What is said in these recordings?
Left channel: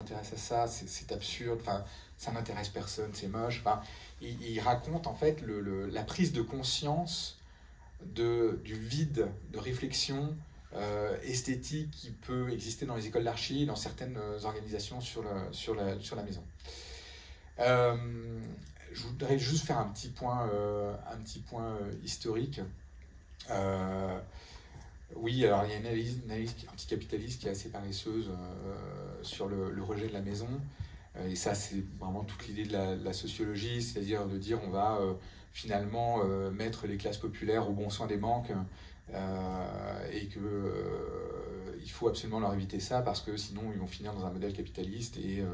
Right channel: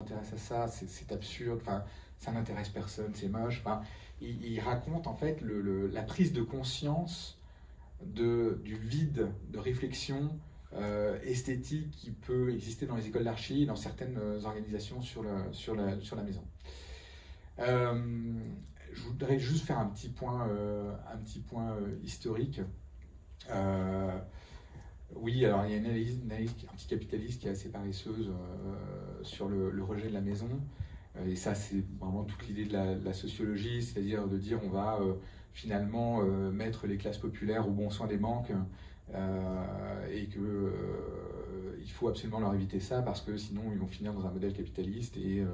S'intéresse à ça, c'est absurde, enfin, ça n'intéresse personne, c'est moche. Enfin, il raconte en fait la prise de conscience du vide de réflexion esthétique qui peut exister dans les écoles d'archi, dans certaines organisations sur la maison. Je voudrais juste faire un petit point historique. Oui, alors il y a une analyse anticapitaliste qui est assez paresseuse sur le rejet de la maison. Et ça, c'est vraiment toute l'idée de la sociologie, c'est-à-dire de dire on va finalement mettre les classes populaires au bon soin des banques et qu'il faut absolument leur éviter ça parce que sinon ils vont finir dans un modèle capitaliste et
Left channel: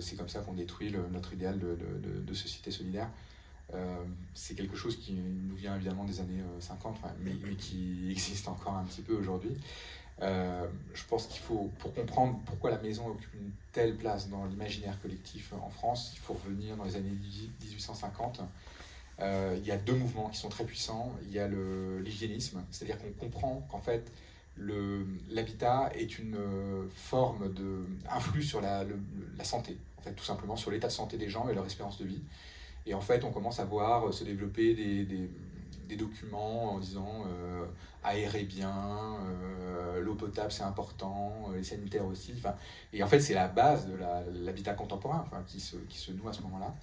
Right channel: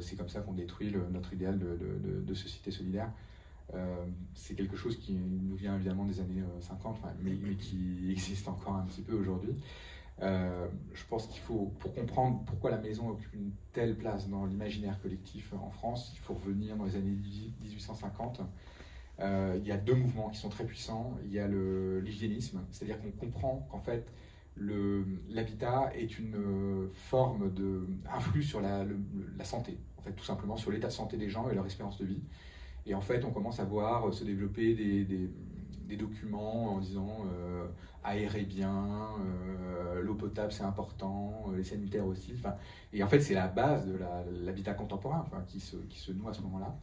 c'est comme ça qu'on détruit notre idéal de société solidaire. C'est quelque chose qui nous vient évidemment des années 50, mais qui existe encore un petit peu aujourd'hui. Je pense qu'il faut, pour comprendre pourquoi la maison occupe une telle place dans l'imaginaire collectif en France, il faut revenir dans les années 1850. Il y a deux mouvements qui sont très puissants. Il y a l'hygiénisme, c'est-à-dire qu'on comprend qu'en fait l'habitat est une forme influe sur la santé, en fait, tout simplement sur l'état de santé des gens et leur espérance de vie. Et en fait, on commence à voir se développer des documents en disant aérer bien, l'eau potable c'est important, les sanitaires aussi. Et en fait, c'est la base de l'habitat contemporain qui se noue à ce moment-là.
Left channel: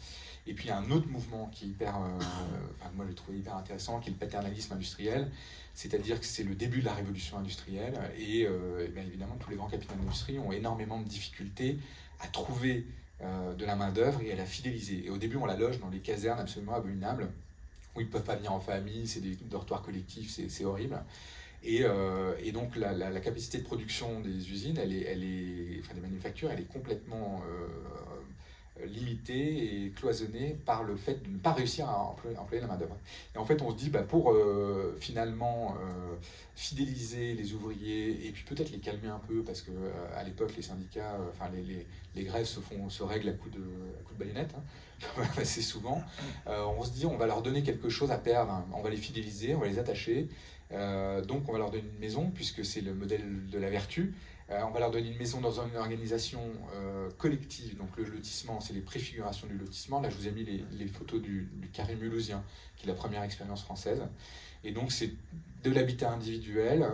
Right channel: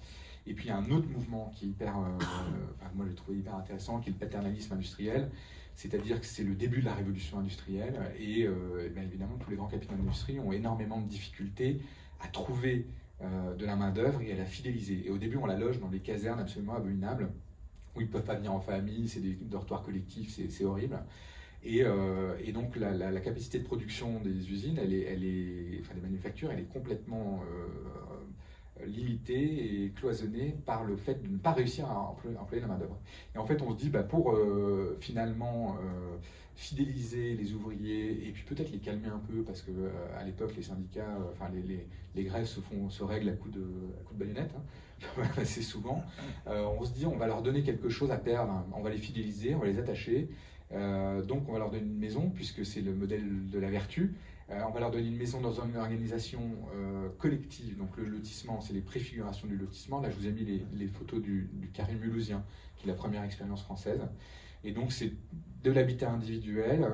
Et puis, il y a un autre mouvement qui est moi je le trouve hyper intéressant, qui est le paternalisme industriel. C'est-à-dire que c'est le début de la révolution industrielle. Et bien évidemment, tous les grands capitaux d'industrie ont énormément de difficultés à trouver de la main-d'œuvre et à la fidéliser. Et au début, on la loge dans des casernes absolument abominables où ils ne peuvent pas venir en famille, c'est des dortoirs collectifs, c'est horrible. Et donc, la capacité de production des usines, enfin des manufactures, elle est complètement limitée et cloisonnée par le fait de ne pas réussir à employer la main-d'œuvre. Et en fait, on se dit, pour finalement fidéliser les ouvriers et puis peut-être les calmer un peu, parce qu'à l'époque, les syndicats, les grèves se règlent à coups de baïonnette, assez souvent. On se dit, on va leur donner quelque chose à perdre, on va les fidéliser, on va les attacher. Donc on va leur donner une maison, puisque c'est le modèle de la vertu. On va leur donner une maison dans une organisation collective. Donc le lotissement, c'est les préfigurations du lotissement. Là, je vous ai mis les photos du carré mulhousien, qui est la première expérience française. Et donc c'est de l'habitat individuel,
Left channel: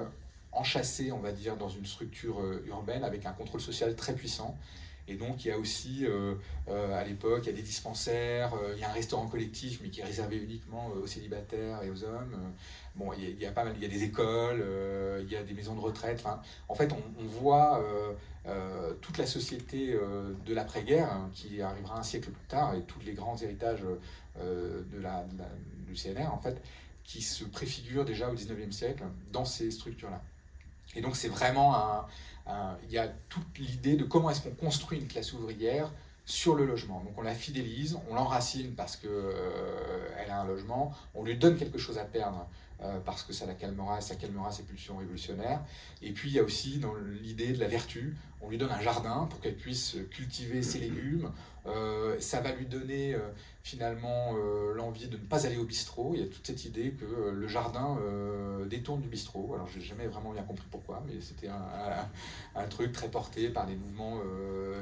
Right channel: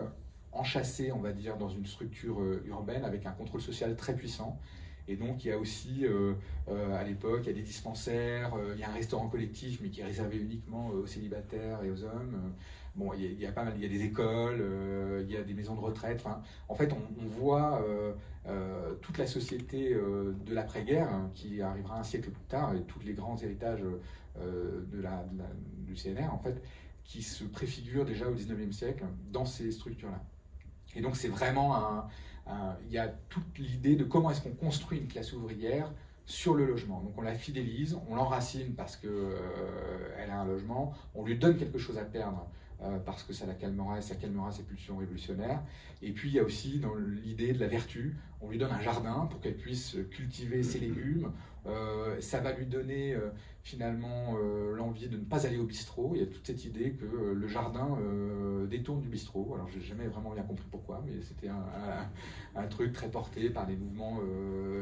enchâssé, on va dire, dans une structure urbaine, avec un contrôle social très puissant. Et donc il y a aussi, à l'époque, il y a des dispensaires, il y a un restaurant collectif, mais qui est réservé uniquement aux célibataires et aux hommes. Bon, il y a des écoles, il y a des maisons de retraite. En fait, on voit toute la société de l'après-guerre, qui arrivera un siècle plus tard, et tous les grands héritages du CNR, en fait, qui se préfigurent déjà au XIXe siècle dans ces structures-là. Et donc, c'est vraiment il y a toute l'idée de comment est-ce qu'on construit une classe ouvrière sur le logement. Donc on la fidélise, on l'enracine parce qu'elle a un logement, on lui donne quelque chose à perdre parce que ça calmera ses pulsions révolutionnaires. Et puis il y a aussi dans l'idée de la vertu, on lui donne un jardin pour qu'elle puisse cultiver ses légumes. Ça va lui donner finalement l'envie de ne pas aller au bistrot. Il y a toute cette idée que le jardin détourne du bistrot. Alors j'ai jamais vraiment bien compris pourquoi, mais c'était un truc très porté par des mouvements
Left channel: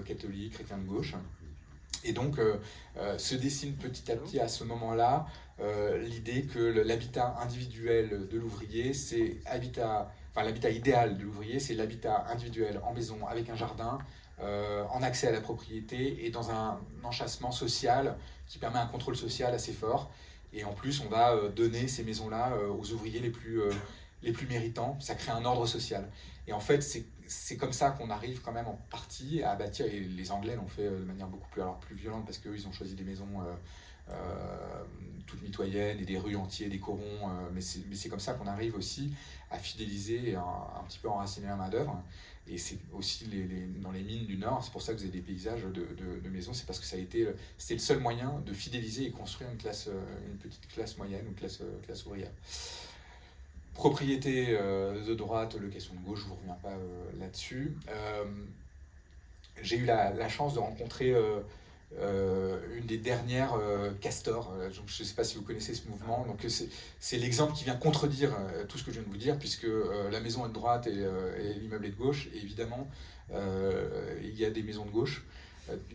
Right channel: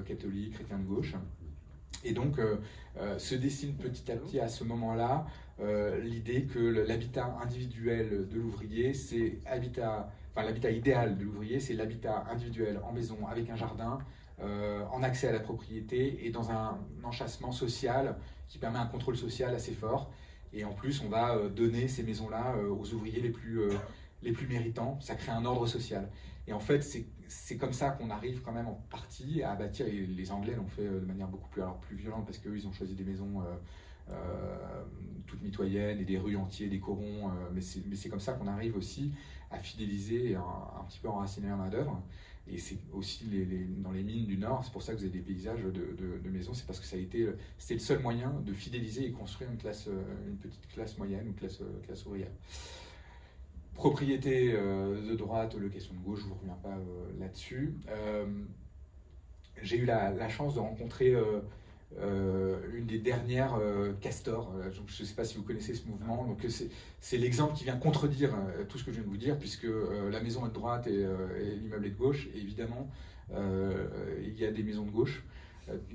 catholiques, chrétiens de gauche. Et donc se dessine petit à petit à ce moment-là l'idée que l'habitat individuel de l'ouvrier, c'est l'habitat idéal de l'ouvrier, c'est l'habitat individuel en maison avec un jardin, en accès à la propriété et dans un enchâssement social qui permet un contrôle social assez fort. Et en plus, on va donner ces maisons-là aux ouvriers les plus méritants. Ça crée un ordre social. Et en fait, c'est comme ça qu'on arrive quand même en partie à bâtir, et les Anglais l'ont fait de manière beaucoup plus violente, parce qu'eux, ils ont choisi des maisons toutes mitoyennes et des rues entières, des corons, mais c'est comme ça qu'on arrive aussi à fidéliser et un petit peu enraciner la main-d'œuvre. Et c'est aussi dans les mines du Nord, c'est pour ça que vous avez des paysages de maisons, c'est parce que c'était le seul moyen de fidéliser et construire une petite classe moyenne, une classe ouvrière. Propriété de droite, location de gauche, je ne vous reviens pas là-dessus. J'ai eu la chance de rencontrer une des dernières Castor. Je ne sais pas si vous connaissez ce mouvement. Donc c'est l'exemple qui vient contredire tout ce que je viens de vous dire, puisque la maison est de droite et l'immeuble est de gauche. Et évidemment, il y a des maisons de gauche.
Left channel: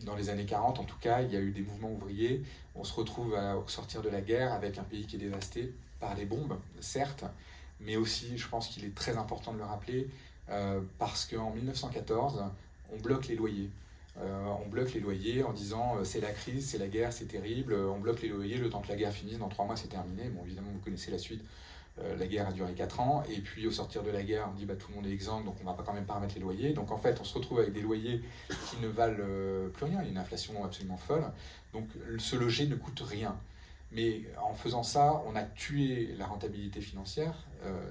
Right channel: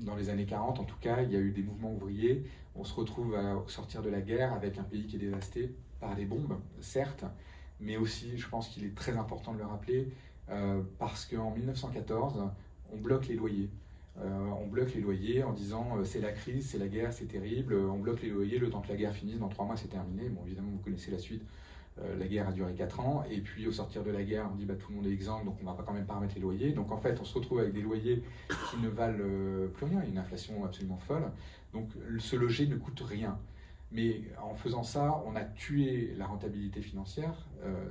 Dans les années 40, en tout cas, il y a eu des mouvements ouvriers. On se retrouve à sortir de la guerre avec un pays qui est dévasté par les bombes, certes, mais aussi, je pense qu'il est très important de le rappeler, parce qu'en 1914, on bloque les loyers. On bloque les loyers en disant c'est la crise, c'est la guerre, c'est terrible, on bloque les loyers le temps que la guerre finisse, dans 3 mois c'est terminé. Bon, évidemment, vous connaissez la suite. La guerre a duré 4 ans, et puis au sortir de la guerre, on dit bah, tout le monde est exempt, donc on ne va quand même pas remettre les loyers. Donc en fait, on se retrouve avec des loyers qui ne valent plus rien, il y a une inflation absolument folle. Donc se loger ne coûte rien. Mais en faisant ça, on a tué la rentabilité financière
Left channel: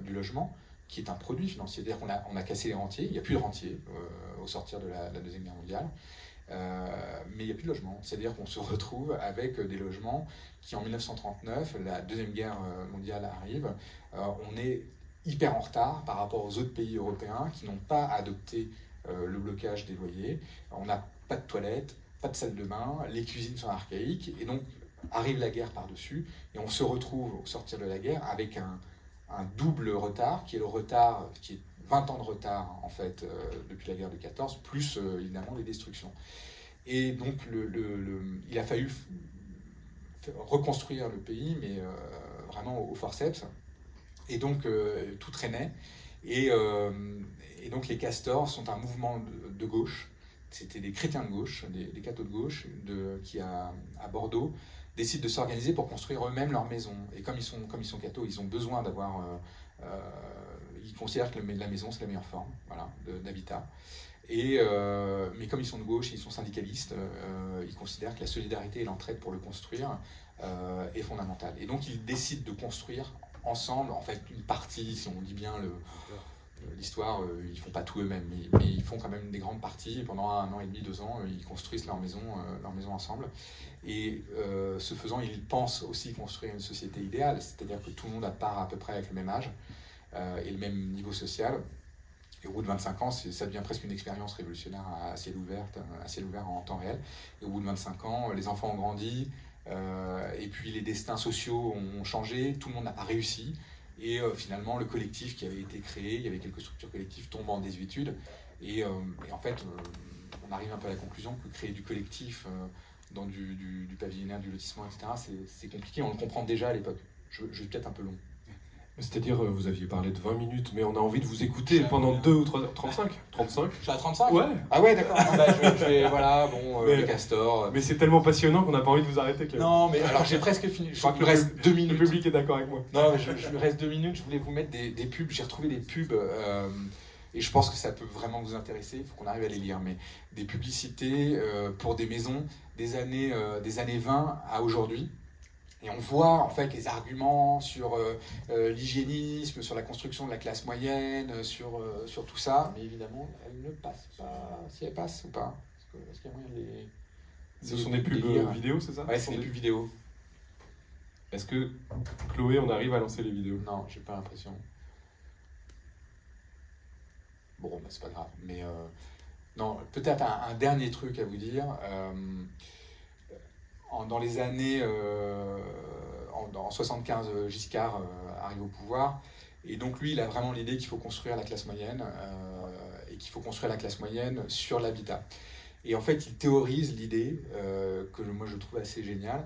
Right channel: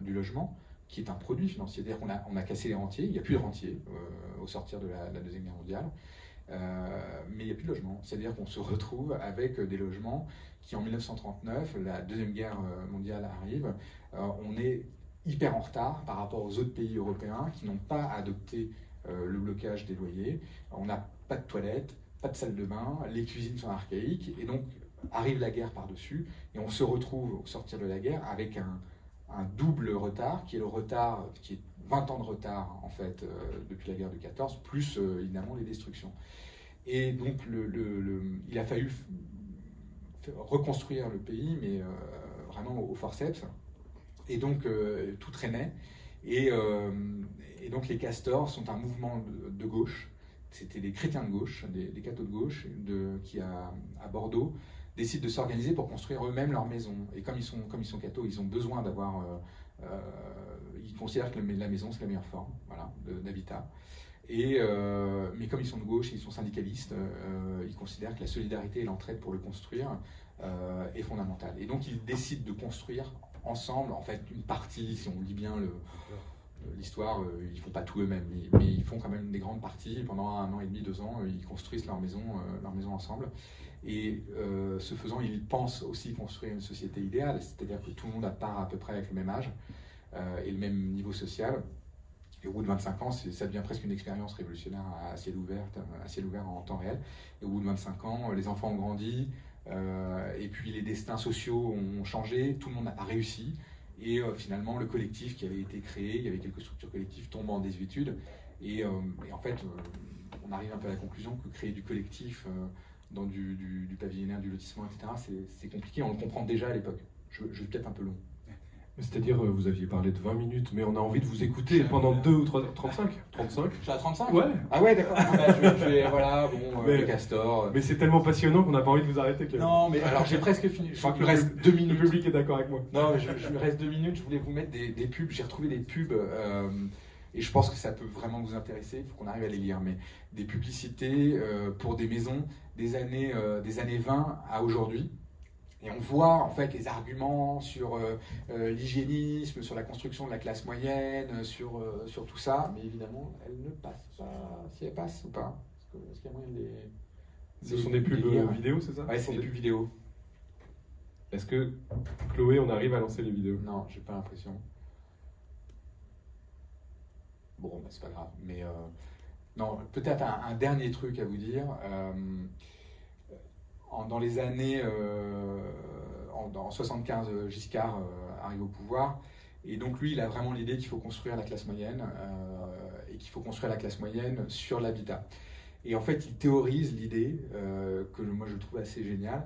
du logement, qui est un produit financier. C'est-à-dire qu'on a cassé les rentiers, il n'y a plus de rentiers au sortir de la Deuxième Guerre mondiale, mais il n'y a plus de logement. C'est-à-dire qu'on se retrouve avec des logements qui, en 1939, la Deuxième Guerre mondiale arrive, on est hyper en retard par rapport aux autres pays européens qui n'ont pas adopté le blocage des loyers. On n'a pas de toilettes, pas de salle de bain, les cuisines sont archaïques, et donc arrive la guerre par-dessus, et on se retrouve au sortir de la guerre avec un double retard, qui est le retard, qui est 20 ans de retard en fait depuis la guerre de 14, plus évidemment les destructions. Et donc il a fallu reconstruire le pays, mais vraiment au forceps, et donc tout traînait, et donc les Castors sont un mouvement de gauche. C'était des chrétiens de gauche, des cathos de gauche, qui à Bordeaux décident de s'organiser pour construire eux-mêmes leur maison. Et comme ils sont cathos, ils ont besoin d'avoir... ils considèrent que la maison, c'est la meilleure forme, voilà, d'habitat. Mais comme ils sont de gauche et ils sont syndicalistes, ils considèrent que la solidarité et l'entraide pour le construire est fondamentale. Et donc ils décident de construire ensemble, en fait, une partie, si on dit bien l'histoire, ils ne font pas tout eux-mêmes, mais ils font quand même des grandes parties. Pendant 1 an et demi, 2 ans, ils construisent leur maison ensemble. Et ce faisant, ils pensent aussi construire une société idéale, c'est-à-dire que tout le monde part à peu près avec le même âge et le même niveau social. Et au bout de 25 ans, ça devient presque une expérience révolutionnaire à ciel ouvert en temps réel. Et au bout de 25 ans, les enfants ont grandi, et puis les destins sociaux ont changé, tout le monde n'a pas réussi. Et finalement, le collectif qui avait été créé, il y avait quelques structures collectives, tombent en désuétude. Et en fait, on arrive un peu à la conclusion que créer du collectif dans du pavillonnaire, du lotissement, etc., c'est compliqué. On le comprend déjà à l'époque. Je vais peut-être un peu long. C'est-à-dire, vous aviez parlé de 20 minutes, mais on a envie de vous écouter pendant 2 ou 3... 35 Je suis à 35 ? Ouais. Ah ouais, d'accord. Voilà, bon, les castors. Mais c'est tellement passionnant qu'on n'a pas envie de vous arrêter. Non, mais alors j'ai presque fini. Je crois que il me reste 2 minutes. Le public est d'accord avec moi. Non, mais je me reste 2 minutes. Je voulais vous mettre des pubs. J'ai retrouvé des pubs, et je pense que ça peut vraiment vous intéresser. Il faut qu'on arrive à les lire. Mais des publicités pour des maisons des années 20 à aujourd'hui. Et on voit en fait les arguments sur l'hygiénisme, sur la construction de la classe moyenne, sur tout ça. Mais évidemment, elles ne passent pas. Si elles passent ou pas, est-ce qu'il y a moyen de les... Ce sont des pubs vidéo, c'est ça? Ouais, c'est des pubs vidéo. Est-ce que, Chloé, on arrive à lancer les vidéos? Non, j'ai pas l'impression. Bon, bah, c'est pas grave. Mais non, peut-être un dernier truc à vous dire. Dans les années, en 75, Giscard arrive au pouvoir, et donc lui, il a vraiment l'idée qu'il faut construire la classe moyenne, et qu'il faut construire la classe moyenne sur l'habitat. Et en fait, il théorise l'idée, que moi je trouve assez géniale,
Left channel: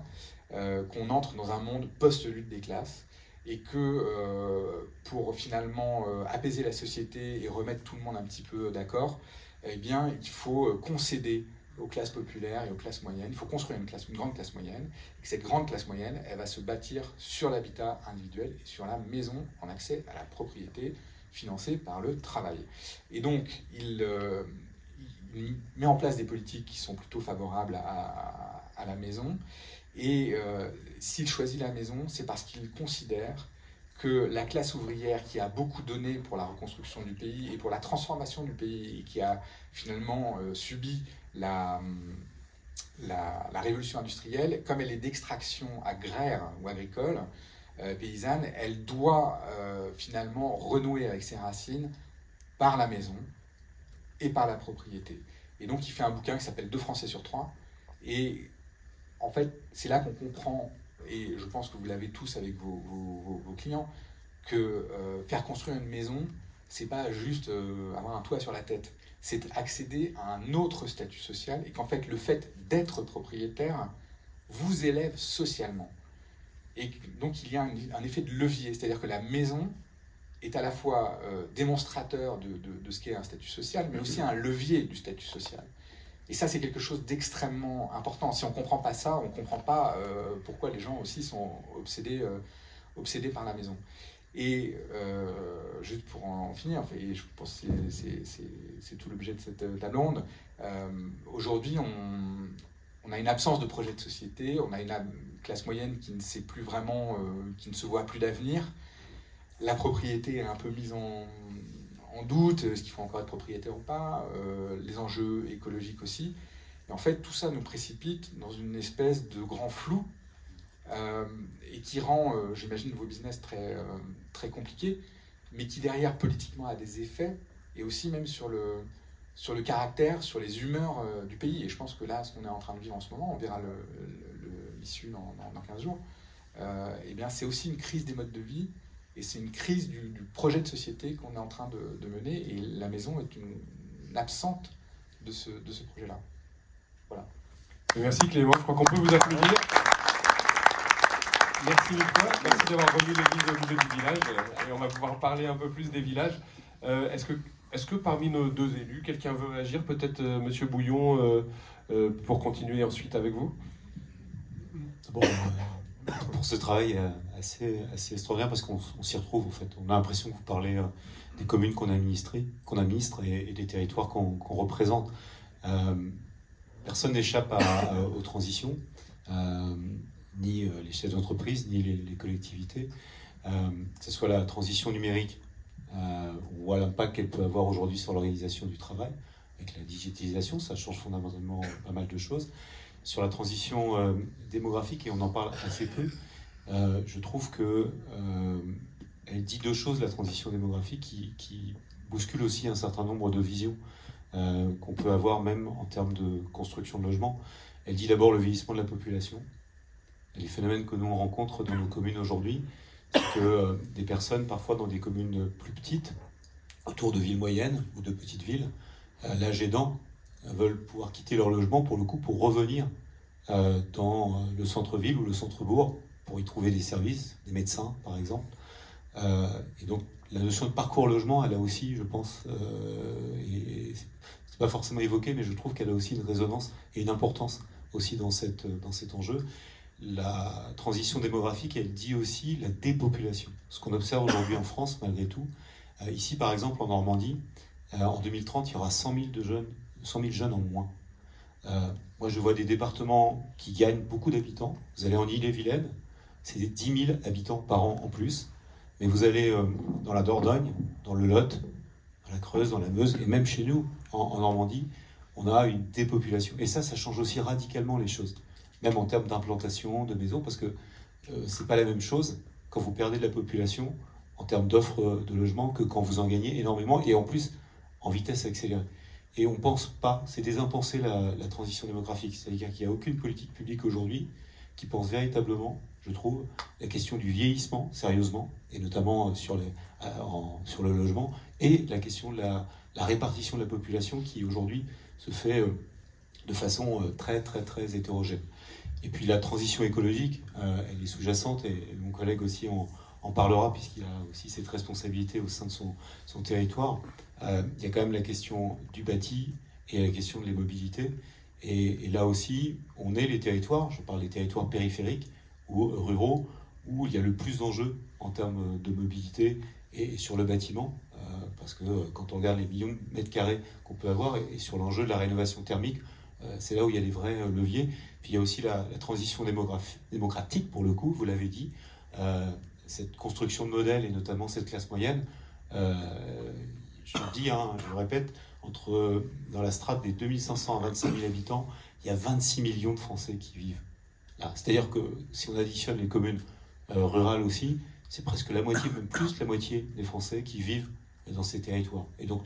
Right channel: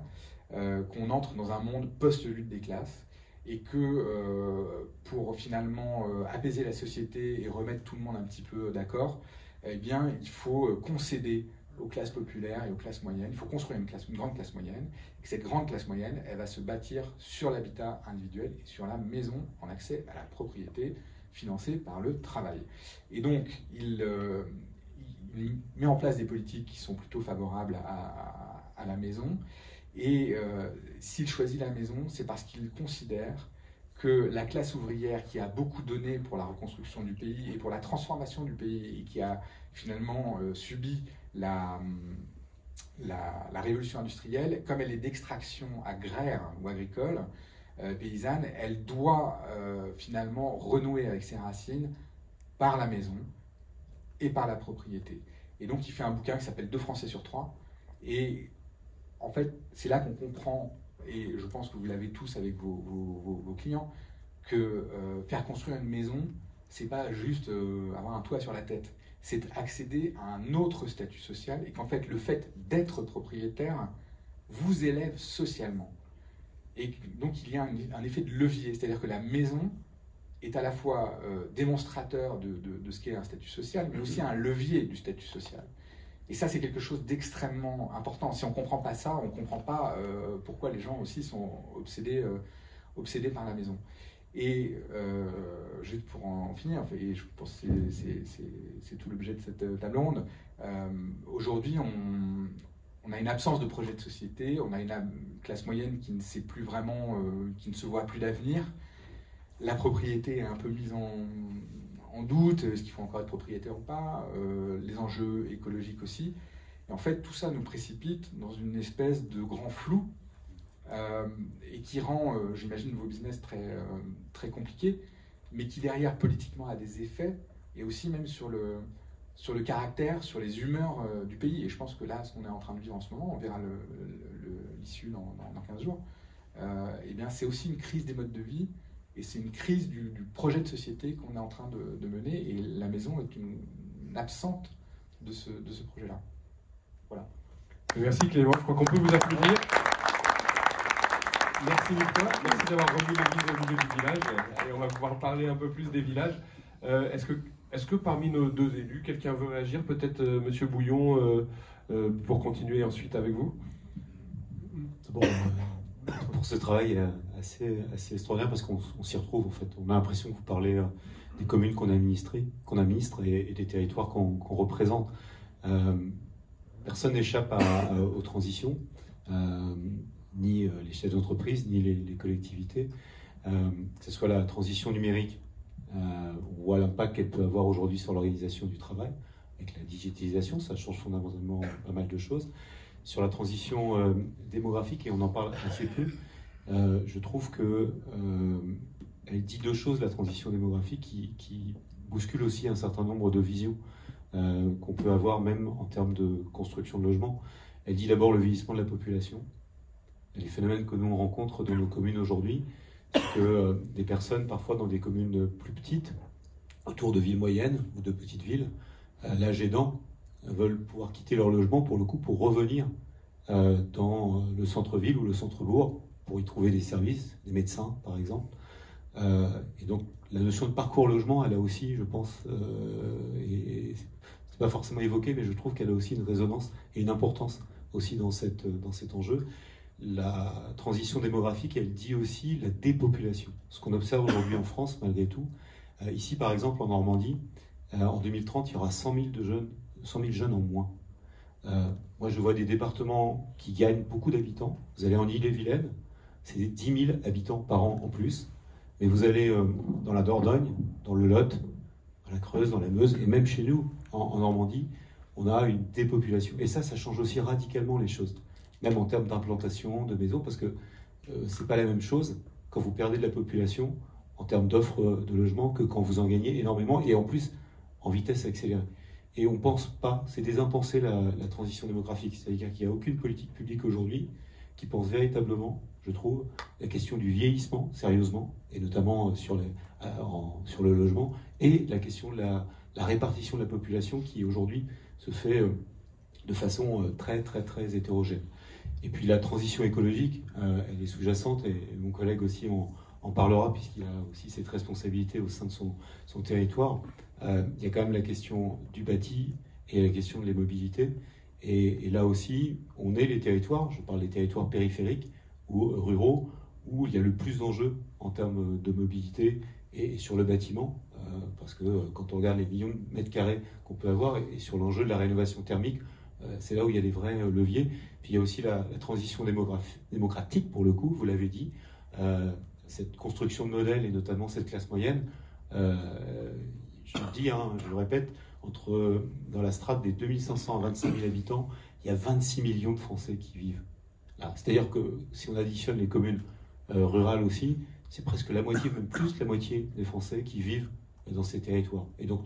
qu'on entre dans un monde post-lutte des classes, et que pour finalement apaiser la société et remettre tout le monde un petit peu d'accord, eh bien, il faut concéder aux classes populaires et aux classes moyennes. Il faut construire une grande classe moyenne, et que cette grande classe moyenne, elle va se bâtir sur l'habitat individuel et sur la maison en accès à la propriété financée par le travail. Et donc, il met en place des politiques qui sont plutôt favorables à la maison, et s'il choisit la maison, c'est parce qu'il considère que la classe ouvrière qui a beaucoup donné pour la reconstruction du pays et pour la transformation du pays, et qui a finalement subi la révolution industrielle, comme elle est d'extraction agraire ou agricole, paysanne, elle doit finalement renouer avec ses racines par la maison et par la propriété. Et donc il fait un bouquin qui s'appelle 2 Français sur 3, et en fait c'est là qu'on comprend, et je pense que vous l'avez tous avec vos clients, que faire construire une maison, c'est pas juste avoir un toit sur la tête. c'est accéder à un autre statut social, et qu'en fait, le fait d'être propriétaire vous élève socialement. Et donc, il y a un effet de levier, c'est-à-dire que la maison est à la fois démonstrateur de ce qu'est un statut social, mais aussi un levier du statut social. Et ça, c'est quelque chose d'extrêmement important. Si on ne comprend pas ça, on ne comprend pas pourquoi les gens aussi sont obsédés par la maison. Et juste pour en finir, et je pense que c'est tout l'objet de cette table ronde, aujourd'hui, on a une absence de projet de société, on a une classe moyenne qui ne sait plus vraiment, qui ne se voit plus d'avenir. La propriété est un peu mise en doute, est-ce qu'il faut encore être propriétaire ou pas, les enjeux écologiques aussi. Et en fait, tout ça nous précipite dans une espèce de grand flou et qui rend, j'imagine, vos business très compliqués, mais qui derrière, politiquement, a des effets, et aussi même sur le caractère, sur les humeurs du pays. Et je pense que là, ce qu'on est en train de vivre en ce moment, on verra l'issue dans 15 jours, eh bien, c'est aussi une crise des modes de vie, et c'est une crise du projet de société qu'on est en train de mener, et la maison est une absente de ce projet-là. Voilà. Merci Clément, je crois qu'on peut vous applaudir. Merci Nico, merci d'avoir remis l'église au milieu du village, et on va pouvoir parler un peu plus des villages. Est-ce que parmi nos deux élus, quelqu'un veut réagir? Peut-être Monsieur Bouillon, pour continuer ensuite avec vous. Bon, pour ce travail assez extraordinaire, parce qu'on s'y retrouve en fait. On a l'impression que vous parlez des communes qu'on administre et des territoires qu'on représente. Personne n'échappe aux transitions, ni les chefs d'entreprise, ni les collectivités. Que ce soit la transition numérique, ou à l'impact qu'elle peut avoir aujourd'hui sur l'organisation du travail, avec la digitalisation, ça change fondamentalement pas mal de choses. Sur la transition démographique, et on en parle assez peu, je trouve qu'elle dit deux choses, la transition démographique, qui bouscule aussi un certain nombre de visions qu'on peut avoir même en termes de construction de logements. Elle dit d'abord le vieillissement de la population. Les phénomènes que nous on rencontre dans nos communes aujourd'hui, c'est que des personnes, parfois dans des communes plus petites, autour de villes moyennes ou de petites villes, l'âge aidant, veulent pouvoir quitter leur logement pour le coup pour revenir dans le centre-ville ou le centre-bourg pour y trouver des services, des médecins par exemple. Et donc la notion de parcours logement, elle a aussi, je pense, et c'est pas forcément évoqué, mais je trouve qu'elle a aussi une résonance et une importance aussi dans cet enjeu. La transition démographique, elle dit aussi la dépopulation. Ce qu'on observe aujourd'hui en France, malgré tout. Ici, par exemple, en Normandie, en 2030, il y aura 100 000 jeunes en moins. Moi, je vois des départements qui gagnent beaucoup d'habitants. Vous allez en Ille-et-Vilaine, c'est des 10 000 habitants par an en plus. Mais vous allez dans la Dordogne, dans le Lot, dans la Creuse, dans la Meuse, et même chez nous, en Normandie, on a une dépopulation. Et ça change aussi radicalement les choses. Même en termes d'implantation, de maisons, parce que c'est pas la même chose quand vous perdez de la population en termes d'offres de logement que quand vous en gagnez énormément, et en plus en vitesse accélérée. Et on pense pas, c'est des impensés la transition démographique, c'est-à-dire qu'il n'y a aucune politique publique aujourd'hui qui pense véritablement, je trouve, la question du vieillissement, sérieusement, et notamment sur le logement, et la question de la répartition de la population qui aujourd'hui se fait de façon très hétérogène. Et puis la transition écologique, elle est sous-jacente, et mon collègue aussi en parlera, puisqu'il a aussi cette responsabilité au sein de son territoire. Il y a quand même la question du bâti et la question de les mobilités. Et là aussi, on est les territoires, je parle des territoires périphériques ou ruraux, où il y a le plus d'enjeux en termes de mobilité et sur le bâtiment, parce que quand on regarde les millions de mètres carrés qu'on peut avoir, et sur l'enjeu de la rénovation thermique, c'est là où il y a les vrais leviers. Puis il y a aussi la transition démocratique, pour le coup, vous l'avez dit, cette construction de modèles, et notamment cette classe moyenne. Je le dis, je le répète, dans la strate des 2500 à 25 000 habitants, il y a 26 millions de Français qui vivent là. C'est-à-dire que si on additionne les communes rurales aussi, c'est presque la moitié, même plus la moitié des Français qui vivent dans ces territoires. Et donc,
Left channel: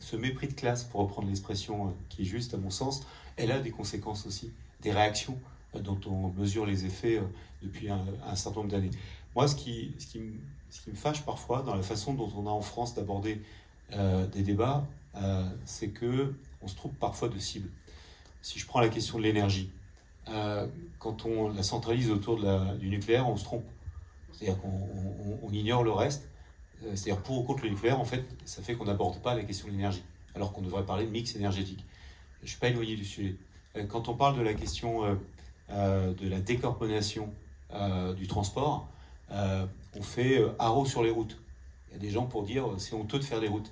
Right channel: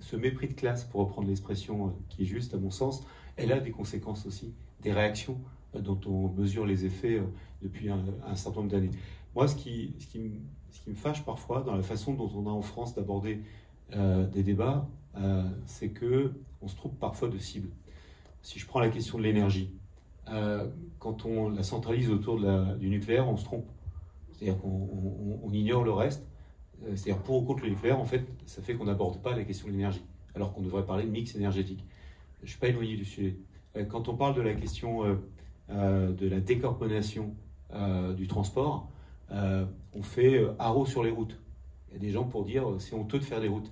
ce mépris de classe, pour reprendre l'expression qui est juste à mon sens, elle a des conséquences aussi, des réactions dont on mesure les effets depuis un certain nombre d'années. Moi, ce qui me fâche parfois dans la façon dont on a en France d'aborder des débats, c'est qu'on se trompe parfois de cible. Si je prends la question de l'énergie, quand on la centralise autour du nucléaire, on se trompe. C'est-à-dire qu'on ignore le reste. C'est-à-dire pour ou contre le nucléaire, en fait, ça fait qu'on n'aborde pas la question de l'énergie, alors qu'on devrait parler de mix énergétique. Je ne suis pas éloigné du sujet. Quand on parle de la question de la décarbonation du transport, on fait haro sur les routes. Il y a des gens pour dire c'est honteux de faire des routes,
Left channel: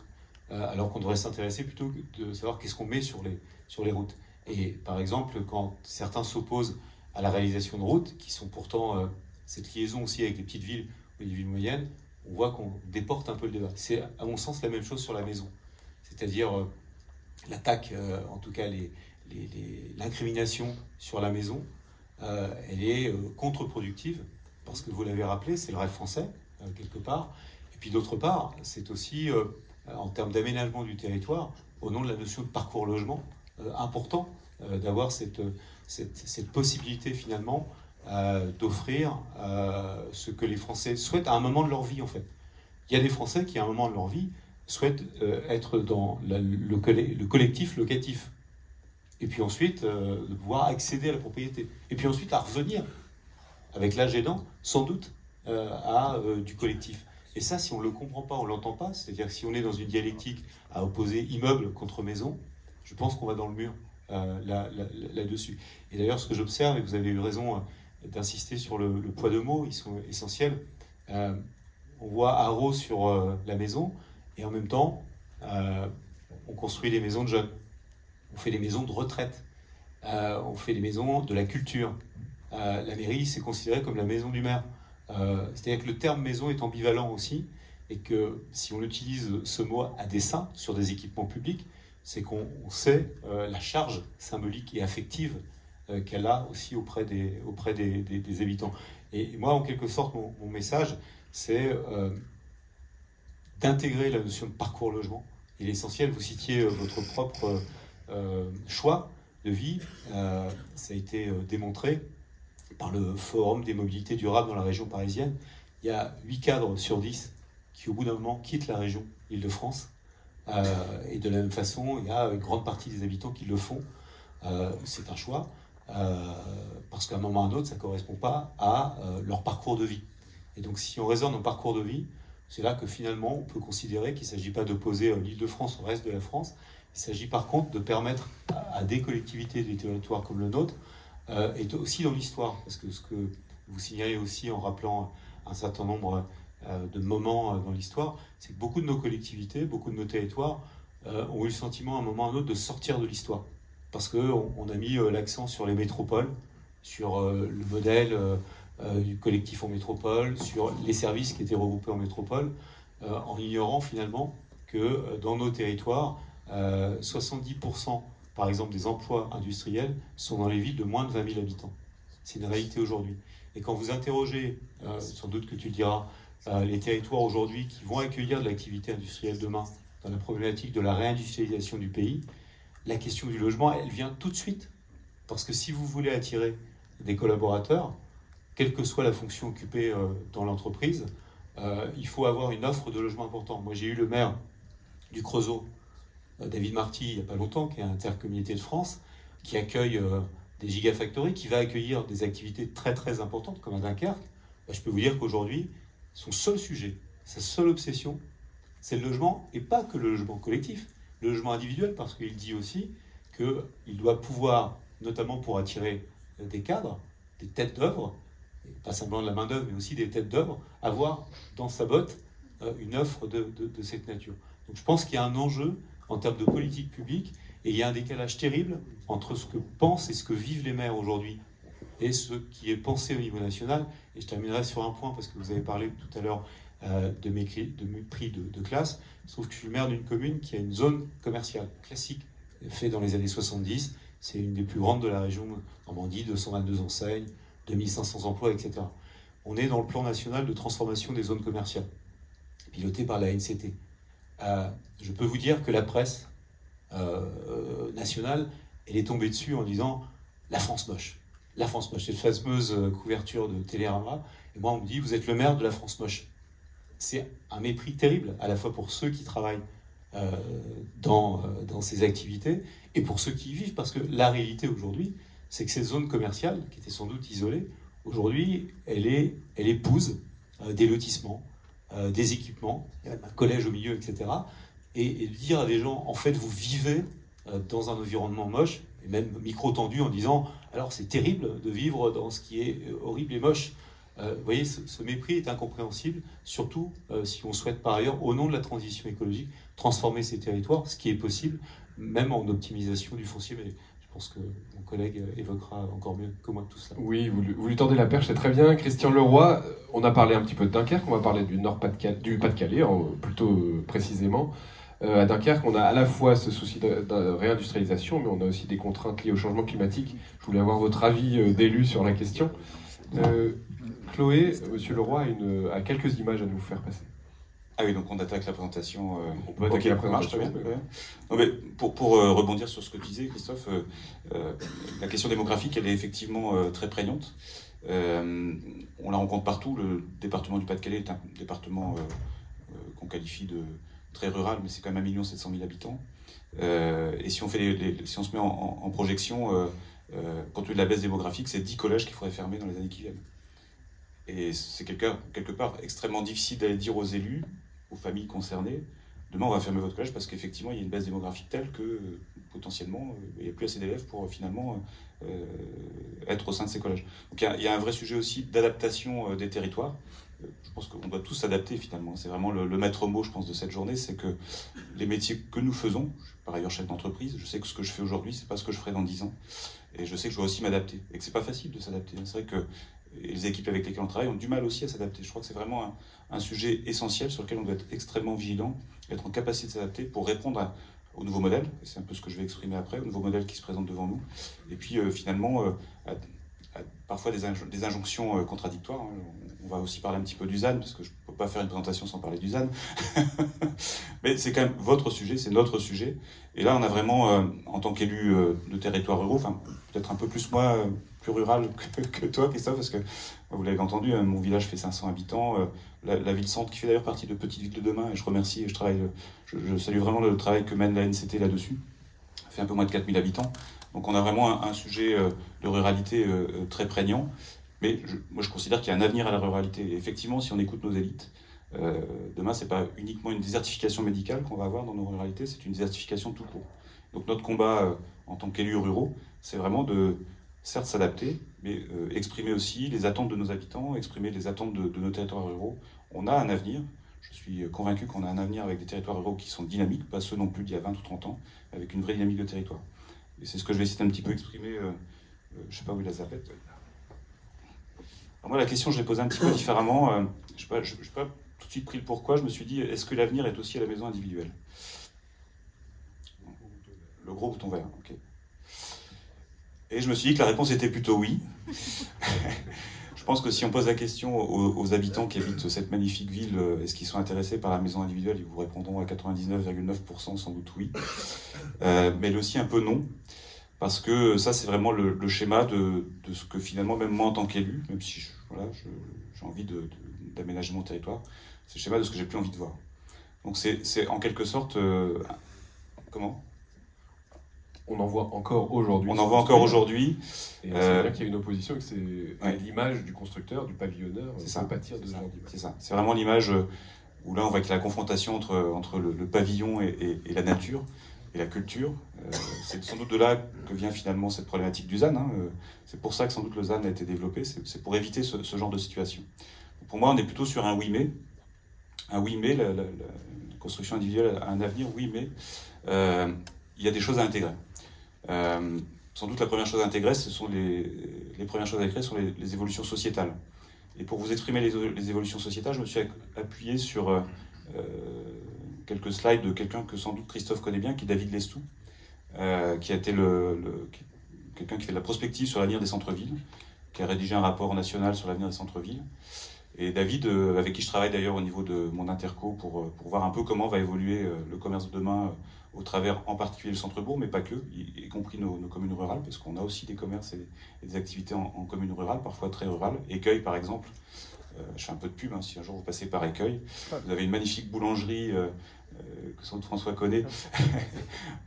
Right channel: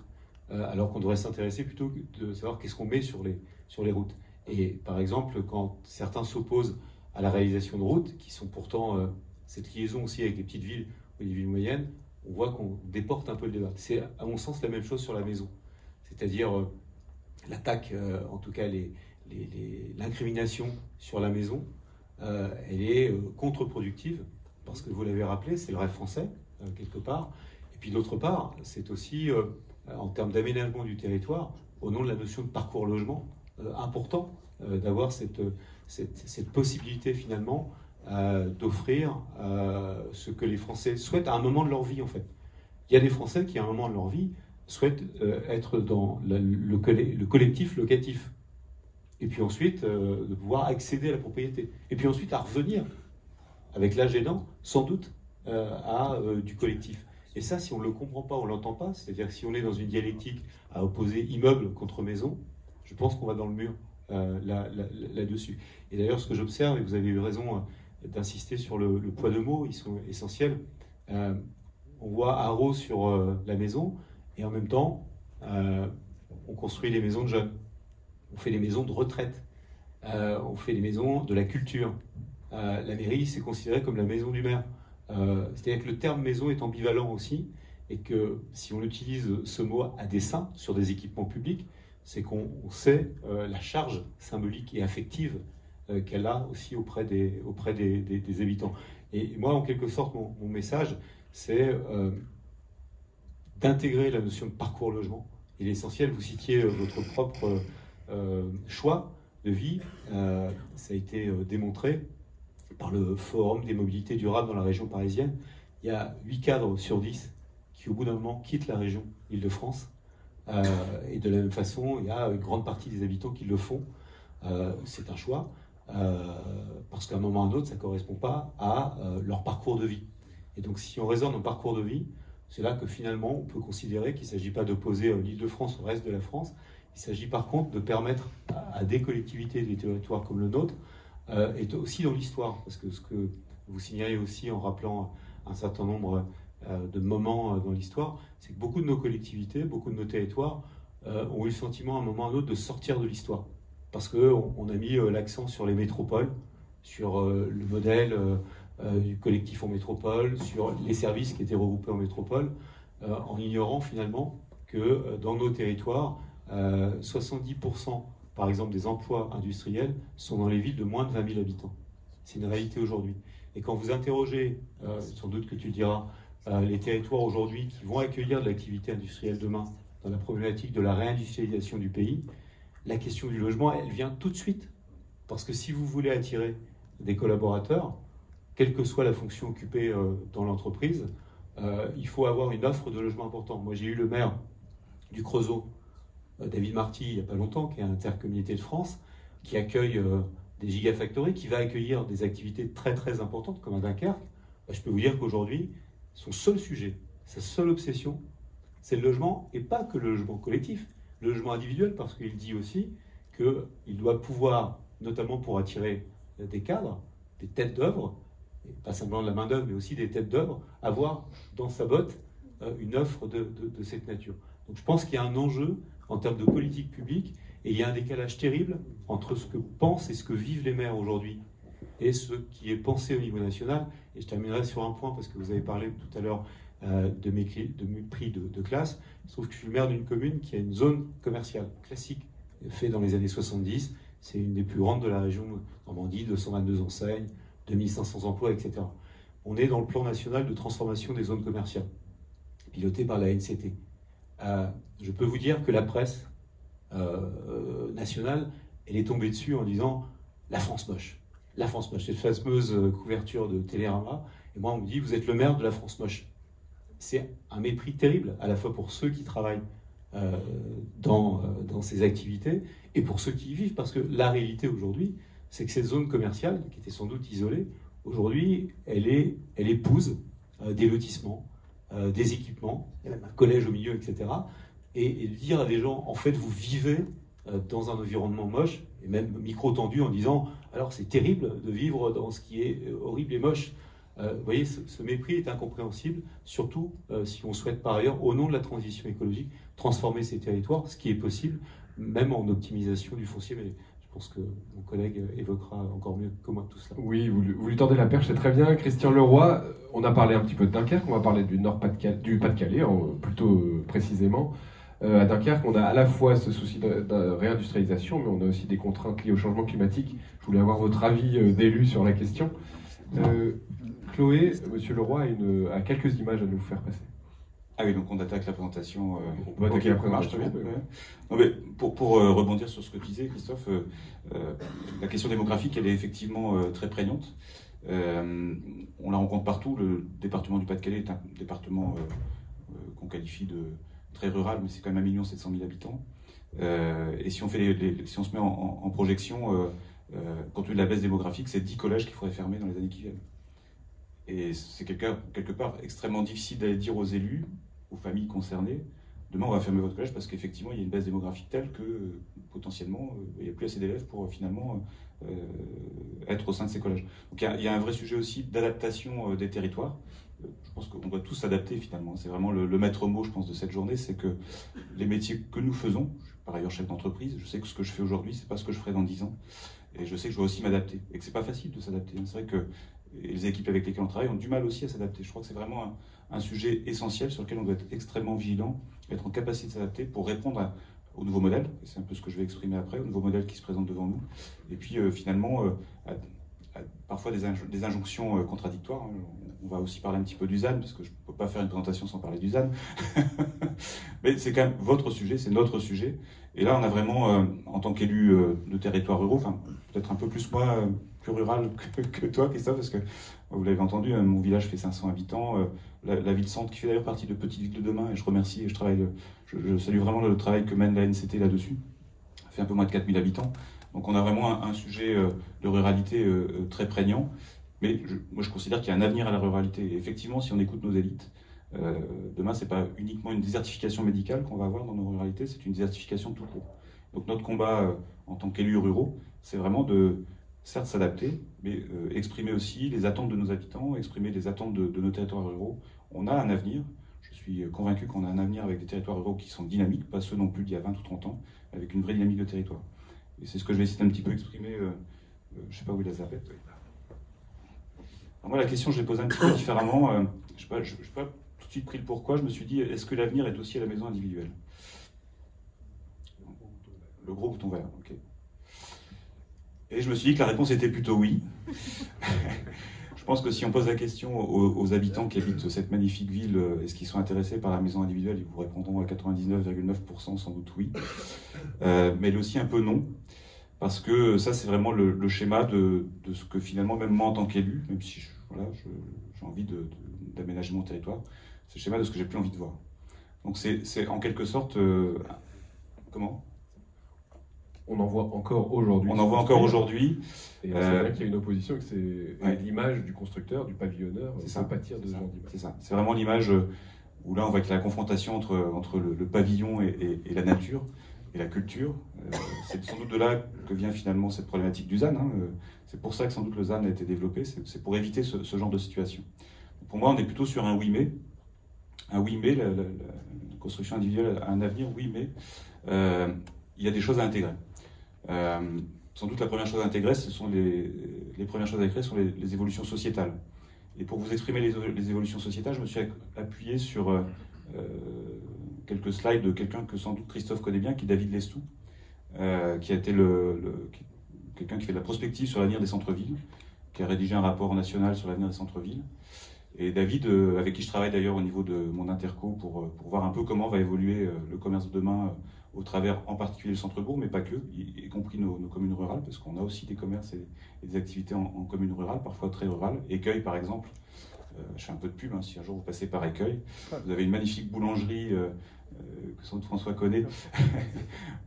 alors qu'on devrait s'intéresser plutôt de savoir qu'est-ce qu'on met sur les routes. Et par exemple, quand certains s'opposent à la réalisation de routes, qui sont pourtant cette liaison aussi avec les petites villes ou les villes moyennes, on voit qu'on déporte un peu le débat. C'est à mon sens la même chose sur la maison. C'est-à-dire l'attaque, en tout cas l'incrimination sur la maison, elle est contre-productive, parce que vous l'avez rappelé, c'est le rêve français, quelque part. Et puis d'autre part, c'est aussi, en termes d'aménagement du territoire, au nom de la notion de parcours logement, important d'avoir cette possibilité finalement d'offrir ce que les Français souhaitent à un moment de leur vie, en fait. Il y a des Français qui, à un moment de leur vie, souhaitent être dans le collectif locatif. Et puis ensuite, de pouvoir accéder à la propriété. Et puis ensuite, à revenir, avec l'âge aidant, sans doute, à du collectif. Et ça, si on ne le comprend pas, on ne l'entend pas, c'est-à-dire que si on est dans une dialectique à opposer immeuble contre maison, je pense qu'on va dans le mur là-dessus. Et d'ailleurs, ce que j'observe, et vous avez eu raison d'insister sur le poids de mots, ils sont essentiels. On voit haro sur la maison, et en même temps, on construit des maisons de jeunes. On fait des maisons de retraite. On fait des maisons de la culture. La mairie, c'est considéré comme la maison du maire. C'est-à-dire que le terme maison est ambivalent aussi, et que si on utilise ce mot à dessein sur des équipements publics, c'est qu'on sait la charge symbolique et affective qu'elle a aussi auprès des habitants. Et moi, en quelque sorte, mon message, c'est d'intégrer la notion de parcours logement. Et l'essentiel, vous citiez votre propre choix de vie, ça a été démontré par le Forum des mobilités durables dans la région parisienne. Il y a 8 cadres sur 10 qui, au bout d'un moment, quittent la région Île-de-France. Et de la même façon, il y a une grande partie des habitants qui le font. C'est un choix, parce qu'à un moment ou à un autre, ça ne correspond pas à leur parcours de vie. Et donc, si on raisonne en parcours de vie, c'est là que finalement, on peut considérer qu'il ne s'agit pas d'opposer l'Île-de-France au reste de la France. Il s'agit par contre de permettre à des collectivités, des territoires comme le nôtre, et aussi dans l'histoire, parce que ce que vous signalez aussi en rappelant un certain nombre de moments dans l'histoire, c'est que beaucoup de nos collectivités, beaucoup de nos territoires ont eu le sentiment à un moment ou à un autre de sortir de l'histoire. Parce qu'on a mis l'accent sur les métropoles, sur le modèle du collectif en métropole, sur les services qui étaient regroupés en métropole, en ignorant finalement que dans nos territoires, 70% par exemple des emplois industriels sont dans les villes de moins de 20 000 habitants. C'est une réalité aujourd'hui. Et quand vous interrogez, sans doute que tu le diras, les territoires aujourd'hui qui vont accueillir de l'activité industrielle demain dans la problématique de la réindustrialisation du pays, la question du logement, elle vient tout de suite. Parce que si vous voulez attirer des collaborateurs, quelle que soit la fonction occupée dans l'entreprise, il faut avoir une offre de logement importante. Moi, j'ai eu le maire du Creusot, David Marty, il n'y a pas longtemps, qui est Intercommunauté de France, qui accueille des gigafactories, qui va accueillir des activités très très importantes comme à Dunkerque. Je peux vous dire qu'aujourd'hui, son seul sujet, sa seule obsession, c'est le logement, et pas que le logement collectif, le logement individuel, parce qu'il dit aussi qu'il doit pouvoir, notamment pour attirer des cadres, des têtes d'œuvre, pas simplement de la main-d'œuvre, mais aussi des têtes d'œuvre, avoir dans sa botte une offre de cette nature. Donc je pense qu'il y a un enjeu en termes de politique publique, et il y a un décalage terrible entre ce que pensent et ce que vivent les maires aujourd'hui et ce qui est pensé au niveau national. Et je terminerai sur un point, parce que vous avez parlé tout à l'heure de mépris de classe. Il se trouve que je suis le maire d'une commune qui a une zone commerciale classique, faite dans les années 70. C'est une des plus grandes de la région Normandie, 222 enseignes, 2500 emplois, etc. On est dans le plan national de transformation des zones commerciales, piloté par la NCT. Je peux vous dire que la presse nationale, elle est tombée dessus en disant « la France moche ». La France moche, cette fameuse couverture de Télérama. Et moi, on me dit « vous êtes le maire de la France moche ». C'est un mépris terrible, à la fois pour ceux qui travaillent dans ces activités, et pour ceux qui y vivent, parce que la réalité aujourd'hui, c'est que cette zone commerciale, qui était sans doute isolée, aujourd'hui, elle épouse des lotissements, des équipements, il y a même un collège au milieu, etc. Et de dire à des gens, en fait, vous vivez dans un environnement moche, et même micro-tendu, en disant, alors c'est terrible de vivre dans ce qui est horrible et moche. Vous voyez, ce mépris est incompréhensible, surtout si on souhaite par ailleurs, au nom de la transition écologique, transformer ces territoires, ce qui est possible, même en optimisation du foncier. Mais je pense que mon collègue évoquera encore mieux que moi tout cela. Oui, vous lui tendez la perche, c'est très bien. Christian Leroy, on a parlé un petit peu de Dunkerque, on va parler du Pas-de-Calais, plutôt précisément. À Dunkerque, on a à la fois ce souci de réindustrialisation, mais on a aussi des contraintes liées au changement climatique. Je voulais avoir votre avis d'élu sur la question. Chloé, Monsieur Leroy a quelques images à nous faire passer. Ah oui, donc on attaque la présentation. On peut attaquer la présentation. Très bien. Non, mais pour rebondir sur ce que tu disais, Christophe, la question démographique, elle est effectivement très prégnante. On la rencontre partout. Le département du Pas-de-Calais est un département qu'on qualifie de très rural, mais c'est quand même 1 700 000 habitants. Et si on, si on se met en projection, compte tenu de la baisse démographique, c'est 10 collèges qu'il faudrait fermer dans les années qui viennent. Et c'est quelque part extrêmement difficile d'aller dire aux élus, aux familles concernées, demain on va fermer votre collège parce qu'effectivement il y a une baisse démographique telle que potentiellement il n'y a plus assez d'élèves pour finalement être au sein de ces collèges. Donc il y a un vrai sujet aussi d'adaptation des territoires. Je pense qu'on doit tous s'adapter finalement. C'est vraiment le maître mot, je pense, de cette journée, c'est que les métiers que nous faisons, je suis par ailleurs chef d'entreprise, je sais que ce que je fais aujourd'hui, c'est pas ce que je ferai dans 10 ans. Et je sais que je dois aussi m'adapter. Et que c'est pas facile de s'adapter. C'est vrai que les équipes avec lesquelles on travaille ont du mal aussi à s'adapter. Je crois que c'est vraiment un sujet essentiel sur lequel on doit être extrêmement vigilant, être en capacité de s'adapter pour répondre au nouveau modèle. C'est un peu ce que je vais exprimer après, au nouveau modèle qui se présente devant nous. Et puis finalement, à parfois des injonctions contradictoires. On va aussi parler un petit peu du ZAN, parce que je ne peux pas faire une présentation sans parler du ZAN. Mais c'est quand même votre sujet, c'est notre sujet. Et là, on a vraiment, en tant qu'élu de territoires ruraux, enfin peut-être un peu plus moi, plus rural que toi, Christophe, parce que vous l'avez entendu, mon village fait 500 habitants, la ville-centre qui fait d'ailleurs partie de Petite Ville de Demain, et je remercie et je salue vraiment le travail que mène la NCT là-dessus, fait un peu moins de 4000 habitants. Donc on a vraiment un sujet de ruralité très prégnant, mais moi je considère qu'il y a un avenir à la ruralité. Et effectivement, si on écoute nos élites, demain c'est pas uniquement une désertification médicale qu'on va avoir dans nos ruralités, c'est une désertification tout court. Donc notre combat en tant qu'élus ruraux, c'est vraiment de certes s'adapter, mais exprimer aussi les attentes de nos habitants, exprimer les attentes de nos territoires ruraux. On a un avenir, je suis convaincu qu'on a un avenir avec des territoires ruraux qui sont dynamiques, pas ceux non plus d'il y a 20 ou 30 ans, avec une vraie dynamique de territoire. Et c'est ce que je vais essayer un petit peu exprimer, je ne sais pas où il a zappé. Moi la question je l'ai posée un petit peu différemment, je n'ai pas tout de suite pris le pourquoi, je me suis dit, est-ce que l'avenir est aussi à la maison individuelle? Le gros bouton vert, ok. Et je me suis dit que la réponse était plutôt oui. Je pense que si on pose la question aux habitants qui habitent cette magnifique ville, est-ce qu'ils sont intéressés par la maison individuelle, ils vous répondront à 99,9% sans doute oui. Mais aussi un peu non. Parce que ça, c'est vraiment le schéma de ce que finalement, même moi en tant qu'élu, même si j'ai envie d'aménagement territoire, c'est le schéma de ce que j'ai plus envie de voir. Donc c'est en quelque sorte... comment ? On en voit encore aujourd'hui. On en voit encore aujourd'hui. Et c'est vrai qu'il y a une opposition, que c'est l'image du constructeur, du pavillonneur, ça pâtir de ce genre d'image. C'est ça. C'est vraiment l'image où là, on voit que la confrontation entre le pavillon et la nature et la culture. C'est sans doute de là que vient finalement cette problématique du ZAN. C'est pour ça que sans doute le ZAN a été développé. C'est pour éviter ce genre de situation. Pour moi, on est plutôt sur un oui mais. Un oui mais, la construction individuelle a un avenir, oui mais. Il y a des choses à intégrer. Sans doute la première chose à intégrer, ce sont les premières choses à intégrer sont les évolutions sociétales. Et pour vous exprimer les évolutions sociétales, je me suis appuyé sur quelques slides de quelqu'un que sans doute Christophe connaît bien, qui est David Lestou, qui a été quelqu'un qui fait de la prospective sur l'avenir des centres-villes, qui a rédigé un rapport national sur l'avenir des centres-villes. Et David, avec qui je travaille d'ailleurs au niveau de mon interco pour voir un peu comment va évoluer le commerce de demain au travers en particulier le centre-bourg, mais pas que, y compris nos communes rurales, parce qu'on a aussi des commerces et des activités en communes rurales, parfois très rurales. Écueil, par exemple, je fais un peu de pub, si un jour vous passez par Écueil, vous avez une magnifique boulangerie que sans doute François connaît,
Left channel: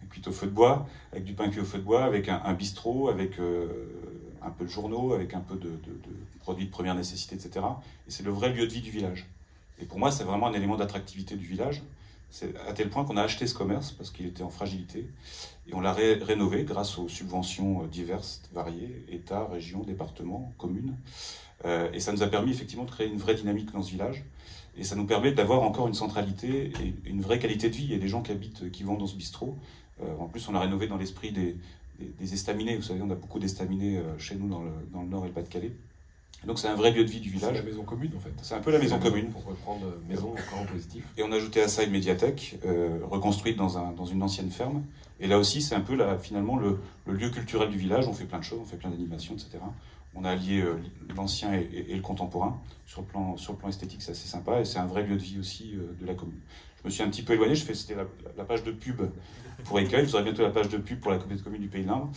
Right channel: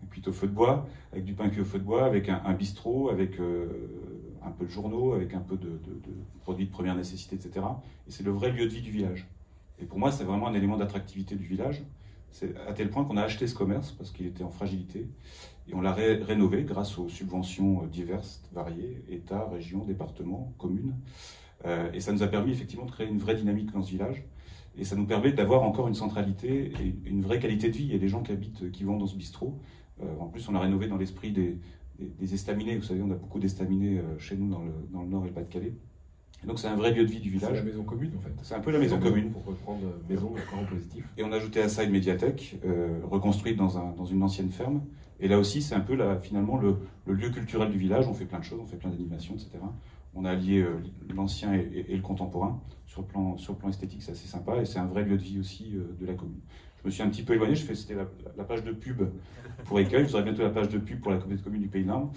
cuite au feu de bois, avec du pain cuit au feu de bois, avec un bistrot, avec un peu de journaux, avec un peu de produits de première nécessité, etc. Et c'est le vrai lieu de vie du village. Et pour moi, c'est vraiment un élément d'attractivité du village. C'est à tel point qu'on a acheté ce commerce parce qu'il était en fragilité et on l'a rénové grâce aux subventions diverses, variées, État, région, département, communes. Et ça nous a permis effectivement de créer une vraie dynamique dans ce village. Et ça nous permet d'avoir encore une centralité et une vraie qualité de vie. Il y a des gens qui vont dans ce bistrot. En plus, on a rénové dans l'esprit des estaminets. Vous savez, on a beaucoup d'estaminets chez nous dans le Nord et le Pas-de-Calais. Donc c'est un vrai lieu de vie du village. C'est la maison commune en fait. C'est un peu la maison commune. Pour reprendre maison encore en positif. Et on a ajouté à ça une médiathèque reconstruite dans une ancienne ferme. Et là aussi, c'est un peu finalement le lieu culturel du village. On fait plein de choses, on fait plein d'animations, etc. On a allié l'ancien et le contemporain. Sur le plan esthétique, c'est assez sympa. Et c'est un vrai lieu de vie aussi de la commune. Je me suis un petit peu éloigné. C'était la page de pub pour Écueil. Vous aurez bientôt la page de pub pour la communauté de communes du Pays de l'Arve.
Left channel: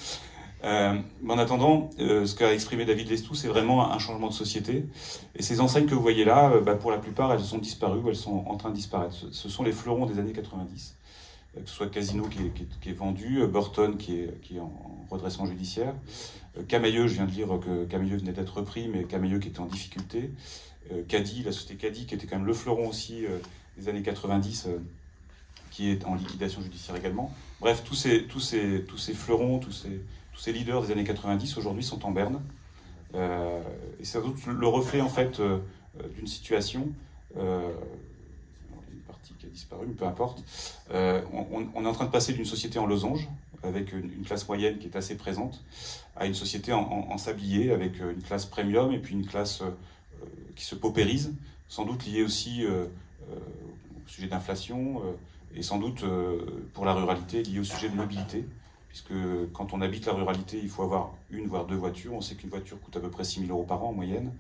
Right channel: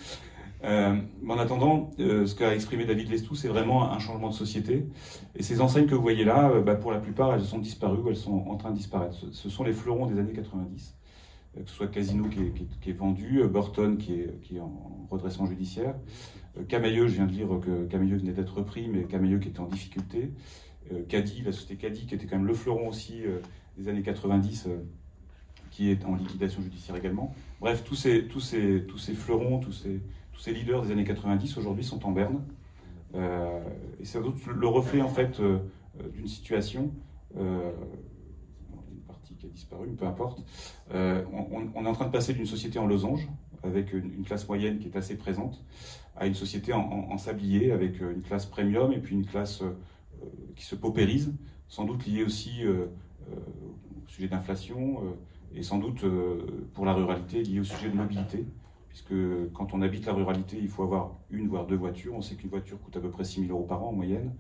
Mais en attendant, ce qu'a exprimé David Lestou, c'est vraiment un changement de société. Et ces enseignes que vous voyez là, pour la plupart, elles sont disparues ou elles sont en train de disparaître. Ce sont les fleurons des années 90, que ce soit Casino qui est vendu, Burton qui est en redressement judiciaire, Camailleux, je viens de lire que Camailleux venait d'être repris, mais Camailleux qui était en difficulté, Caddy, la société Caddy, qui était quand même le fleuron aussi des années 90, qui est en liquidation judiciaire également. Bref, tous ces fleurons, tous ces leaders des années 90 aujourd'hui sont en berne. Et c'est le reflet en fait d'une situation, une partie qui a disparu, mais peu importe. On est en train de passer d'une société en losange, avec une classe moyenne qui est assez présente, à une société en sablier, avec une classe premium et puis une classe qui se paupérise, sans doute liée aussi au sujet d'inflation et sans doute pour la ruralité liée au sujet de mobilité. Puisque quand on habite la ruralité, il faut avoir une voire deux voitures. On sait qu'une voiture coûte à peu près 6 000 € par an en moyenne,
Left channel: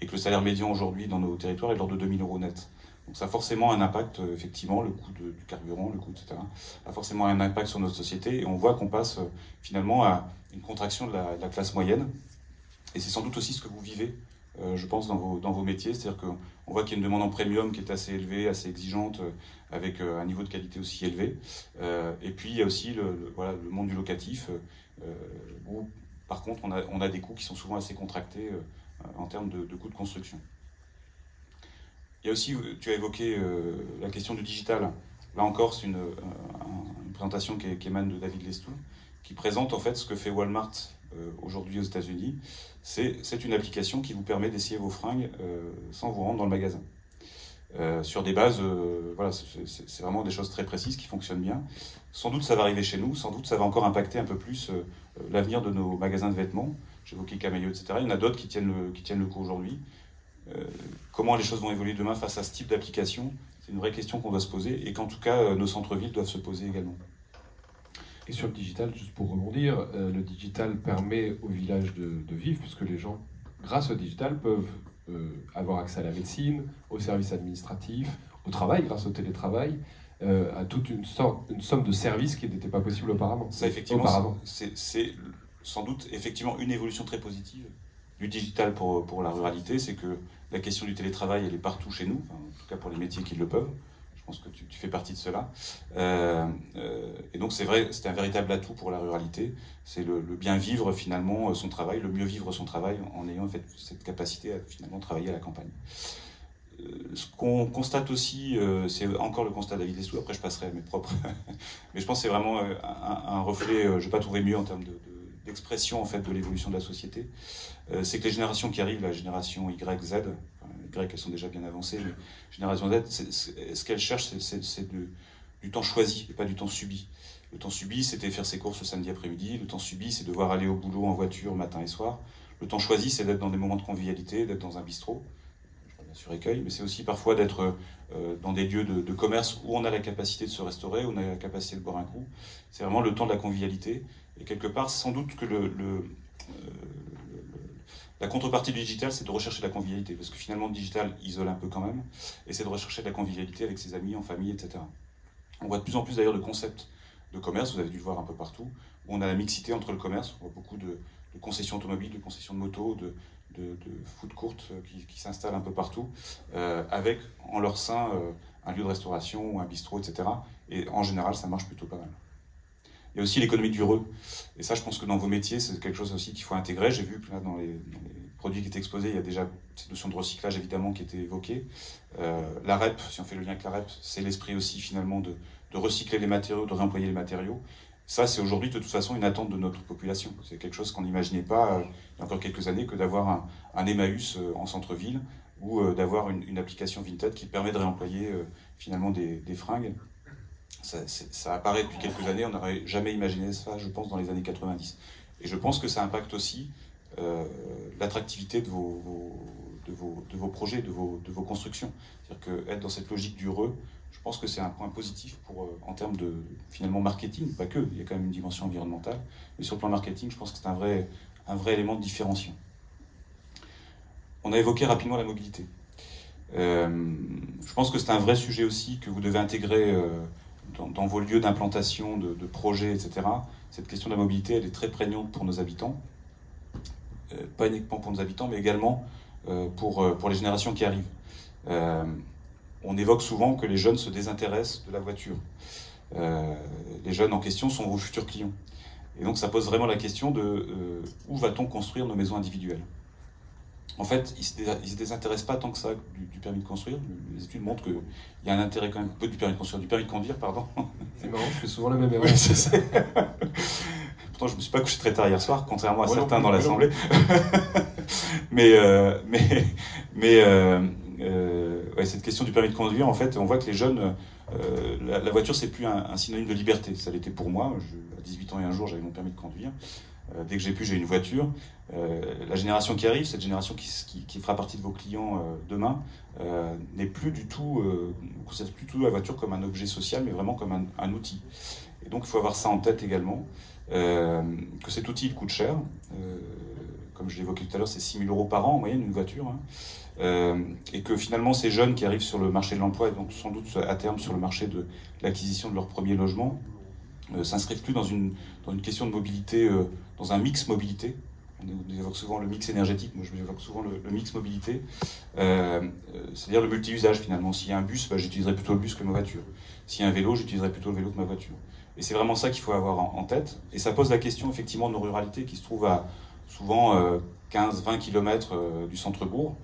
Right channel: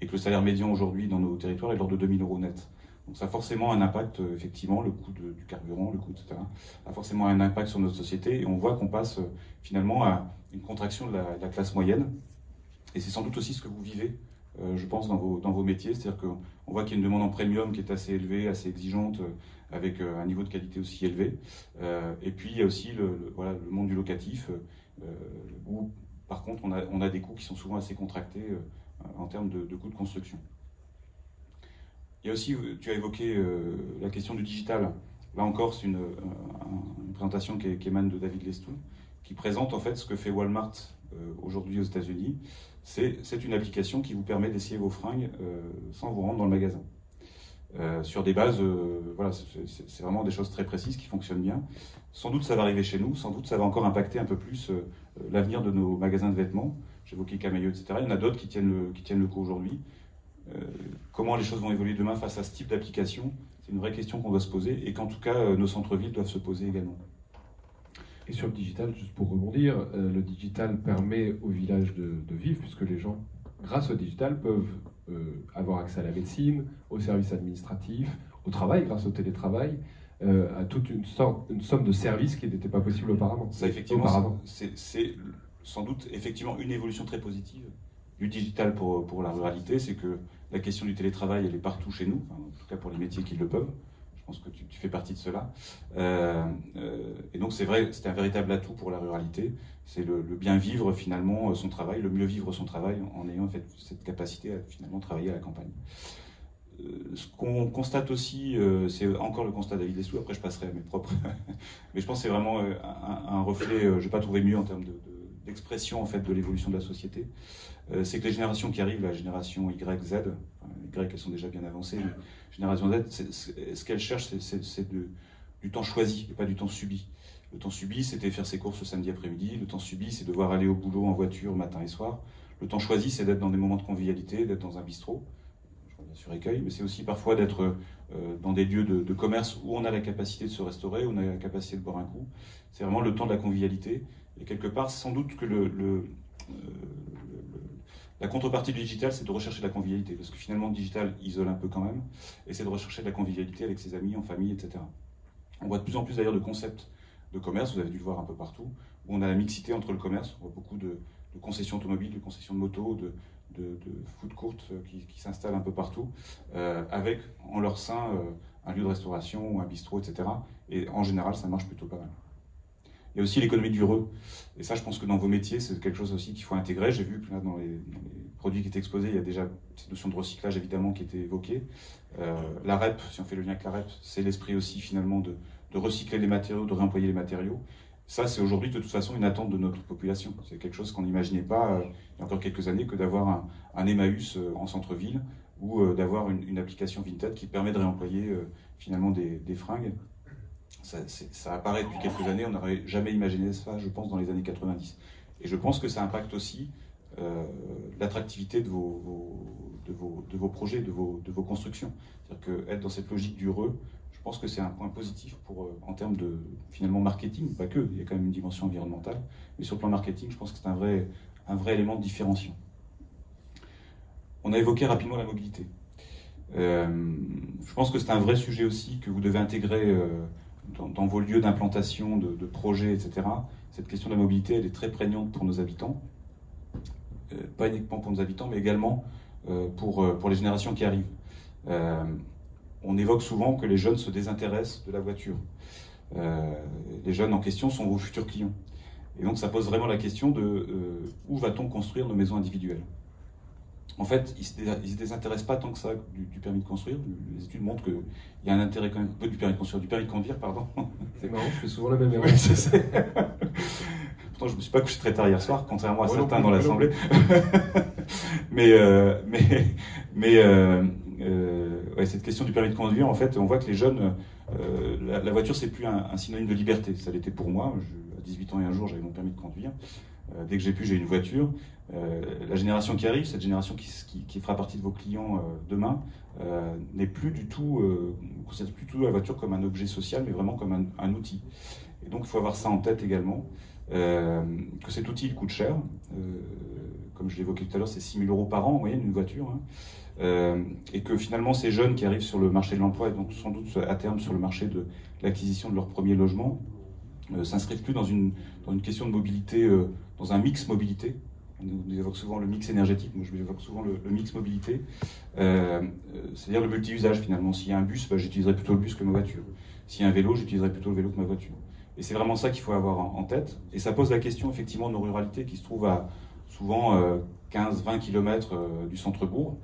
et que le salaire médian aujourd'hui dans nos territoires est de l'ordre de 2 000 € net. Donc ça a forcément un impact, effectivement, le coût du carburant, le coût, etc., a forcément un impact sur notre société, et on voit qu'on passe finalement à une contraction de la classe moyenne. Et c'est sans doute aussi ce que vous vivez, je pense, dans vos métiers. C'est-à-dire qu'on voit qu'il y a une demande en premium qui est assez élevée, assez exigeante, avec un niveau de qualité aussi élevé. Et puis il y a aussi le monde du locatif, où par contre on a des coûts qui sont souvent assez contractés en termes de coûts de construction. Il y a aussi, tu as évoqué la question du digital. Là encore, c'est une présentation qui émane de David Lestou, qui présente en fait ce que fait Walmart aujourd'hui aux États-Unis. C'est une application qui vous permet d'essayer vos fringues sans vous rendre dans le magasin. Sur des bases, voilà, c'est vraiment des choses très précises qui fonctionnent bien. Sans doute ça va arriver chez nous, sans doute ça va encore impacter un peu plus l'avenir de nos magasins de vêtements. J'évoquais Camailleux, etc. Il y en a d'autres qui tiennent le coup aujourd'hui. Comment les choses vont évoluer demain face à ce type d'application, c'est une vraie question qu'on doit se poser et qu'en tout cas nos centres-villes doivent se poser également. Et sur le digital, juste pour rebondir, le digital permet au village de vivre, puisque les gens, grâce au digital, peuvent avoir accès à la médecine, aux services administratifs, au travail, grâce au télétravail, à toute une somme de services qui n'était pas possible auparavant. Ça, effectivement, c'est sans doute effectivement une évolution très positive du digital pour la ruralité, c'est que la question du télétravail, elle est partout chez nous, enfin, en tout cas pour les métiers qui le peuvent. Je pense que tu fais partie de cela. Et donc c'est vrai, c'est un véritable atout pour la ruralité. C'est le bien vivre finalement son travail, le mieux vivre son travail en ayant en fait cette capacité à finalement travailler à la campagne. Ce qu'on constate aussi, c'est encore le constat de David Lestou, après je passerai à mes propres, mais je pense que c'est vraiment un reflet, je n'ai pas trouvé mieux en termes d'expression en fait, de l'évolution de la société. C'est que les générations qui arrivent, la génération Y, Z, Y elles sont déjà bien avancées, mais génération Z, ce qu'elles cherchent, c'est du temps choisi et pas du temps subi. Le temps subi, c'était faire ses courses le samedi après-midi. Le temps subi, c'est devoir aller au boulot en voiture matin et soir. Le temps choisi, c'est d'être dans des moments de convivialité, d'être dans un bistrot. Je parle bien sûr Écueil, mais c'est aussi parfois d'être dans des lieux de commerce où on a la capacité de se restaurer, où on a la capacité de boire un coup. C'est vraiment le temps de la convivialité. Et quelque part, sans doute que la contrepartie du digital, c'est de rechercher la convivialité. Parce que finalement, le digital isole un peu quand même. Et c'est de rechercher de la convivialité avec ses amis, en famille, etc. On voit de plus en plus d'ailleurs de concepts de commerce, vous avez dû le voir un peu partout, où on a la mixité entre le commerce. On voit beaucoup de concessions automobiles, de concessions de motos, de food courts qui s'installent un peu partout, avec en leur sein un lieu de restauration ou un bistrot, etc. Et en général, ça marche plutôt pas mal. Il y a aussi l'économie du re. Et ça, je pense que dans vos métiers, c'est quelque chose aussi qu'il faut intégrer. J'ai vu que là, dans les produits qui étaient exposés, il y a déjà cette notion de recyclage, évidemment, qui était évoquée. La REP, si on fait le lien avec la REP, c'est l'esprit aussi, finalement, de recycler les matériaux, de réemployer les matériaux. Ça, c'est aujourd'hui, de toute façon, une attente de notre population. C'est quelque chose qu'on n'imaginait pas, il y a encore quelques années, que d'avoir un Emmaüs en centre-ville ou d'avoir une application Vinted qui permet de réemployer, finalement, des fringues. Ça apparaît depuis quelques années, on n'aurait jamais imaginé ça, je pense, dans les années 90. Et je pense que ça impacte aussi l'attractivité de vos projets, de vos constructions. C'est-à-dire qu'être dans cette logique du re, je pense que c'est un point positif en termes de, finalement, marketing, pas que, il y a quand même une dimension environnementale, mais sur le plan marketing, je pense que c'est un vrai élément de différenciation. On a évoqué rapidement la mobilité. Je pense que c'est un vrai sujet aussi que vous devez intégrer dans vos lieux d'implantation, de projets, etc. Cette question de la mobilité, elle est très prégnante pour nos habitants. Pas uniquement pour nos habitants, mais également pour les générations qui arrivent. On évoque souvent que les jeunes se désintéressent de la voiture. Les jeunes en question sont vos futurs clients. Et donc ça pose vraiment la question de où va-t-on construire nos maisons individuelles. En fait, ils ne se désintéressent pas tant que ça du permis de construire. Les études montrent qu'il y a un intérêt quand même, peu du permis de construire, du permis de conduire, pardon. C'est marrant, je fais souvent la même erreur. Oui, c'est ça. Pourtant, je ne me suis pas couché très tard hier soir, contrairement à certains dans l'Assemblée. Ouais, cette question du permis de conduire, en fait, on voit que les jeunes, la voiture, c'est plus un synonyme de liberté. Ça l'était pour moi. À 18 ans et un jour, j'avais mon permis de conduire. Dès que j'ai pu, j'ai une voiture. La génération qui arrive, cette génération qui fera partie de vos clients demain, n'est plus du tout, considère plus du tout la voiture comme un objet social, mais vraiment comme un outil. Et donc, il faut avoir ça en tête également, que cet outil il coûte cher. Comme je l'évoquais tout à l'heure, c'est 6 000 € par an en moyenne, une voiture. Hein. Et que finalement, ces jeunes qui arrivent sur le marché de l'emploi, et donc sans doute à terme sur le marché de l'acquisition de leur premier logement, s'inscrivent plus dans une question de mobilité, dans un mix mobilité. On évoque souvent le mix énergétique, moi je évoque souvent le mix mobilité, c'est-à-dire le multi-usage finalement. S'il y a un bus, j'utiliserai plutôt le bus que ma voiture. S'il y a un vélo, j'utiliserai plutôt le vélo que ma voiture. Et c'est vraiment ça qu'il faut avoir en tête. Et ça pose la question effectivement de nos ruralités qui se trouvent à souvent 15-20 km du centre-bourg,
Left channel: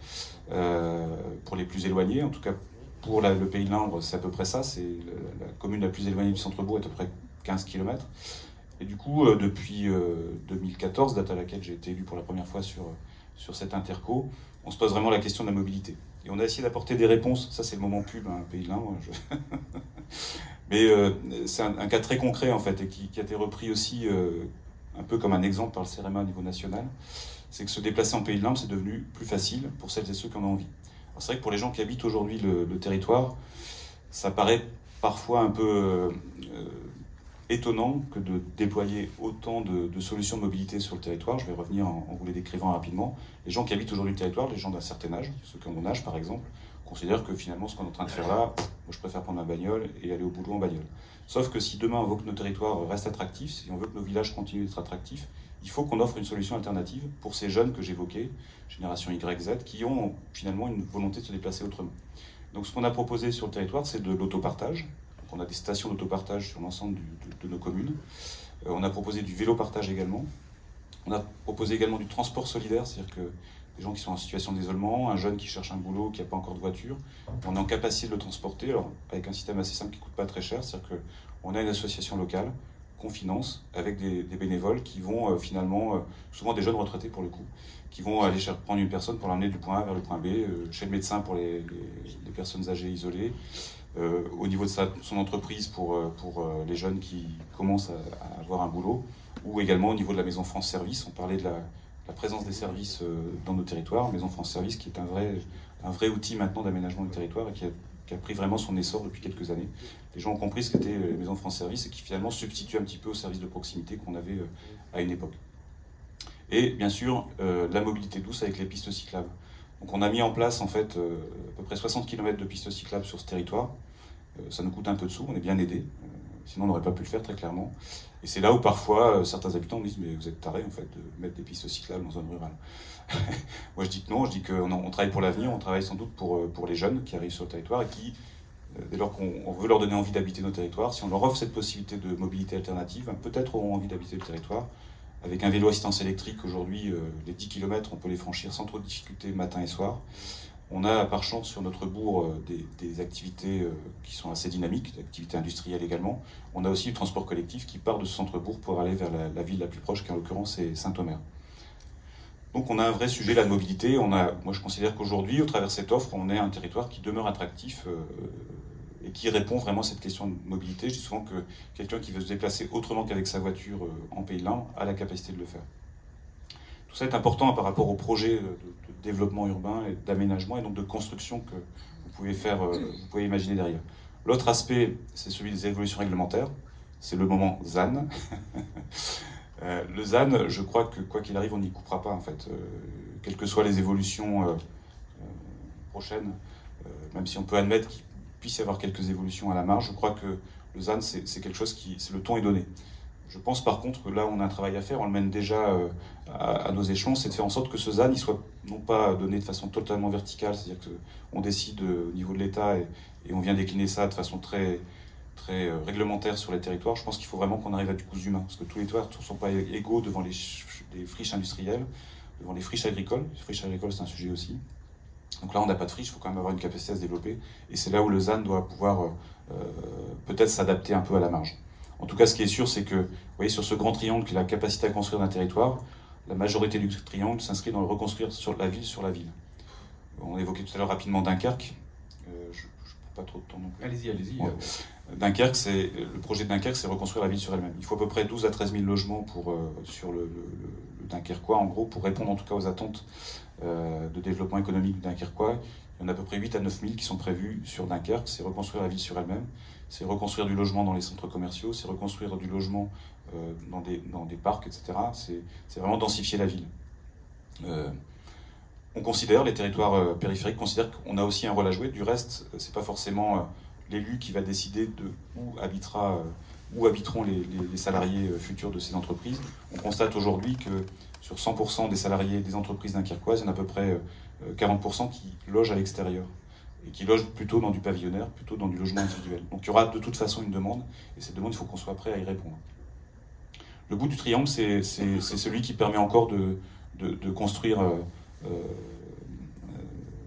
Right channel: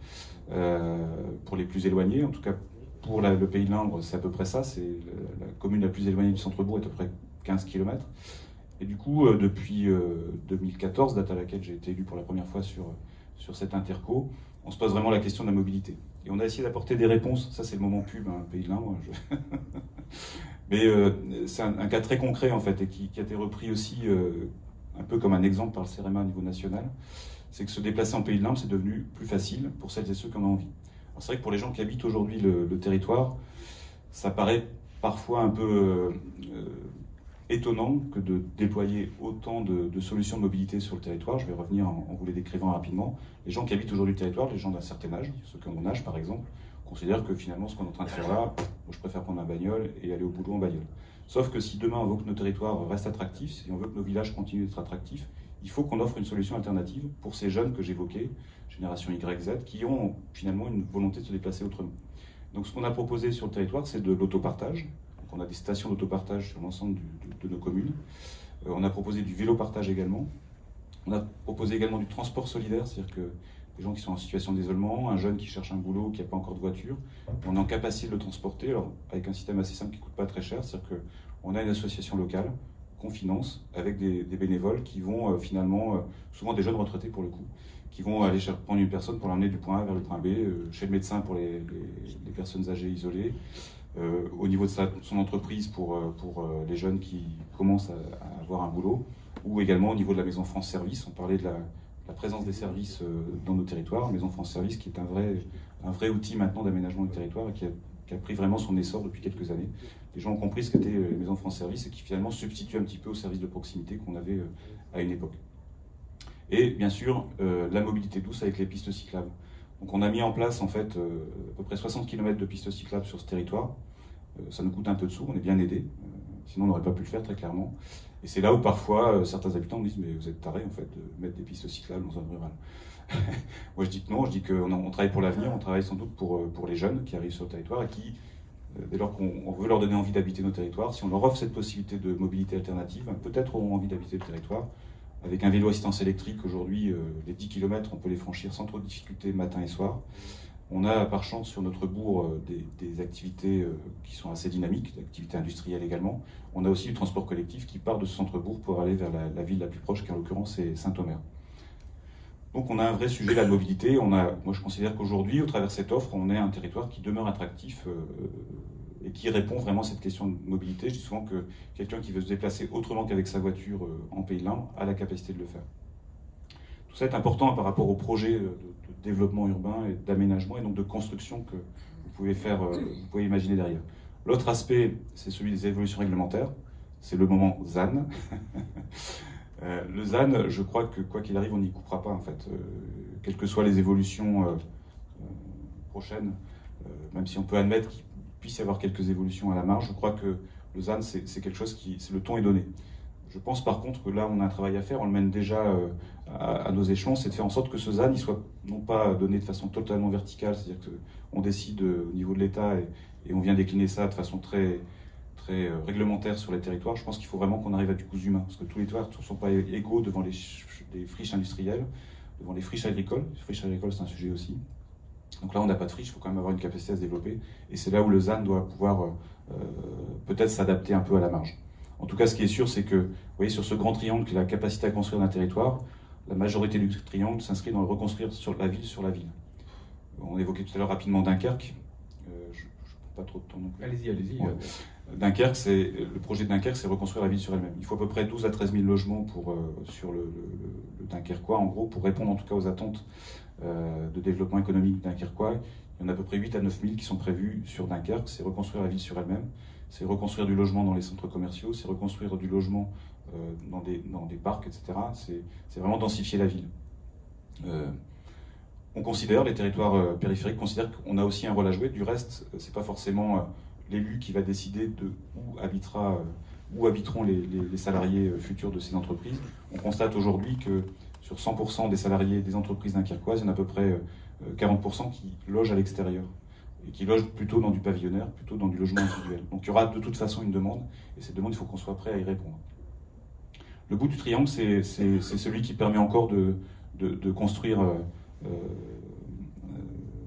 pour les plus éloignés. En tout cas, pour le Pays de l'Indre, c'est à peu près ça. C'est la commune la plus éloignée du centre-bourg est à peu près 15 km. Et du coup, depuis 2014, date à laquelle j'ai été élu pour la première fois sur cette interco, on se pose vraiment la question de la mobilité. Et on a essayé d'apporter des réponses. Ça, c'est le moment pub, hein, Pays de l'Indre. Mais c'est un cas très concret, en fait, et qui a été repris aussi un peu comme un exemple par le CEREMA au niveau national. C'est que se déplacer en Pays de l'Indre, c'est devenu plus facile pour celles et ceux qui en ont envie. Alors, c'est vrai que pour les gens qui habitent aujourd'hui le territoire, ça paraît parfois un peu étonnant que de déployer autant de solutions de mobilité sur le territoire. Je vais revenir en vous les décrivant rapidement. Les gens qui habitent aujourd'hui le territoire, les gens d'un certain âge, ceux qui ont mon âge par exemple, considèrent que finalement ce qu'on est en train de faire là, moi, je préfère prendre ma bagnole et aller au boulot en bagnole. Sauf que si demain on veut que nos territoires restent attractifs, si on veut que nos villages continuent d'être attractifs, il faut qu'on offre une solution alternative pour ces jeunes que j'évoquais, génération Y, Z, qui ont finalement une volonté de se déplacer autrement. Donc ce qu'on a proposé sur le territoire, c'est de l'autopartage. On a des stations d'autopartage sur l'ensemble de nos communes. On a proposé du vélo-partage également. On a proposé également du transport solidaire, c'est-à-dire que les gens qui sont en situation d'isolement, un jeune qui cherche un boulot, qui n'a pas encore de voiture, on est en capacité de le transporter, alors, avec un système assez simple qui ne coûte pas très cher, c'est-à-dire qu'on a une association locale qu'on finance avec des bénévoles qui vont finalement, souvent des jeunes retraités pour le coup, qui vont aller prendre une personne pour l'emmener du point A vers le point B, chez le médecin pour les personnes âgées isolées, au niveau de son entreprise pour les jeunes qui commencent à avoir un boulot, ou également au niveau de la Maison France Service. On parlait de la présence des services dans nos territoires. Maison France Service qui est un vrai outil maintenant d'aménagement du territoire et qui a pris vraiment son essor depuis quelques années. Les gens ont compris ce qu'était les Maisons France Service et qui finalement substitue un petit peu aux services de proximité qu'on avait à une époque. Et bien sûr, la mobilité douce avec les pistes cyclables. Donc on a mis en place en fait à peu près 60 km de pistes cyclables sur ce territoire. Ça nous coûte un peu de sous, on est bien aidé. sinon on n'aurait pas pu le faire très clairement. Et c'est là où parfois certains habitants me disent mais vous êtes tarés en fait de mettre des pistes cyclables en zone rurale. Moi je dis que non, je dis qu'on travaille pour l'avenir, on travaille sans doute pour les jeunes qui arrivent sur le territoire et qui, dès lors qu'on veut leur donner envie d'habiter nos territoires, si on leur offre cette possibilité de mobilité alternative, peut-être auront envie d'habiter le territoire. Avec un vélo assistance électrique, aujourd'hui, les 10 km, on peut les franchir sans trop de difficultés matin et soir. On a par chance sur notre bourg des activités qui sont assez dynamiques, des activités industrielles également. On a aussi le transport collectif qui part de ce centre-bourg pour aller vers la ville la plus proche, qui en l'occurrence est Saint-Omer. Donc on a un vrai sujet, la mobilité. Moi je considère qu'aujourd'hui, au travers de cette offre, on est un territoire qui demeure attractif et qui répond vraiment à cette question de mobilité. Je dis souvent que quelqu'un qui veut se déplacer autrement qu'avec sa voiture en Pays de l'Indre a la capacité de le faire. Tout ça est important par rapport au projet de développement urbain et d'aménagement et donc de construction que vous pouvez imaginer derrière. L'autre aspect, c'est celui des évolutions réglementaires. C'est le moment ZAN. Le ZAN, je crois que quoi qu'il arrive, on n'y coupera pas en fait. Quelles que soient les évolutions prochaines, même si on peut admettre qu'il puisse y avoir quelques évolutions à la marge, je crois que le ZAN, c'est quelque chose le ton est donné. Je pense par contre que là, on a un travail à faire, on le mène déjà à nos échelons, c'est de faire en sorte que ce ZAN, il soit non pas donné de façon totalement verticale, c'est-à-dire qu'on décide au niveau de l'État et on vient décliner ça de façon très réglementaire sur les territoires. Je pense qu'il faut vraiment qu'on arrive à du cousu humain, parce que tous les territoires ne sont pas égaux devant les friches industrielles, devant les friches agricoles. Les friches agricoles, c'est un sujet aussi. Donc là, on n'a pas de friche, il faut quand même avoir une capacité à se développer, et c'est là où le ZAN doit pouvoir peut-être s'adapter un peu à la marge. En tout cas, ce qui est sûr, c'est que, vous voyez, sur ce grand triangle qui est la capacité à construire un territoire, la majorité du triangle s'inscrit dans le reconstruire sur la ville. On évoquait tout à l'heure rapidement Dunkerque. Je ne pas trop de temps non plus. Allez-y. Ouais. Dunkerque, le projet de Dunkerque, c'est reconstruire la ville sur elle-même. Il faut à peu près 12 à 13 000 logements sur le Dunkerquois, en gros, pour répondre en tout cas aux attentes de développement économique dunkerquois. Il y en a à peu près 8 à 9 000 qui sont prévus sur Dunkerque. C'est reconstruire la ville sur elle-même. C'est reconstruire du logement dans les centres commerciaux, c'est reconstruire du logement dans des parcs, etc. C'est vraiment densifier la ville. On considère, les territoires périphériques considèrent qu'on a aussi un rôle à jouer. Du reste, c'est pas forcément l'élu qui va décider de où habiteront les salariés futurs de ces entreprises. On constate aujourd'hui que sur 100% des salariés des entreprises dunkerquoises, il y en a à peu près 40% qui logent à l'extérieur, et qui logent plutôt dans du pavillonnaire, plutôt dans du logement individuel. Donc il y aura de toute façon une demande, et cette demande, il faut qu'on soit prêt à y répondre. Le bout du triangle, c'est celui qui permet encore de construire,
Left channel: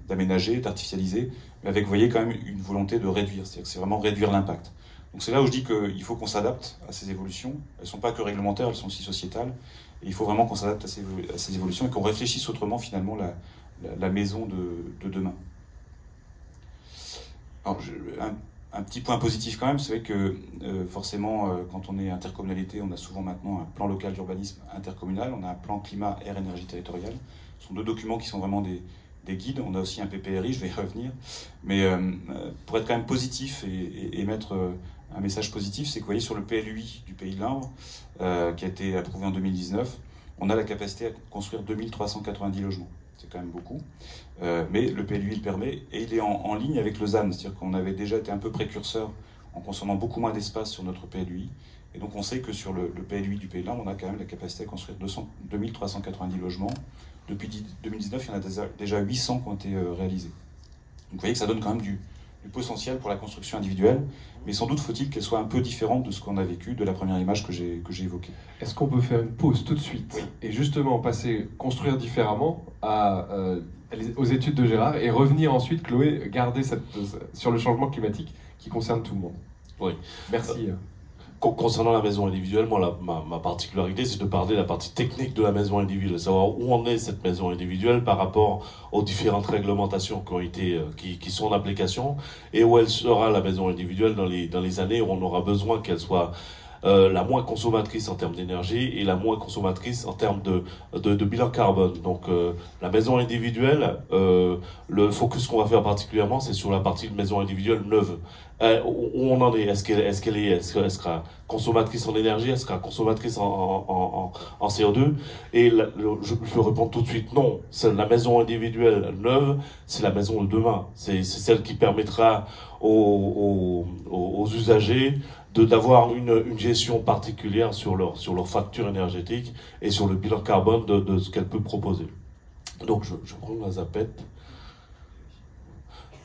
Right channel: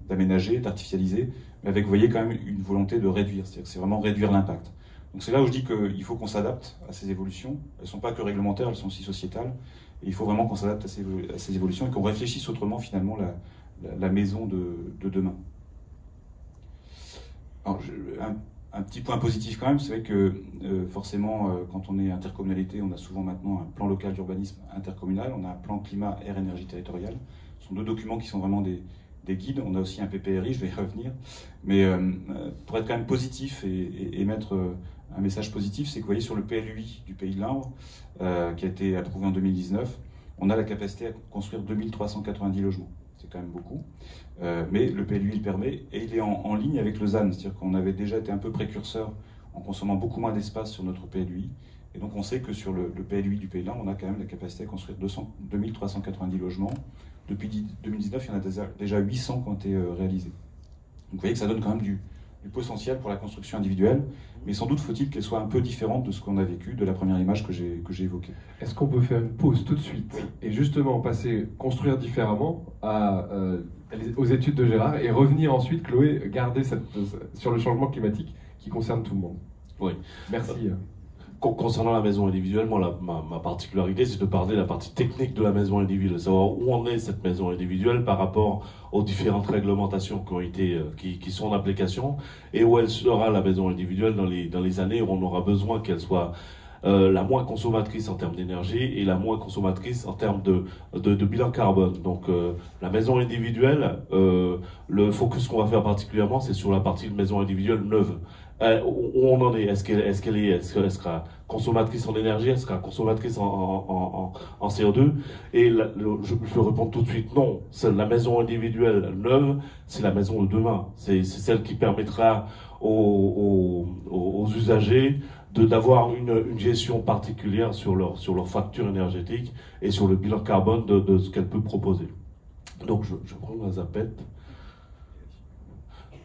d'aménager, d'artificialiser, mais avec, vous voyez, quand même une volonté de réduire, c'est-à-dire que c'est vraiment réduire l'impact. Donc c'est là où je dis qu'il faut qu'on s'adapte à ces évolutions. Elles ne sont pas que réglementaires, elles sont aussi sociétales, et il faut vraiment qu'on s'adapte à ces évolutions et qu'on réfléchisse autrement, finalement, la maison de demain. Alors, un petit point positif quand même, c'est vrai que forcément, quand on est intercommunalité, on a souvent maintenant un plan local d'urbanisme intercommunal, on a un plan climat, air, énergie territoriale. Ce sont deux documents qui sont vraiment des guides. On a aussi un PPRI, je vais y revenir. Mais pour être quand même positif et mettre un message positif, c'est que vous voyez sur le PLUI du Pays de l'Indre, qui a été approuvé en 2019, on a la capacité à construire 2390 logements. C'est quand même beaucoup. Mais le PLUI le permet et il est en ligne avec le ZAN. C'est-à-dire qu'on avait déjà été un peu précurseur en consommant beaucoup moins d'espace sur notre PLUI. Et donc on sait que sur le PLUI du Pays de l'Indre, on a quand même la capacité à construire 2390 logements. Depuis 2019, il y en a déjà 800 qui ont été réalisés. Donc vous voyez que ça donne quand même du potentiel pour la construction individuelle, mais sans doute faut-il qu'elle soit un peu différente de ce qu'on a vécu, de la première image que j'ai évoquée. Est-ce qu'on peut faire une pause tout de suite, oui, et justement passer, construire différemment aux études de Gérard, et revenir ensuite, Chloé, garder sur le changement climatique qui concerne tout le monde. Oui. Merci. Concernant la maison individuelle, moi, ma particularité, c'est de parler de la partie technique de la maison individuelle, savoir où en est cette maison individuelle par rapport aux différentes réglementations qui sont en application, et où elle sera, la maison individuelle, dans les années où on aura besoin qu'elle soit la moins consommatrice en termes d'énergie et la moins consommatrice en termes de bilan carbone. Donc la maison individuelle, le focus qu'on va faire particulièrement, c'est sur la partie de maison individuelle neuve. Où on en est? Est-ce qu'elle sera consommatrice en énergie? Elle sera consommatrice en CO2? Et je peux répondre tout de suite non. C'est la maison individuelle neuve, c'est la maison de demain. C'est celle qui permettra aux usagers d'avoir une gestion particulière sur leur facture énergétique et sur le bilan carbone de ce qu'elle peut proposer. Donc je prends la zapette.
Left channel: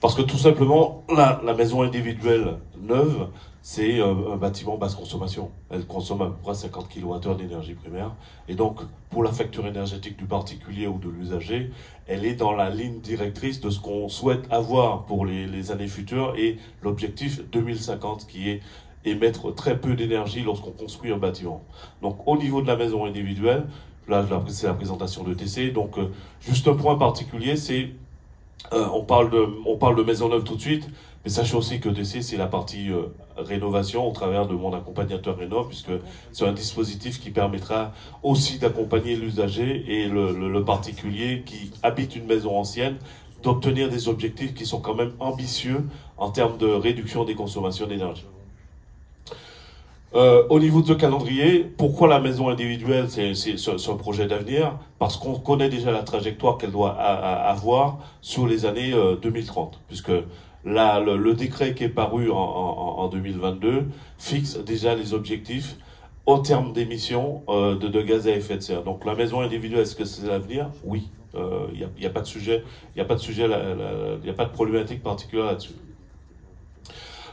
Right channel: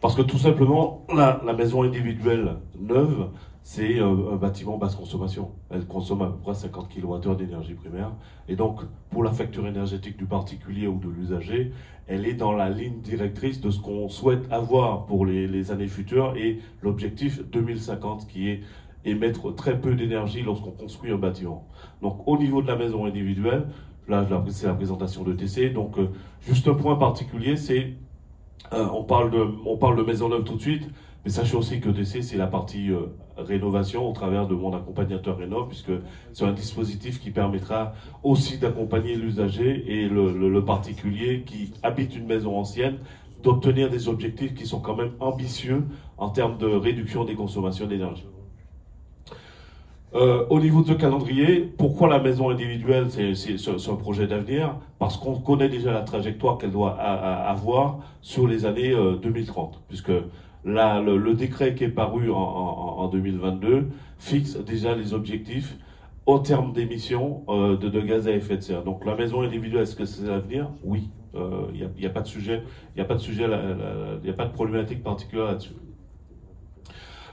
Parce que tout simplement, la maison individuelle neuve, c'est un bâtiment basse consommation. Elle consomme à peu près 50 kWh d'énergie primaire. Et donc, pour la facture énergétique du particulier ou de l'usager, elle est dans la ligne directrice de ce qu'on souhaite avoir pour les années futures et l'objectif 2050 qui est émettre très peu d'énergie lorsqu'on construit un bâtiment. Donc, au niveau de la maison individuelle, là, c'est la présentation de TC. Donc, juste un point particulier, c'est on parle de maison neuve tout de suite, mais sachez aussi que TC, c'est la partie rénovation au travers de mon accompagnateur Rénov, puisque c'est un dispositif qui permettra aussi d'accompagner l'usager et le particulier qui habite une maison ancienne d'obtenir des objectifs qui sont quand même ambitieux en termes de réduction des consommations d'énergie. Au niveau de ce calendrier, pourquoi la maison individuelle, c'est un projet d'avenir? Parce qu'on connaît déjà la trajectoire qu'elle doit avoir sur les années 2030, puisque là, le décret qui est paru en 2022 fixe déjà les objectifs au terme d'émissions de gaz à effet de serre. Donc la maison individuelle, est-ce que c'est l'avenir? Oui. Il n'y a pas de sujet, il n'y a pas de problématique particulière là-dessus.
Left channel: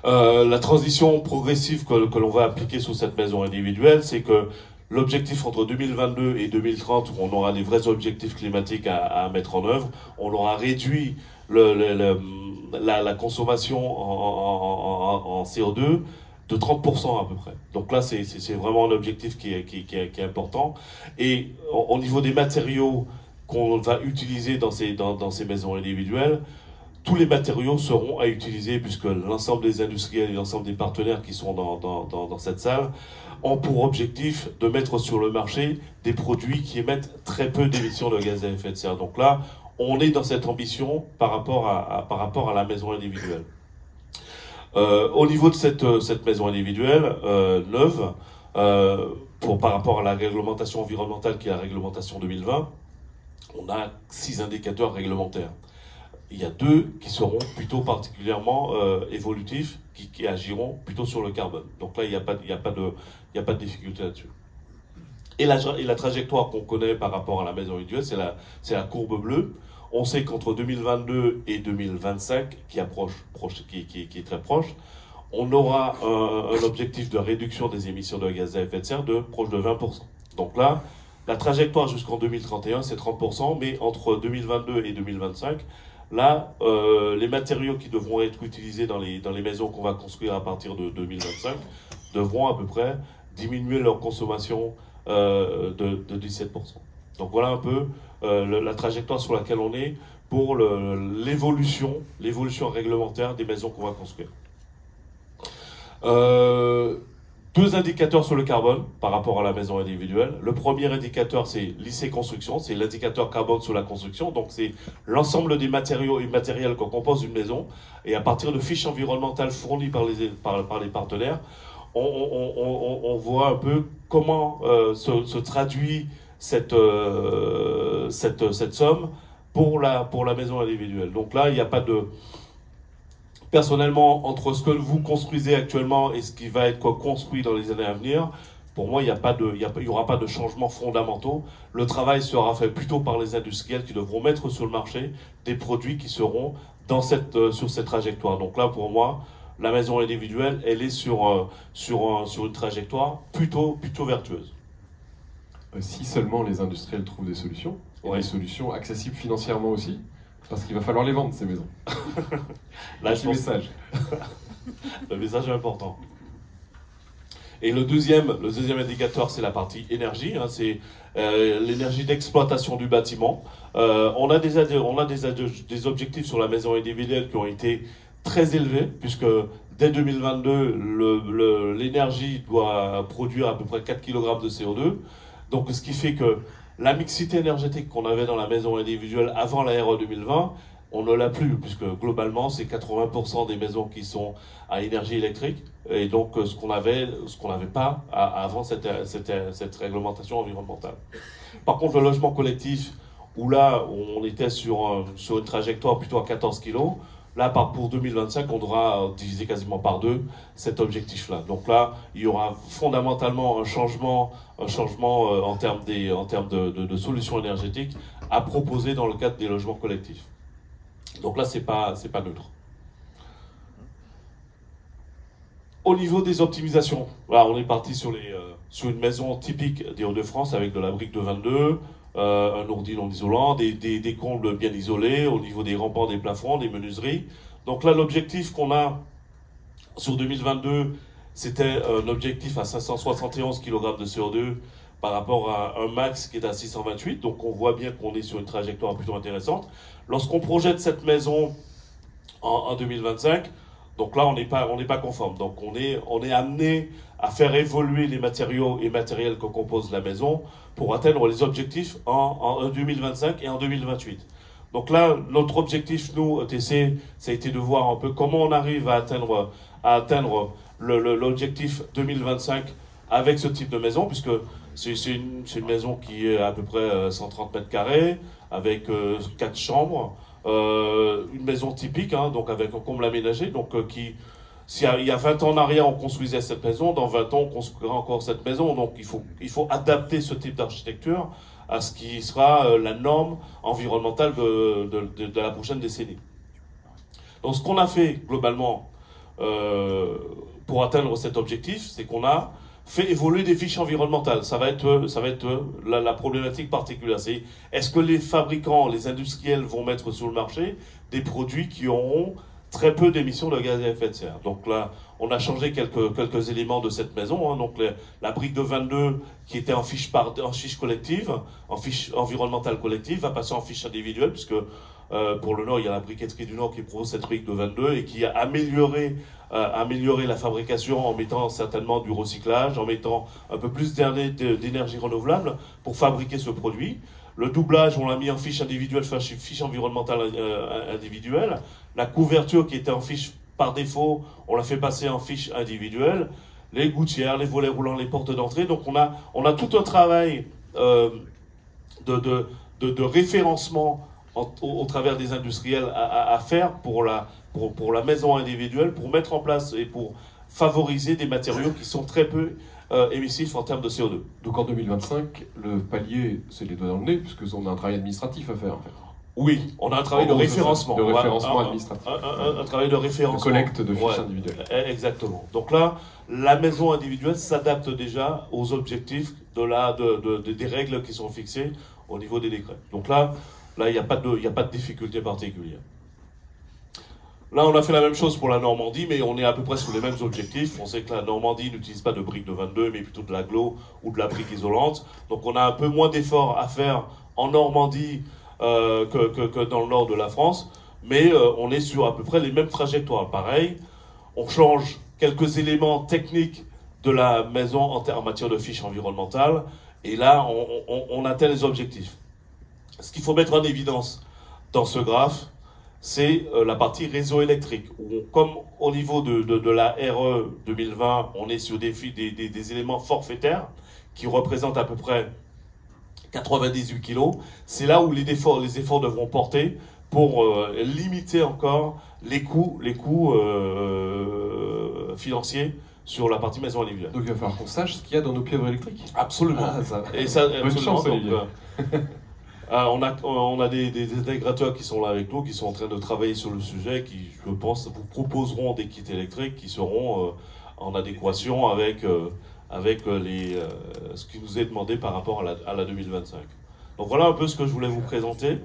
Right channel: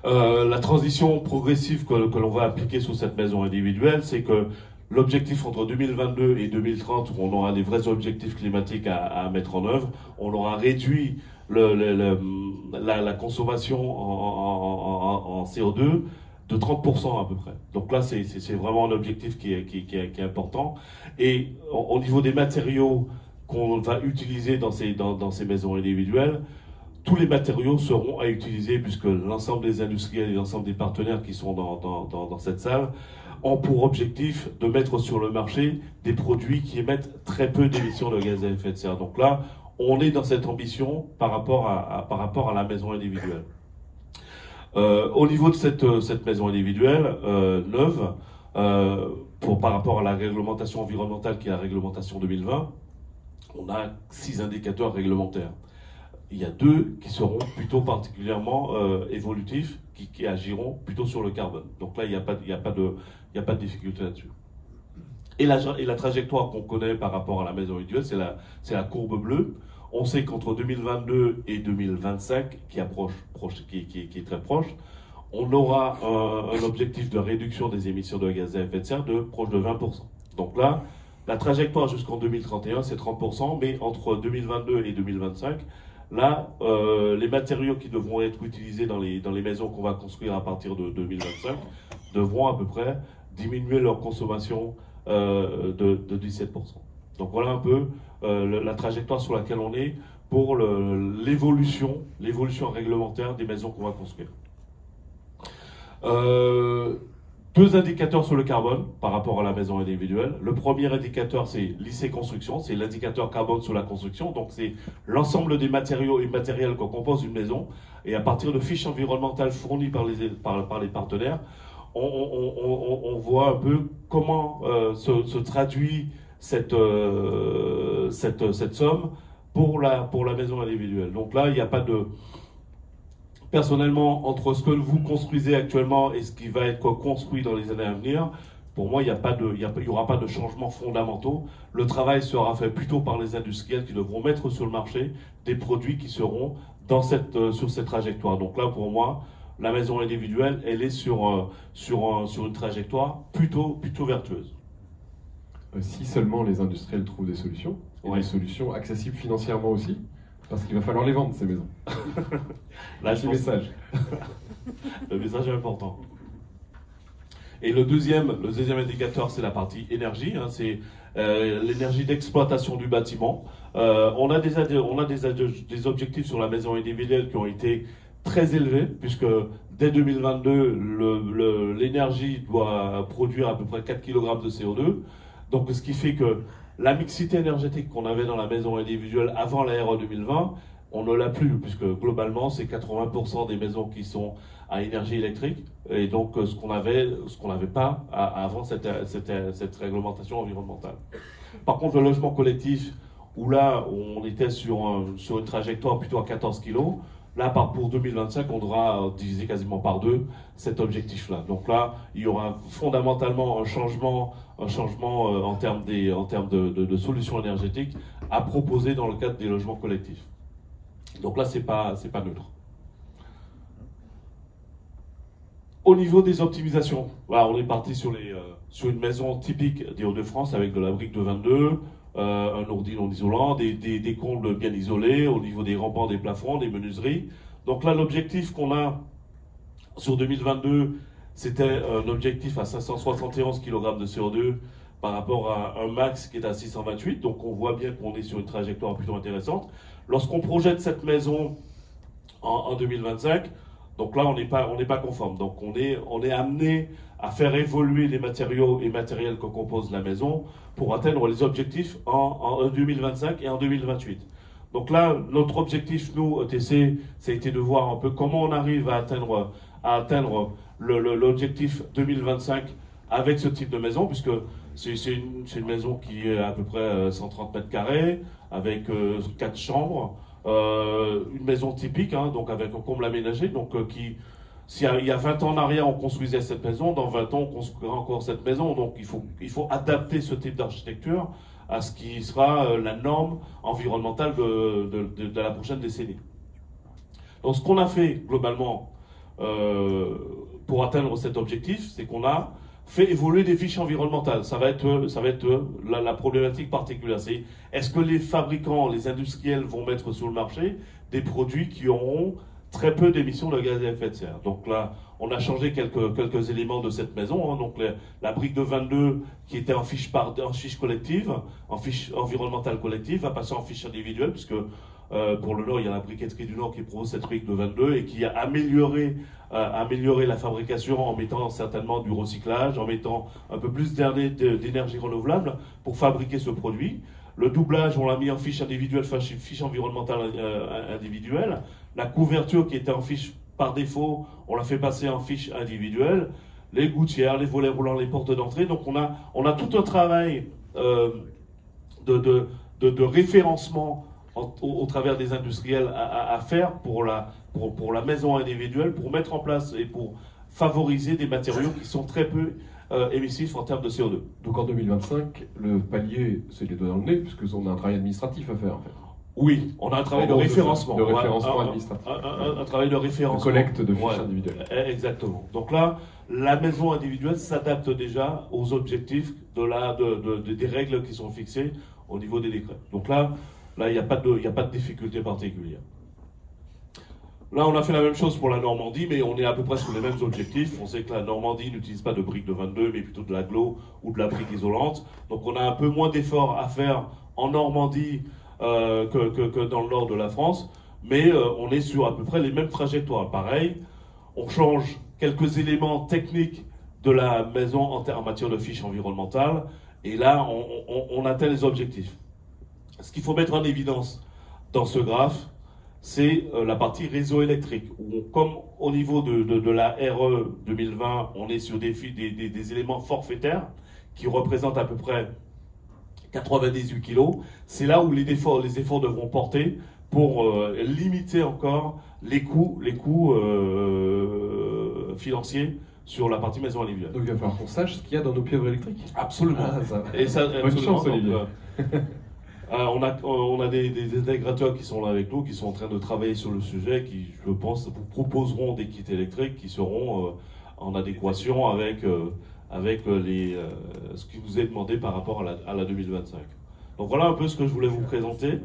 La transition progressive que l'on va appliquer sur cette maison individuelle, c'est que l'objectif entre 2022 et 2030, où on aura des vrais objectifs climatiques à mettre en œuvre, on aura réduit la consommation en CO2 de 30% à peu près. Donc là, c'est vraiment un objectif qui est important. Et au niveau des matériaux qu'on va utiliser dans ces maisons individuelles, tous les matériaux seront à utiliser puisque l'ensemble des industriels et l'ensemble des partenaires qui sont dans cette salle ont pour objectif de mettre sur le marché des produits qui émettent très peu d'émissions de gaz à effet de serre. Donc là, on est dans cette ambition par rapport à la maison individuelle. Au niveau de cette maison individuelle neuve, par rapport à la réglementation environnementale qui est la réglementation 2020, on a 6 indicateurs réglementaires. Il y a 2 qui seront plutôt particulièrement évolutifs, qui agiront plutôt sur le carbone. Donc là, il n'y a pas de difficulté là-dessus. Et la trajectoire qu'on connaît par rapport à la maison individuelle, c'est la courbe bleue. On sait qu'entre 2022 et 2025, qui est très proche, on aura un objectif de réduction des émissions de gaz à effet de serre de proche de 20%. Donc là, la trajectoire jusqu'en 2031, c'est 30%, mais entre 2022 et 2025, là, les matériaux qui devront être utilisés dans les maisons qu'on va construire à partir de 2025 devront à peu près diminuer leur consommation de 17%. Donc voilà un peu la trajectoire sur laquelle on est pour l'évolution réglementaire des maisons qu'on va construire. 2 indicateurs sur le carbone par rapport à la maison individuelle. Le premier indicateur, c'est l'IC Construction, c'est l'indicateur carbone sur la construction. Donc c'est l'ensemble des matériaux et matériels qu'on compose une maison. Et à partir de fiches environnementales fournies par les partenaires, on voit un peu comment se traduit cette somme pour la maison individuelle. Donc là, il n'y a pas de... Personnellement, entre ce que vous construisez actuellement et ce qui va être construit dans les années à venir, pour moi, il n'y aura pas de changements fondamentaux. Le travail sera fait plutôt par les industriels qui devront mettre sur le marché des produits qui seront sur cette trajectoire. Donc là, pour moi, la maison individuelle, elle est sur une trajectoire plutôt vertueuse. Si seulement les industriels trouvent des solutions, et des solutions accessibles financièrement aussi, parce qu'il va falloir les vendre, ces maisons. Là, le message. Le message est important. Et le deuxième indicateur, c'est la partie énergie. Hein, c'est l'énergie d'exploitation du bâtiment. On a des objectifs sur la maison individuelle qui ont été très élevés, puisque dès 2022, l'énergie doit produire à peu près 4 kg de CO2. Donc, ce qui fait que la mixité énergétique qu'on avait dans la maison individuelle avant la RE 2020, on ne l'a plus, puisque globalement, c'est 80% des maisons qui sont à énergie électrique, et donc ce qu'on n'avait pas avant cette réglementation environnementale. Par contre, le logement collectif, où là, on était sur une trajectoire plutôt à 14 kg, Là, pour 2025, on devra diviser quasiment par 2 cet objectif-là. Donc là, il y aura fondamentalement un changement en termes de solutions énergétiques à proposer dans le cadre des logements collectifs. Donc là, c'est pas neutre. Au niveau des optimisations, là, on est parti sur une maison typique des Hauts-de-France avec de la brique de 22, un ordi non isolant, des combles bien isolés au niveau des remparts, des plafonds, des menuiseries. Donc là, l'objectif qu'on a sur 2022, c'était un objectif à 571 kg de CO2 par rapport à un max qui est à 628. Donc on voit bien qu'on est sur une trajectoire plutôt intéressante. Lorsqu'on projette cette maison en 2025, donc là, on n'est pas conforme. Donc on est amené à faire évoluer les matériaux et matériels que compose la maison pour atteindre les objectifs en 2025 et en 2028. Donc là, notre objectif, nous, ETC, ça a été de voir un peu comment on arrive à atteindre l'objectif 2025 avec ce type de maison, puisque c'est une maison qui est à peu près 130 mètres carrés, avec 4 chambres, une maison typique, hein, donc avec un comble aménagé, donc s'il y a 20 ans en arrière, on construisait cette maison, dans 20 ans, on construira encore cette maison. Donc il faut adapter ce type d'architecture à ce qui sera la norme environnementale de la prochaine décennie. Donc ce qu'on a fait globalement pour atteindre cet objectif, c'est qu'on a fait évoluer des fiches environnementales. Ça va être la problématique particulière. C'est est-ce que les fabricants, les industriels vont mettre sur le marché des produits qui auront très peu d'émissions de gaz à effet de serre. Donc là, on a changé quelques éléments de cette maison. Hein. Donc la brique de 22 qui était en fiche collective, en fiche environnementale collective, va passer en fiche individuelle, puisque pour le Nord, il y a la briqueterie du Nord qui propose cette brique de 22 et qui a amélioré la fabrication en mettant certainement du recyclage, en mettant un peu plus d'énergie renouvelable pour fabriquer ce produit. Le doublage, on l'a mis en fiche individuelle, fiche environnementale individuelle. La couverture qui était en fiche par défaut, on l'a fait passer en fiche individuelle. Les gouttières, les volets roulants, les portes d'entrée. Donc on a tout un travail de référencement au travers des industriels à faire pour la maison individuelle, pour mettre en place et pour favoriser des matériaux qui sont très peu émissifs en termes de CO2. Donc en 2025, le palier, c'est les doigts dans le nez, puisqu'on a un travail administratif à faire. En fait. Oui, on a un travail de référencement. De référencement administratif. Un travail de référencement. De collecte de fiches individuelles. Exactement. Donc là, la maison individuelle s'adapte déjà aux objectifs des règles qui sont fixées au niveau des décrets. Donc là, il n'y a pas de difficulté particulière. Là, on a fait la même chose pour la Normandie, mais on est à peu près sur les mêmes objectifs. On sait que la Normandie n'utilise pas de briques de 22, mais plutôt de l'agglo ou de la brique isolante. Donc on a un peu moins d'efforts à faire en Normandie que dans le nord de la France, mais on est sur à peu près les mêmes trajectoires. Pareil, on change quelques éléments techniques de la maison en matière de fiches environnementales, et là, on atteint les objectifs. Ce qu'il faut mettre en évidence dans ce graphe, c'est la partie réseau électrique, où comme au niveau de la RE 2020, on est sur des éléments forfaitaires qui représentent à peu près 98 kg, c'est là où les efforts devront porter pour limiter encore les coûts financiers sur la partie maison individuelle. Donc il va falloir qu'on sache ce qu'il y a dans nos pieuvres électriques. Absolument. Et ça, absolument. On a des intégrateurs qui sont là avec nous, qui sont en train de travailler sur le sujet, qui, je pense, proposeront des kits électriques qui seront en adéquation avec ce qui nous est demandé par rapport à la 2025. Donc voilà un peu ce que je voulais vous présenter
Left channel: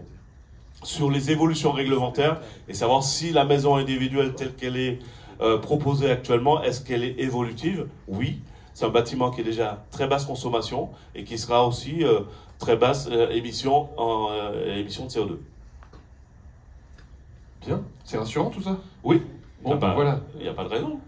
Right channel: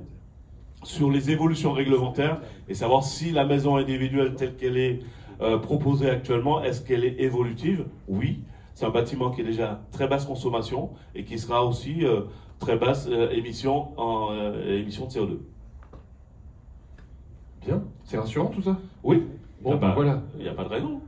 sur les évolutions réglementaires et savoir si la maison individuelle telle qu'elle est proposée actuellement, est-ce qu'elle est évolutive? Oui, c'est un bâtiment qui est déjà très basse consommation et qui sera aussi très basse émission de CO2. Bien, c'est rassurant tout ça? Oui, bon, voilà. Il n'y a pas de raison.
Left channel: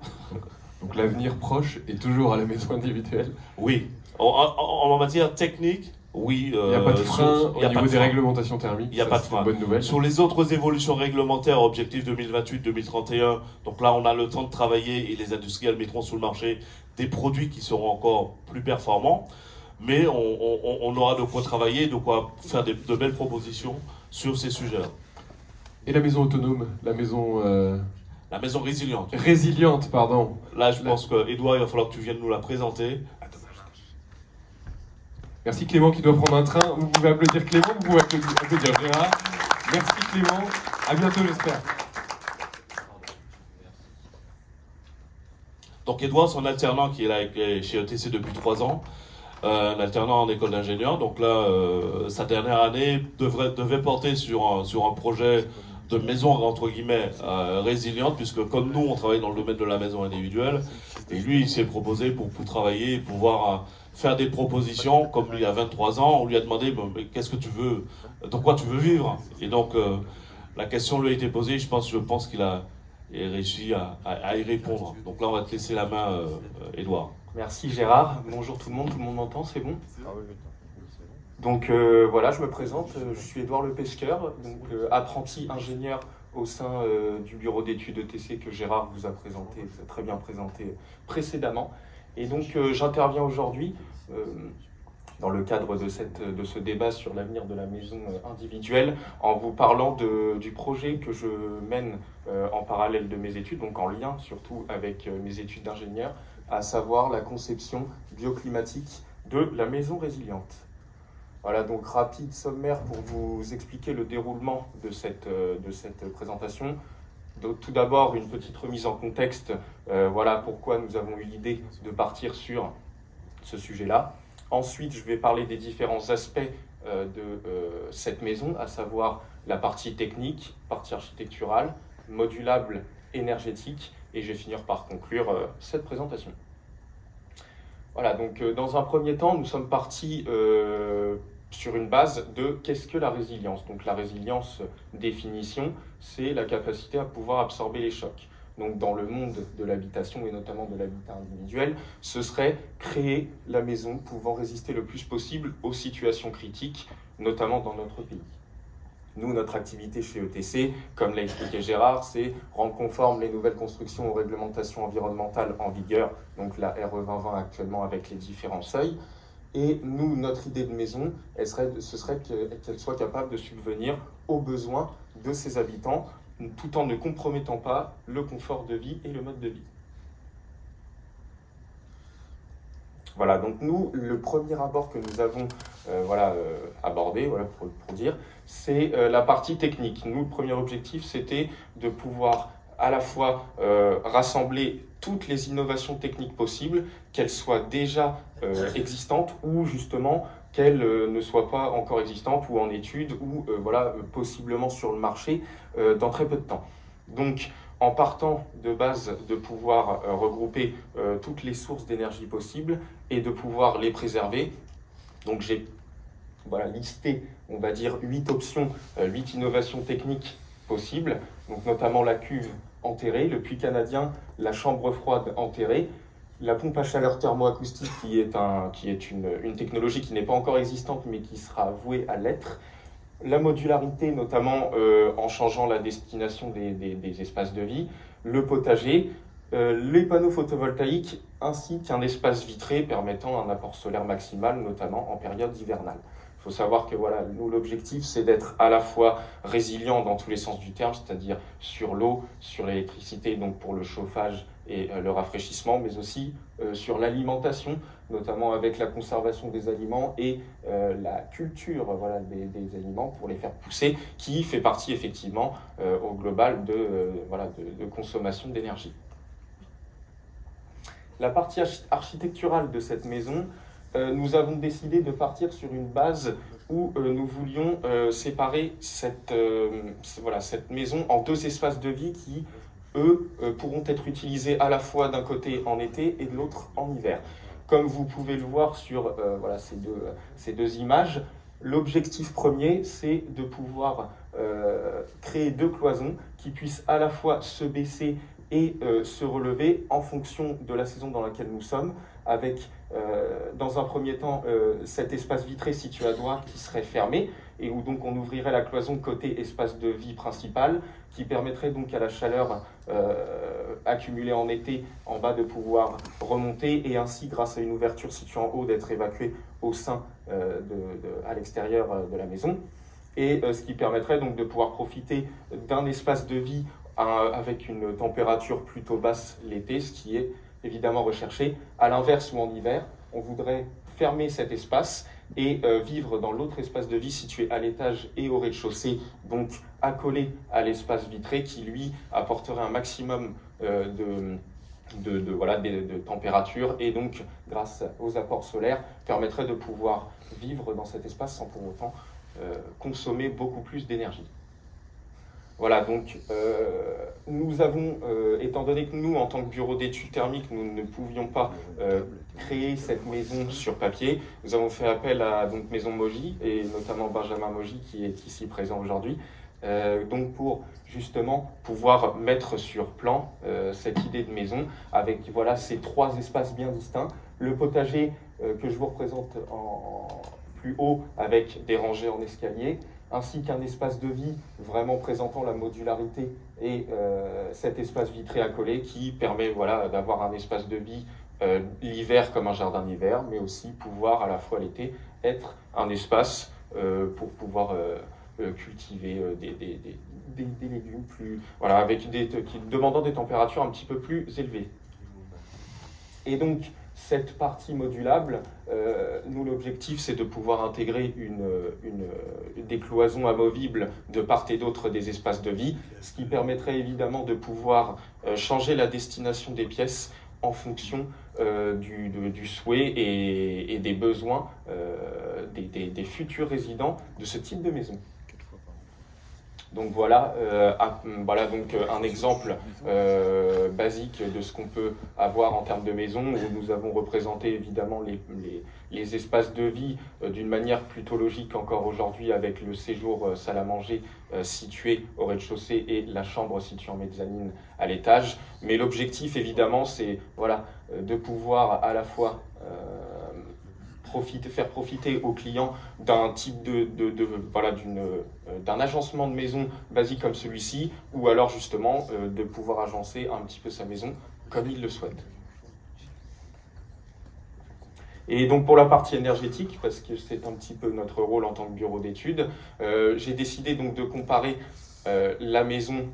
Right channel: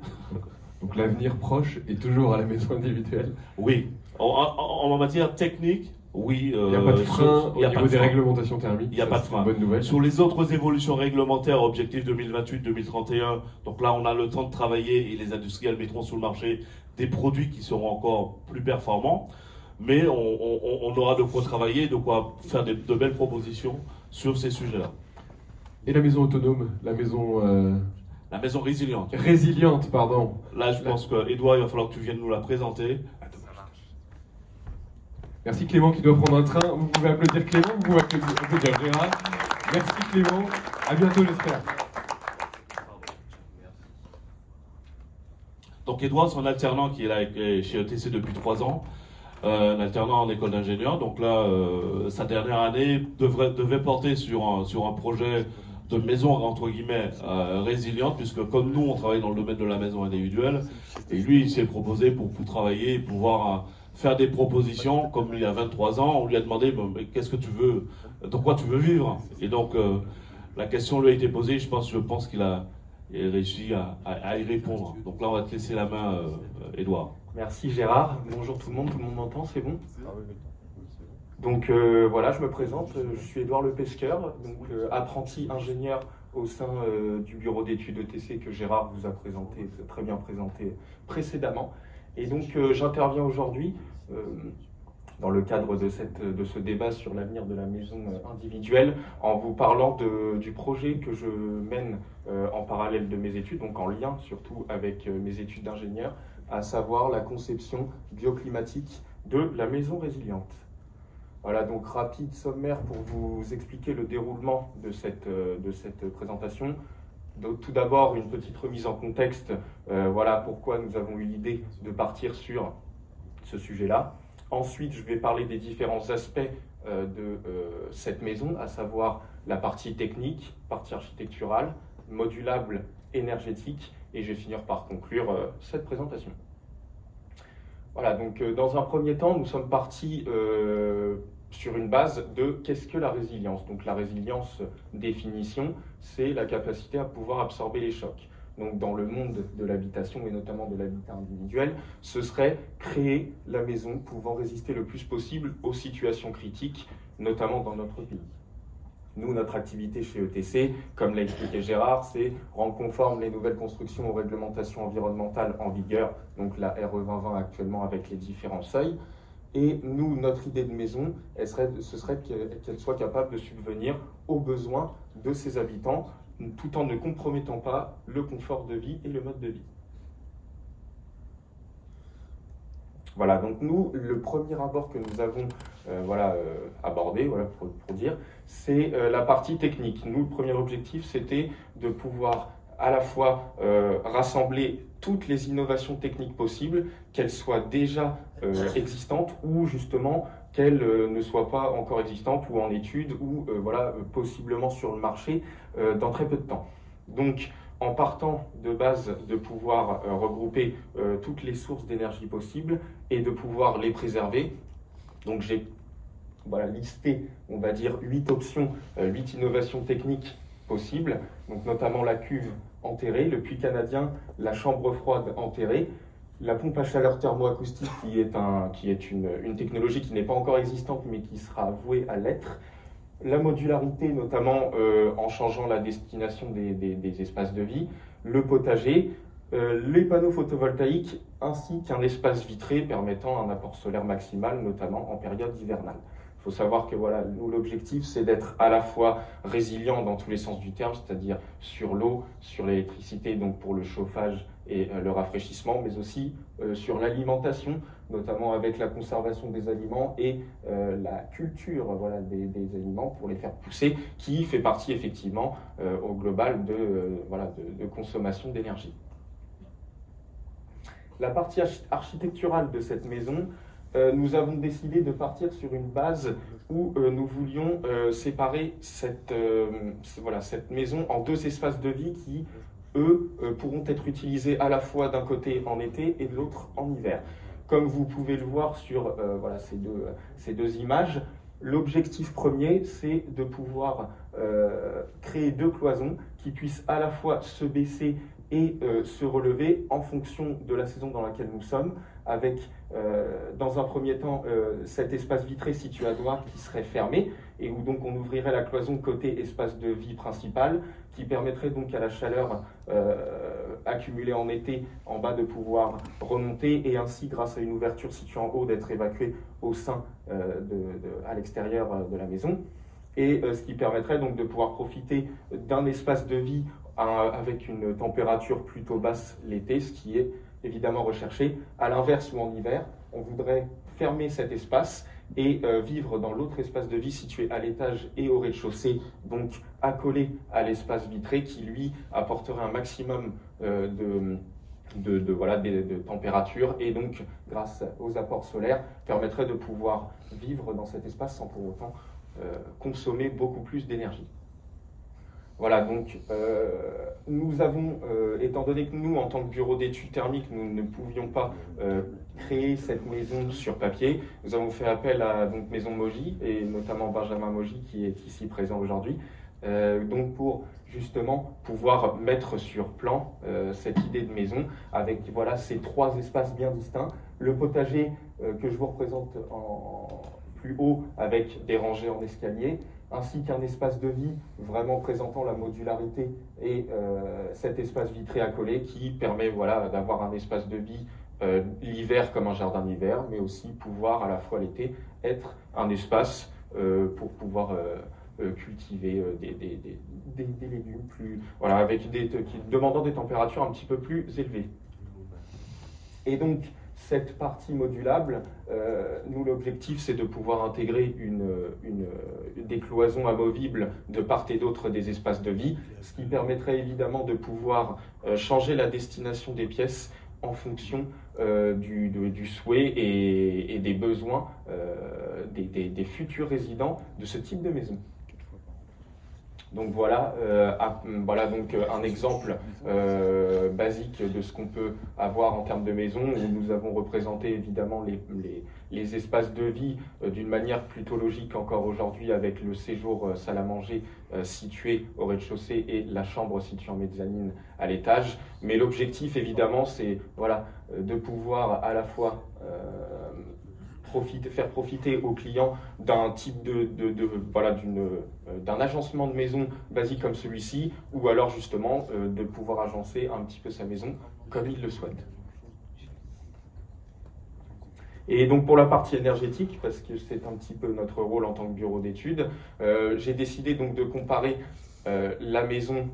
Donc l'avenir proche est toujours à la maison individuelle. Oui. En matière technique, oui. Il n'y a pas de frein au niveau des réglementations thermiques. Il n'y a pas de frein. Bonne nouvelle. Sur les autres évolutions réglementaires, objectifs 2028-2031, donc là on a le temps de travailler et les industriels mettront sur le marché des produits qui seront encore plus performants. Mais on aura de quoi travailler, de quoi faire de belles propositions sur ces sujets-là. Et la maison autonome, la maison La maison résiliente. résiliente, pardon. Là, je pense que, Edouard, il va falloir que tu viennes nous la présenter. Merci Clément qui doit prendre un train. Vous pouvez applaudir Clément, vous pouvez applaudir Gérard. Merci Clément, à bientôt j'espère. Donc Edouard, c'est un alternant qui est là chez ETC depuis 3 ans, un alternant en école d'ingénieur. Donc là, sa dernière année devait porter sur un projet de maison, entre guillemets, résiliente, puisque comme nous, on travaille dans le domaine de la maison individuelle, et lui, il s'est proposé pour travailler, pouvoir faire des propositions. Comme il a 23 ans, on lui a demandé, mais qu'est-ce que tu veux, de quoi tu veux vivre? Et donc, la question lui a été posée, je pense qu'il a réussi à y répondre. Donc là, on va te laisser la main, Edouard. Merci Gérard, bonjour tout le monde m'entend, c'est bon? Donc voilà, je me présente, je suis Edouard Le Pesqueur, donc apprenti ingénieur au sein du bureau d'études ETC que Gérard vous a présenté, vous a très bien présenté précédemment. Et donc j'interviens aujourd'hui dans le cadre de ce débat sur l'avenir de la maison individuelle en vous parlant du projet que je mène en parallèle de mes études, donc en lien surtout avec mes études d'ingénieur, à savoir la conception bioclimatique de la maison résiliente. Voilà, donc rapide sommaire pour vous expliquer le déroulement de cette présentation. Donc, tout d'abord, une petite remise en contexte, voilà pourquoi nous avons eu l'idée de partir sur ce sujet-là. Ensuite, je vais parler des différents aspects de cette maison, à savoir la partie technique, partie architecturale, modulable, énergétique, et je vais finir par conclure cette présentation. Voilà, donc dans un premier temps, nous sommes partis sur une base de qu'est-ce que la résilience. Donc la résilience, définition, c'est la capacité à pouvoir absorber les chocs. Donc dans le monde de l'habitation et notamment de l'habitat individuel, ce serait créer la maison pouvant résister le plus possible aux situations critiques, notamment dans notre pays. Nous, notre activité chez ETC, comme l'a expliqué Gérard, c'est rendre conformes les nouvelles constructions aux réglementations environnementales en vigueur, donc la RE 2020 actuellement avec les différents seuils. Et nous, notre idée de maison, ce serait qu'elle soit capable de subvenir aux besoins de ses habitants, tout en ne compromettant pas le confort de vie et le mode de vie. Voilà, donc nous, le premier abord que nous avons abordé, pour dire, c'est la partie technique. Nous, le premier objectif, c'était de pouvoir à la fois rassembler toutes les innovations techniques possibles, qu'elles soient déjà existantes ou justement qu'elles ne soient pas encore existantes ou en études ou possiblement sur le marché dans très peu de temps. Donc, en partant de base de pouvoir regrouper toutes les sources d'énergie possibles et de pouvoir les préserver, donc j'ai listé, on va dire, 8 options, 8 innovations techniques possibles, donc notamment la cuve enterrée, le puits canadien, la chambre froide enterrée, la pompe à chaleur thermoacoustique qui est une technologie qui n'est pas encore existante mais qui sera vouée à l'être, la modularité notamment en changeant la destination des espaces de vie, le potager, les panneaux photovoltaïques ainsi qu'un espace vitré permettant un apport solaire maximal notamment en période hivernale. Il faut savoir que nous, l'objectif, c'est d'être à la fois résilient dans tous les sens du terme, c'est-à-dire sur l'eau, sur l'électricité, donc pour le chauffage et le rafraîchissement, mais aussi sur l'alimentation, notamment avec la conservation des aliments et la culture des aliments pour les faire pousser, qui fait partie effectivement au global de consommation d'énergie. La partie architecturale de cette maison, nous avons décidé de partir sur une base où nous voulions séparer cette maison en 2 espaces de vie qui, eux, pourront être utilisés à la fois d'un côté en été et de l'autre en hiver. Comme vous pouvez le voir sur ces deux images, l'objectif premier, c'est de pouvoir créer 2 cloisons qui puissent à la fois se baisser et se relever en fonction de la saison dans laquelle nous sommes, avec dans un premier temps cet espace vitré situé à droite qui serait fermé et où donc on ouvrirait la cloison côté espace de vie principal qui permettrait donc à la chaleur accumulée en été en bas de pouvoir remonter et ainsi grâce à une ouverture située en haut d'être évacuée au sein à l'extérieur de la maison. et ce qui permettrait donc de pouvoir profiter d'un espace de vie avec une température plutôt basse l'été, ce qui est évidemment recherché. À l'inverse, ou en hiver, on voudrait fermer cet espace et vivre dans l'autre espace de vie situé à l'étage et au rez-de-chaussée, donc accolé à l'espace vitré qui, lui, apporterait un maximum de température et donc, grâce aux apports solaires, permettrait de pouvoir vivre dans cet espace sans pour autant consommer beaucoup plus d'énergie. Voilà, donc nous avons, étant donné que nous, en tant que bureau d'études thermiques, nous ne pouvions pas créer cette maison sur papier, nous avons fait appel à donc, Maison Moji, et notamment Benjamin Moji qui est ici présent aujourd'hui, donc pour justement pouvoir mettre sur plan cette idée de maison avec voilà, ces 3 espaces bien distincts. Le potager que je vous représente en plus haut avec des rangées en escalier, ainsi qu'un espace de vie vraiment présentant la modularité et cet espace vitré accolé qui permet voilà, d'avoir un espace de vie l'hiver comme un jardin d'hiver, mais aussi pouvoir à la fois l'été être un espace pour pouvoir cultiver des légumes plus, voilà, avec demandant des températures un petit peu plus élevées. Et donc, cette partie modulable, nous, l'objectif, c'est de pouvoir intégrer des cloisons amovibles de part et d'autre des espaces de vie, ce qui permettrait évidemment de pouvoir changer la destination des pièces en fonction du souhait et des besoins des futurs résidents de ce type de maison. Donc voilà, un exemple basique de ce qu'on peut avoir en termes de maison, où nous avons représenté évidemment les espaces de vie d'une manière plutôt logique encore aujourd'hui, avec le séjour salle à manger situé au rez-de-chaussée et la chambre située en mezzanine à l'étage. Mais l'objectif évidemment c'est voilà, de pouvoir à la fois faire profiter aux clients d'un type d'un agencement de maison basique comme celui-ci, ou alors justement de pouvoir agencer un petit peu sa maison comme il le souhaite. Et donc pour la partie énergétique, parce que c'est un petit peu notre rôle en tant que bureau d'études, j'ai décidé donc de comparer la maison,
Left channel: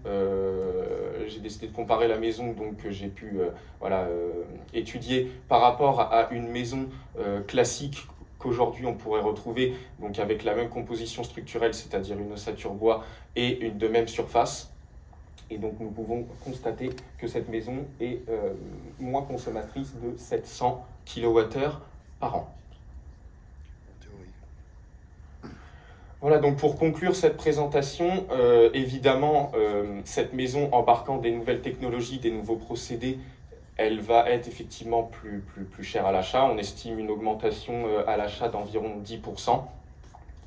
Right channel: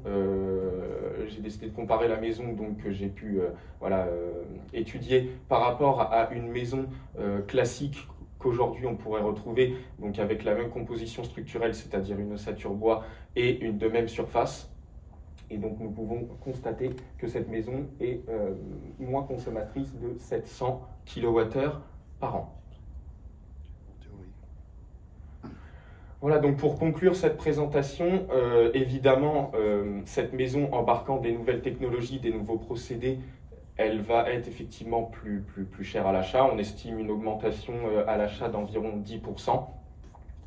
donc, que j'ai pu étudier par rapport à une maison classique qu'aujourd'hui on pourrait retrouver donc avec la même composition structurelle, c'est-à-dire une ossature bois et une de même surface. Et donc nous pouvons constater que cette maison est moins consommatrice de 700 kWh par an. Voilà, donc pour conclure cette présentation, évidemment, cette maison embarquant des nouvelles technologies, des nouveaux procédés, elle va être effectivement plus chère à l'achat. On estime une augmentation à l'achat d'environ 10%.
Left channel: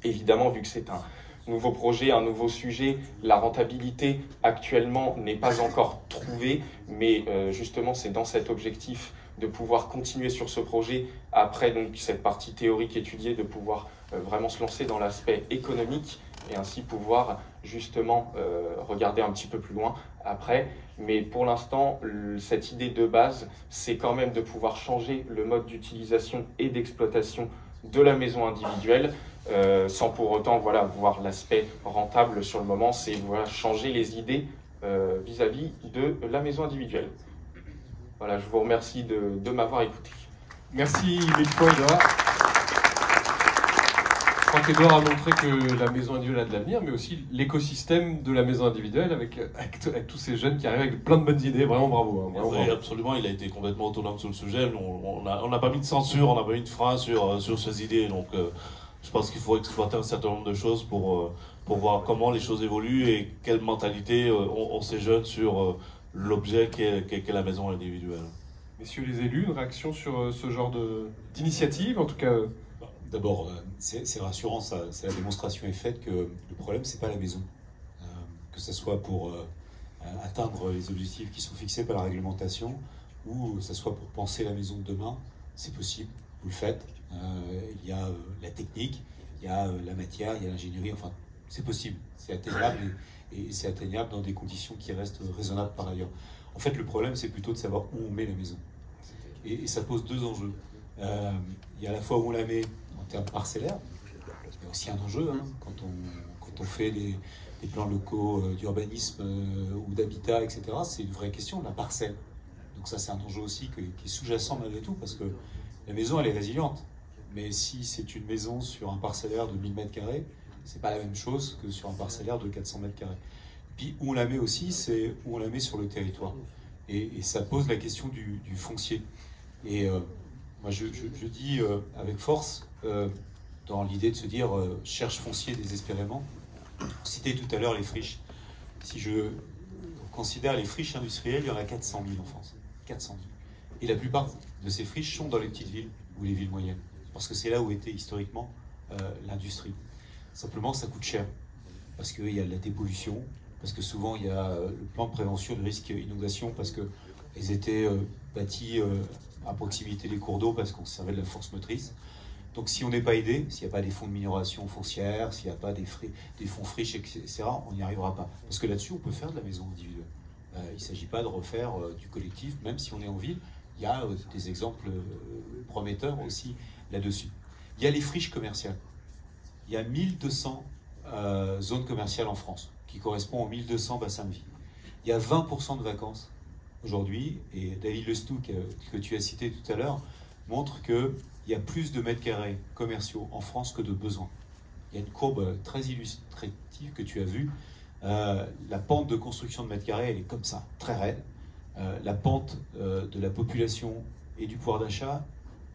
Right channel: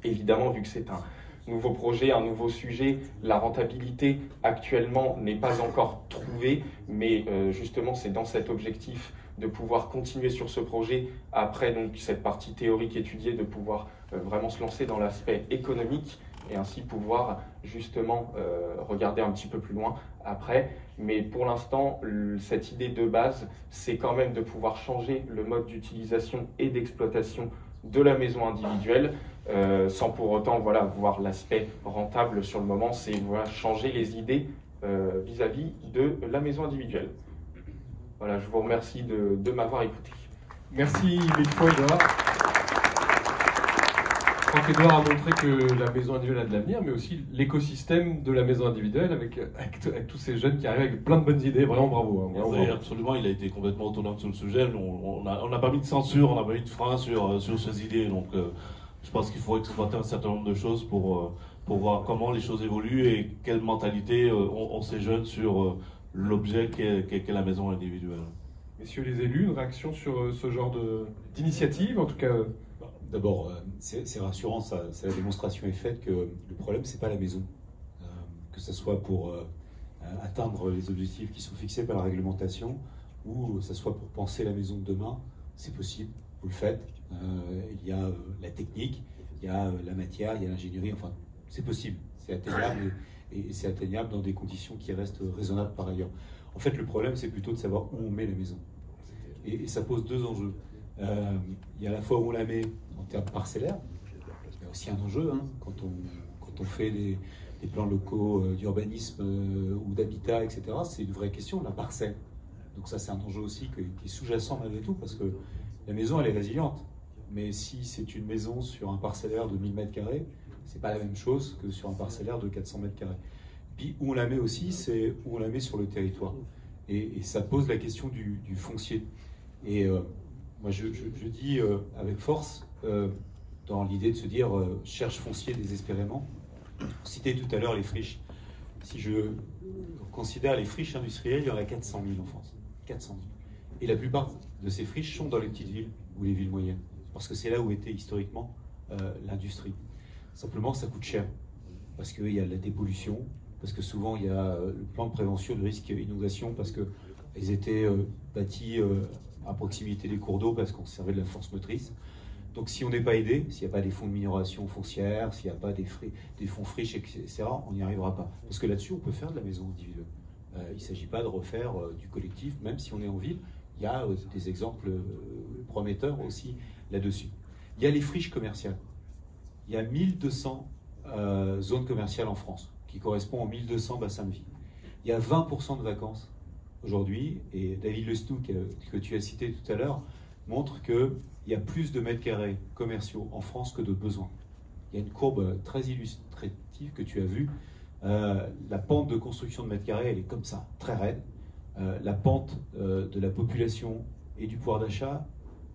Évidemment, vu que c'est un nouveau projet, un nouveau sujet, la rentabilité actuellement n'est pas encore trouvée, mais justement c'est dans cet objectif de pouvoir continuer sur ce projet, après donc cette partie théorique étudiée, de pouvoir vraiment se lancer dans l'aspect économique et ainsi pouvoir justement regarder un petit peu plus loin après. Mais pour l'instant, cette idée de base, c'est quand même de pouvoir changer le mode d'utilisation et d'exploitation de la maison individuelle, sans pour autant voir l'aspect rentable sur le moment. C'est changer les idées vis-à-vis de la maison individuelle. Voilà, je vous remercie de m'avoir écouté. Merci Victor. Je crois qu'Edouard a montré que la maison individuelle a de l'avenir, mais aussi l'écosystème de la maison individuelle avec tous ces jeunes qui arrivent avec plein de bonnes idées. Vraiment bravo. Bravo. Oui, absolument, il a été complètement autonome sur le sujet. On n'a pas mis de censure, on n'a pas mis de frein sur ces idées. Donc je pense qu'il faut exploiter un certain nombre de choses pour voir comment les choses évoluent et quelle mentalité ont ces jeunes sur l'objet qu'est la maison individuelle. Messieurs les élus, une réaction sur ce genre d'initiative, en tout cas D'abord, c'est rassurant, c'est la démonstration est faite que le problème, c'est pas la maison. Que ce soit pour atteindre les objectifs qui sont fixés par la réglementation, ou que ce soit pour penser la maison de demain, c'est possible, vous le faites. Il y a la technique, il y a la matière, il y a l'ingénierie, enfin, c'est possible, c'est atteignable, et c'est atteignable dans des conditions qui restent raisonnables par ailleurs. En fait, le problème, c'est plutôt de savoir où on met la maison. Et ça pose 2 enjeux. Il y a à la fois où on la met en termes parcellaires, il y a aussi un enjeu quand on fait des plans locaux d'urbanisme ou d'habitat, etc., c'est une vraie question, la parcelle. Donc ça, c'est un enjeu aussi qui est sous-jacent malgré tout, parce que la maison, elle est résiliente. Mais si c'est une maison sur un parcellaire de 1000 m², c'est pas la même chose que sur un parcellaire de 400 m². Puis où on la met aussi, c'est où on la met sur le territoire. Et ça pose la question du foncier. Et moi, je dis avec force, dans l'idée de se dire cherche foncier désespérément. Cité tout à l'heure les friches. Si je considère les friches industrielles, il y en a 400 000 en France. 400 000. Et la plupart de ces friches sont dans les petites villes ou les villes moyennes. Parce que c'est là où était historiquement l'industrie. Simplement, ça coûte cher. Parce qu'il y a de la dépollution, parce que souvent il y a le plan de prévention de risque inondation, parce qu'elles étaient bâties à proximité des cours d'eau, parce qu'on servait de la force motrice. Donc si on n'est pas aidé, s'il n'y a pas des fonds de minoration foncière, s'il n'y a pas des fonds friches, etc., on n'y arrivera pas. Parce que là-dessus, on peut faire de la maison individuelle. Il ne s'agit pas de refaire du collectif, même si on est en ville. Il y a des exemples prometteurs aussi là-dessus. Il y a les friches commerciales. Il y a 1200 zones commerciales en France, qui correspondent aux 1200 bassins de vie. Il y a 20% de vacances aujourd'hui, et David Lestoux, que tu as cité tout à l'heure, montre qu'il y a plus de mètres carrés commerciaux en France que de besoins. Il y a une courbe très illustrative que tu as vue. La pente de construction de mètres carrés, elle est comme ça, très raide. La pente de la population et du pouvoir d'achat,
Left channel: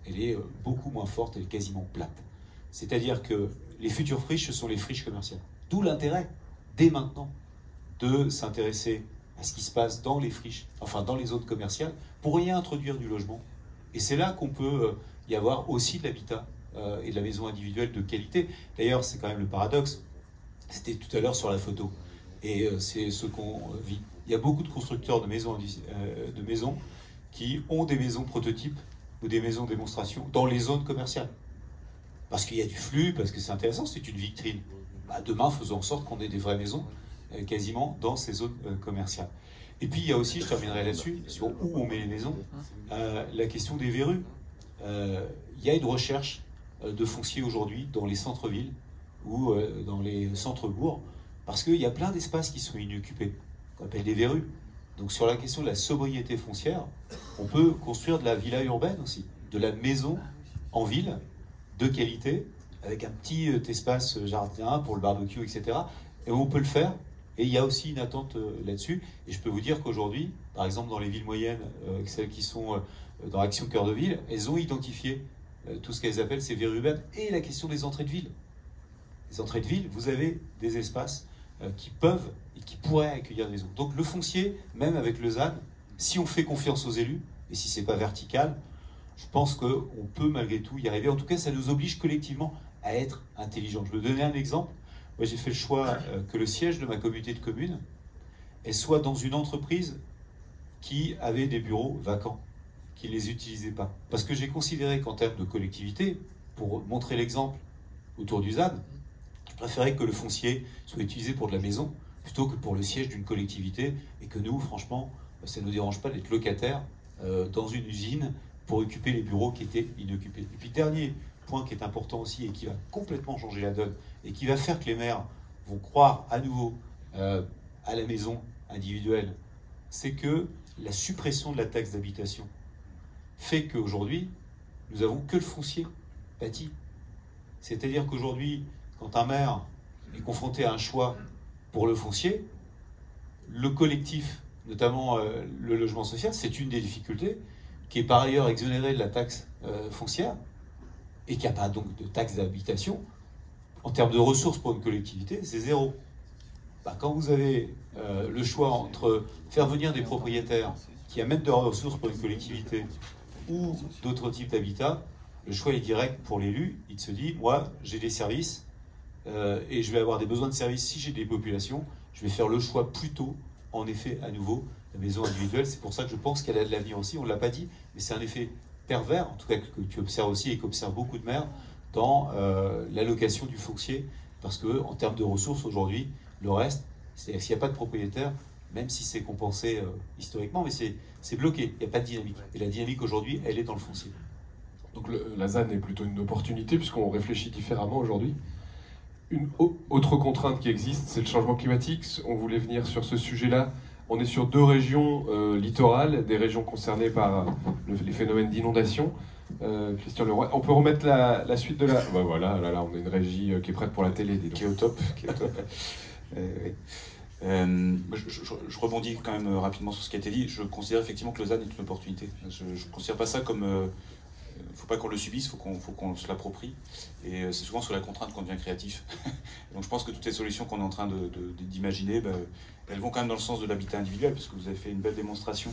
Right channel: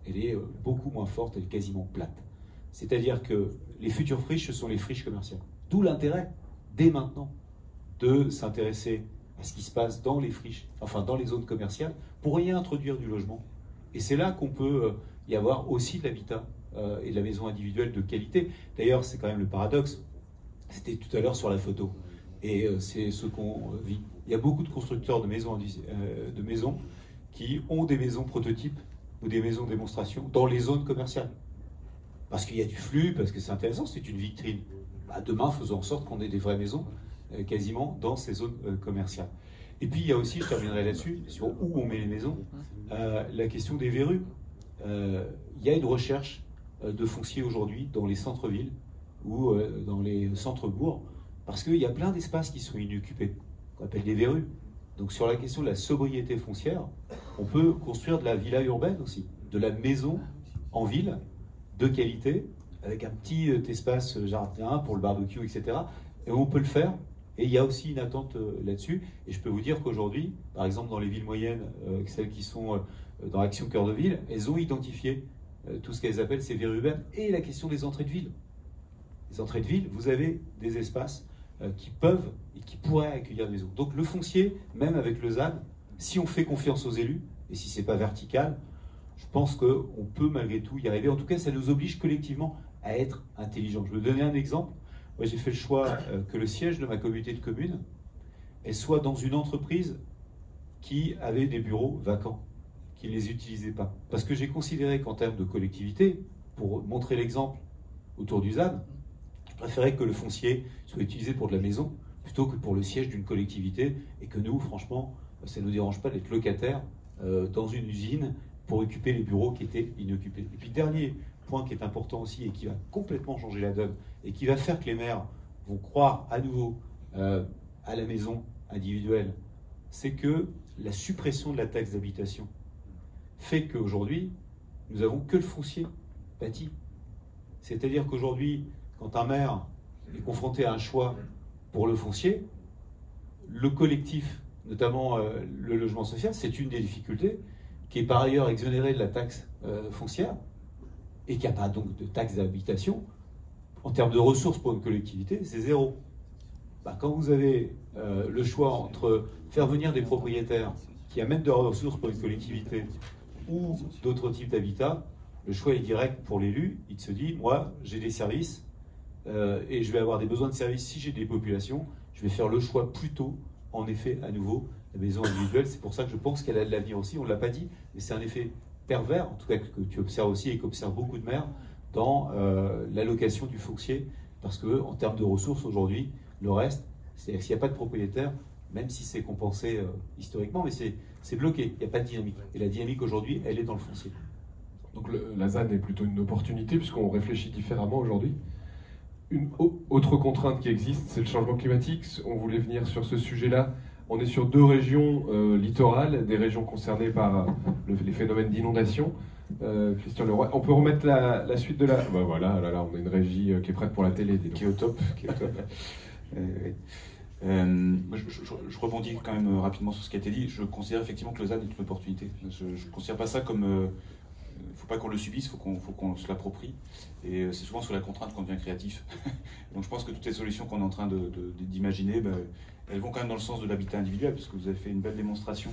elle est beaucoup moins forte, elle est quasiment plate. C'est-à-dire que les futures friches, ce sont les friches commerciales. D'où l'intérêt, dès maintenant, de s'intéresser à ce qui se passe dans les friches, enfin dans les zones commerciales, pour y introduire du logement. Et c'est là qu'on peut y avoir aussi de l'habitat et de la maison individuelle de qualité. D'ailleurs, c'est quand même le paradoxe. C'était tout à l'heure sur la photo. Et c'est ce qu'on vit. Il y a beaucoup de constructeurs de maisons qui ont des maisons prototypes ou des maisons de démonstration dans les zones commerciales. Parce qu'il y a du flux, parce que c'est intéressant, c'est une vitrine. Demain, faisons en sorte qu'on ait des vraies maisons quasiment dans ces zones commerciales. Et puis, il y a aussi, je terminerai là-dessus, sur où on met les maisons, la question des verrues. Il y a une recherche de foncier aujourd'hui dans les centres-villes ou dans les centres-bourgs, parce qu'il y a plein d'espaces qui sont inoccupés, qu'on appelle des verrues. Donc sur la question de la sobriété foncière, on peut construire de la villa urbaine aussi, de la maison en ville, de qualité, avec un petit espace jardin pour le barbecue, etc. Et on peut le faire, et il y a aussi une attente là-dessus. Et je peux vous dire qu'aujourd'hui, par exemple dans les villes moyennes, celles qui sont dans Action Cœur de Ville, elles ont identifié tout ce qu'elles appellent ces verrues urbaines, et la question des entrées de ville. Les entrées de ville, vous avez des espaces qui peuvent et qui pourraient accueillir des autres. Donc le foncier, même avec le ZAN, si on fait confiance aux élus, et si ce n'est pas vertical, je pense qu'on peut malgré tout y arriver. En tout cas, ça nous oblige collectivement à être intelligents. Je vais vous donner un exemple. Moi, j'ai fait le choix que le siège de ma communauté de communes elle soit dans une entreprise qui avait des bureaux vacants, qui ne les utilisait pas. Parce que j'ai considéré qu'en termes de collectivité, pour montrer l'exemple autour du ZAN, je préférais que le foncier soit utilisé pour de la maison plutôt que pour le siège d'une collectivité, et que nous, franchement, ça ne nous dérange pas d'être locataires dans une usine pour occuper les bureaux qui étaient inoccupés. Et puis, dernier point qui est important aussi et qui va complètement changer la donne et qui va faire que les maires vont croire à nouveau à la maison individuelle, c'est que la suppression de la taxe d'habitation fait qu'aujourd'hui, nous n'avons que le foncier bâti. C'est-à-dire qu'aujourd'hui, quand un maire est confronté à un choix pour le foncier, le collectif, notamment le logement social, c'est une des difficultés, qui est par ailleurs exonéré de la taxe foncière, et qui n'a pas donc de taxe d'habitation. En termes de ressources pour une collectivité, c'est zéro. Quand vous avez le choix entre faire venir des propriétaires qui amènent de ressources pour une collectivité ou d'autres types d'habitat, le choix est direct pour l'élu. Il se dit, moi, j'ai des services et je vais avoir des besoins de services si j'ai des populations. Je vais faire le choix plutôt, en effet, à nouveau, la maison individuelle. C'est pour ça que je pense qu'elle a de l'avenir aussi. On ne l'a pas dit, mais c'est un effet pervers, en tout cas que tu observes aussi et qu'observent beaucoup de maires dans l'allocation du foncier. Parce qu'en termes de ressources, aujourd'hui, le reste, c'est-à-dire s'il n'y a pas de propriétaire, même si c'est compensé historiquement, mais c'est bloqué, il n'y a pas de dynamique. Et la dynamique aujourd'hui, elle est dans le foncier. Donc la ZAN est plutôt une opportunité puisqu'on réfléchit différemment aujourd'hui. Une autre contrainte qui existe, c'est le changement climatique. On voulait venir sur ce sujet-là. On est sur 2 régions littorales, des régions concernées par les phénomènes d'inondation. Christian Leroy, on peut remettre la suite de la... Ouais, voilà, là, on a une régie qui est prête pour la télé. Qui est au top. Je rebondis quand même rapidement sur ce qui a été dit. Je considère effectivement que Lausanne est une opportunité. Je ne considère pas ça comme... Il ne faut pas qu'on le subisse, il faut qu'on se l'approprie. Et c'est souvent sur la contrainte qu'on devient créatif. Donc je pense que toutes les solutions qu'on est en train d'imaginer, elles vont quand même dans le sens de l'habitat individuel, parce que vous avez fait une belle démonstration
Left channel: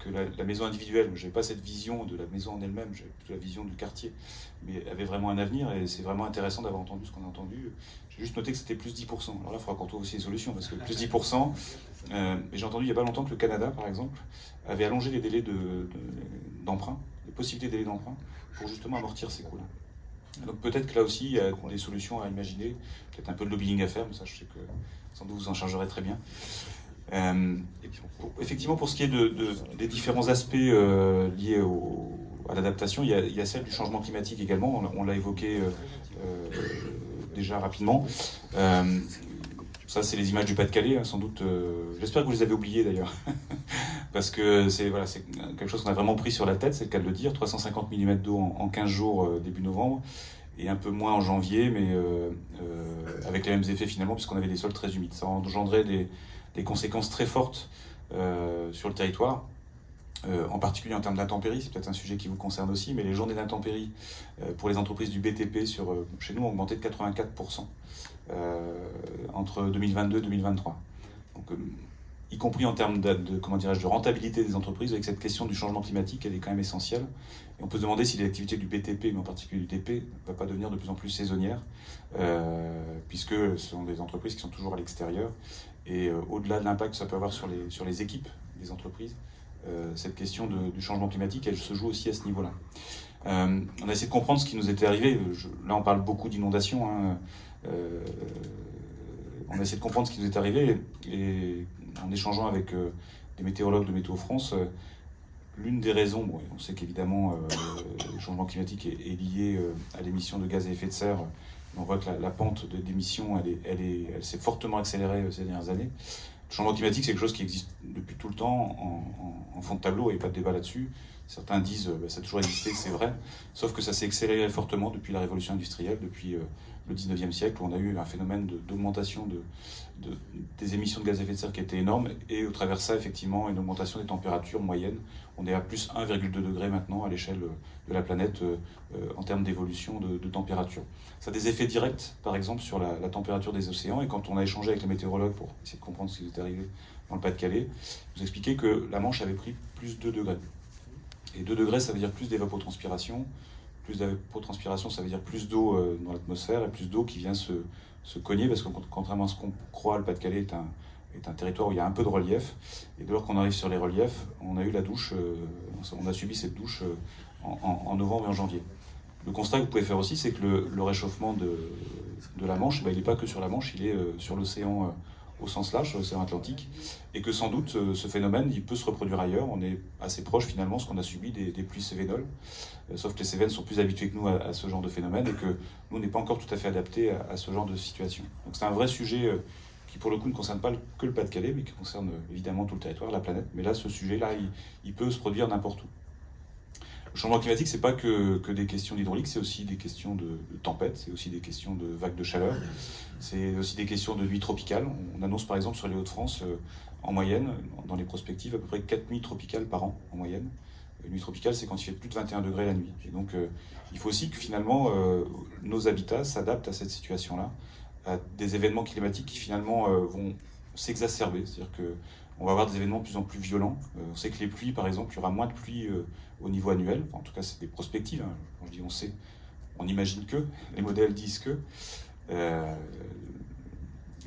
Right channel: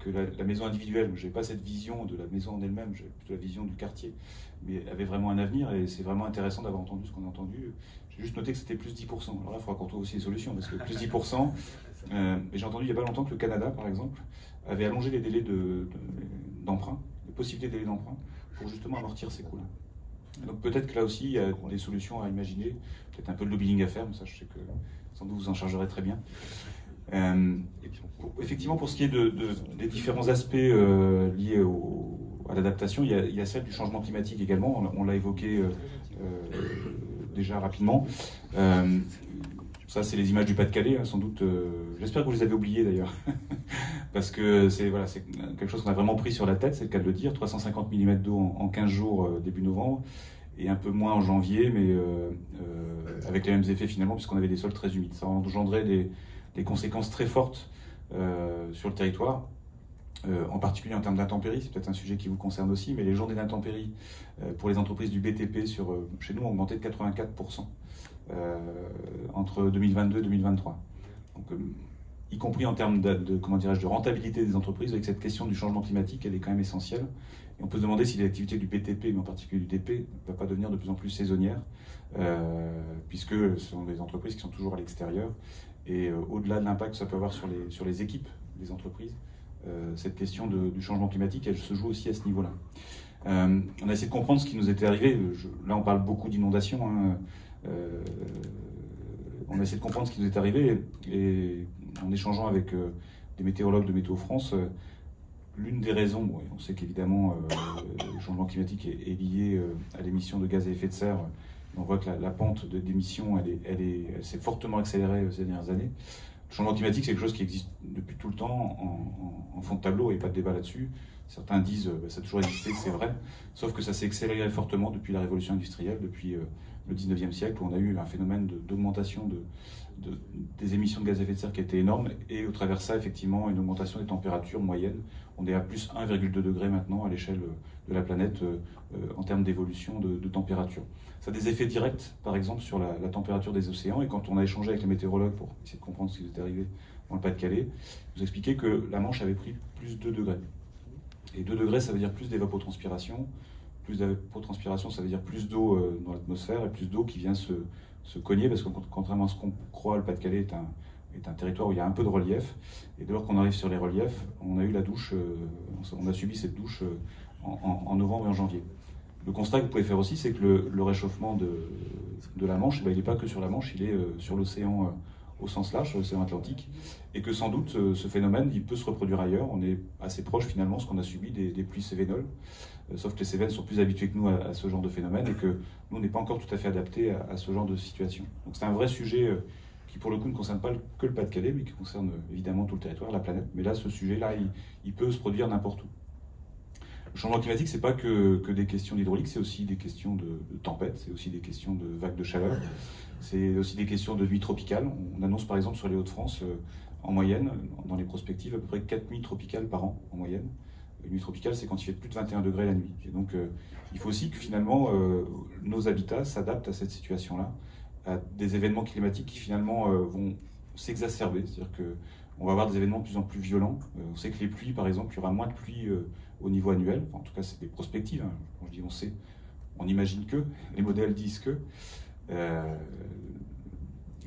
que la maison individuelle, je n'avais pas cette vision de la maison en elle-même, j'avais plutôt la vision du quartier, mais avait vraiment un avenir, et c'est vraiment intéressant d'avoir entendu ce qu'on a entendu. J'ai juste noté que c'était plus 10%. Alors là, il faudra qu'on trouve aussi des solutions, parce que plus 10%, et j'ai entendu il n'y a pas longtemps que le Canada, par exemple, avait allongé les délais d'emprunt, les possibilités de délais d'emprunt, pour justement amortir ces coûts-là. Donc peut-être que là aussi, il y a des solutions à imaginer, peut-être un peu de lobbying à faire, mais ça, je sais que sans doute vous en chargerez très bien. Et puis, effectivement, pour ce qui est des différents aspects liés à l'adaptation, il y a celle du changement climatique également, on l'a évoqué déjà rapidement. Ça, c'est les images du Pas-de-Calais, sans doute. J'espère que vous les avez oubliées d'ailleurs, parce que c'est quelque chose qu'on a vraiment pris sur la tête, c'est le cas de le dire. 350 mm d'eau en 15 jours début novembre, et un peu moins en janvier, mais avec les mêmes effets finalement, puisqu'on avait des sols très humides. Ça engendrait des conséquences très fortes sur le territoire, en particulier en termes d'intempéries. C'est peut-être un sujet qui vous concerne aussi, mais les journées d'intempéries pour les entreprises du BTP chez nous ont augmenté de 84%. Entre 2022 et 2023. Donc, y compris en termes de rentabilité des entreprises, avec cette question du changement climatique, elle est quand même essentielle. Et on peut se demander si l'activité du BTP, mais en particulier du TP, ne va pas devenir de plus en plus saisonnière, puisque ce sont des entreprises qui sont toujours à l'extérieur. Et au-delà de l'impact que ça peut avoir sur les équipes des entreprises, cette question du changement climatique, elle se joue aussi à ce niveau-là. On a essayé de comprendre ce qui nous était arrivé. Là, on parle beaucoup d'inondations. On a essayé de comprendre ce qui nous est arrivé, et en échangeant avec des météorologues de Météo France, l'une des raisons, on sait qu'évidemment le changement climatique est lié à l'émission de gaz à effet de serre. On voit que la pente d'émission, elle s'est fortement accélérée ces dernières années. Le changement climatique, c'est quelque chose qui existe depuis tout le temps en fond de tableau, il n'y a pas de débat là-dessus. Certains disent ça a toujours existé, c'est vrai, sauf que ça s'est accéléré fortement depuis la révolution industrielle, depuis le 19e siècle, où on a eu un phénomène d'augmentation des émissions de gaz à effet de serre qui était énorme, et au travers de ça, effectivement, une augmentation des températures moyennes. On est à plus 1,2 degré maintenant à l'échelle de la planète en termes d'évolution de température. Ça a des effets directs, par exemple, sur la température des océans, et quand on a échangé avec les météorologues pour essayer de comprendre ce qui était arrivé dans le Pas-de-Calais, vous expliquez que la Manche avait pris plus 2 degrés. Et 2 degrés, ça veut dire plus d'évapotranspiration. Plus d'évapotranspiration, ça veut dire plus d'eau dans l'atmosphère, et plus d'eau qui vient se cogner, parce que contrairement à ce qu'on croit, le Pas-de-Calais est un territoire où il y a un peu de relief. Et dès lors qu'on arrive sur les reliefs, on a eu la douche, on a subi cette douche en novembre et en janvier. Le constat que vous pouvez faire aussi, c'est que le réchauffement de la Manche, il n'est pas que sur la Manche, il est sur l'océan au sens large, sur l'océan Atlantique, et que sans doute ce phénomène, il peut se reproduire ailleurs. On est assez proche finalement de ce qu'on a subi des pluies cévénoles, sauf que les Cévennes sont plus habitués que nous à ce genre de phénomène, et que nous, on n'est pas encore tout à fait adaptés à ce genre de situation. Donc c'est un vrai sujet qui pour le coup ne concerne pas que le Pas-de-Calais, mais qui concerne évidemment tout le territoire, la planète. Mais là, ce sujet-là, il peut se produire n'importe où. Le changement climatique, c'est pas que des questions d'hydraulique, c'est aussi des questions de tempêtes, c'est aussi des questions de vagues de chaleur, c'est aussi des questions de nuits tropicales. On annonce par exemple sur les Hauts-de-France, en moyenne, dans les prospectives, à peu près 4 nuits tropicales par an, en moyenne. Une nuit tropicale, c'est quand il fait plus de 21 degrés la nuit. Et donc, il faut aussi que finalement, nos habitats s'adaptent à cette situation-là, à des événements climatiques qui finalement vont s'exacerber. C'est-à-dire qu'on va avoir des événements de plus en plus violents. On sait que les pluies, par exemple, il y aura moins de pluie au niveau annuel. Enfin, en tout cas, c'est des prospectives. Hein. Quand je dis on sait, on imagine que, les modèles disent que.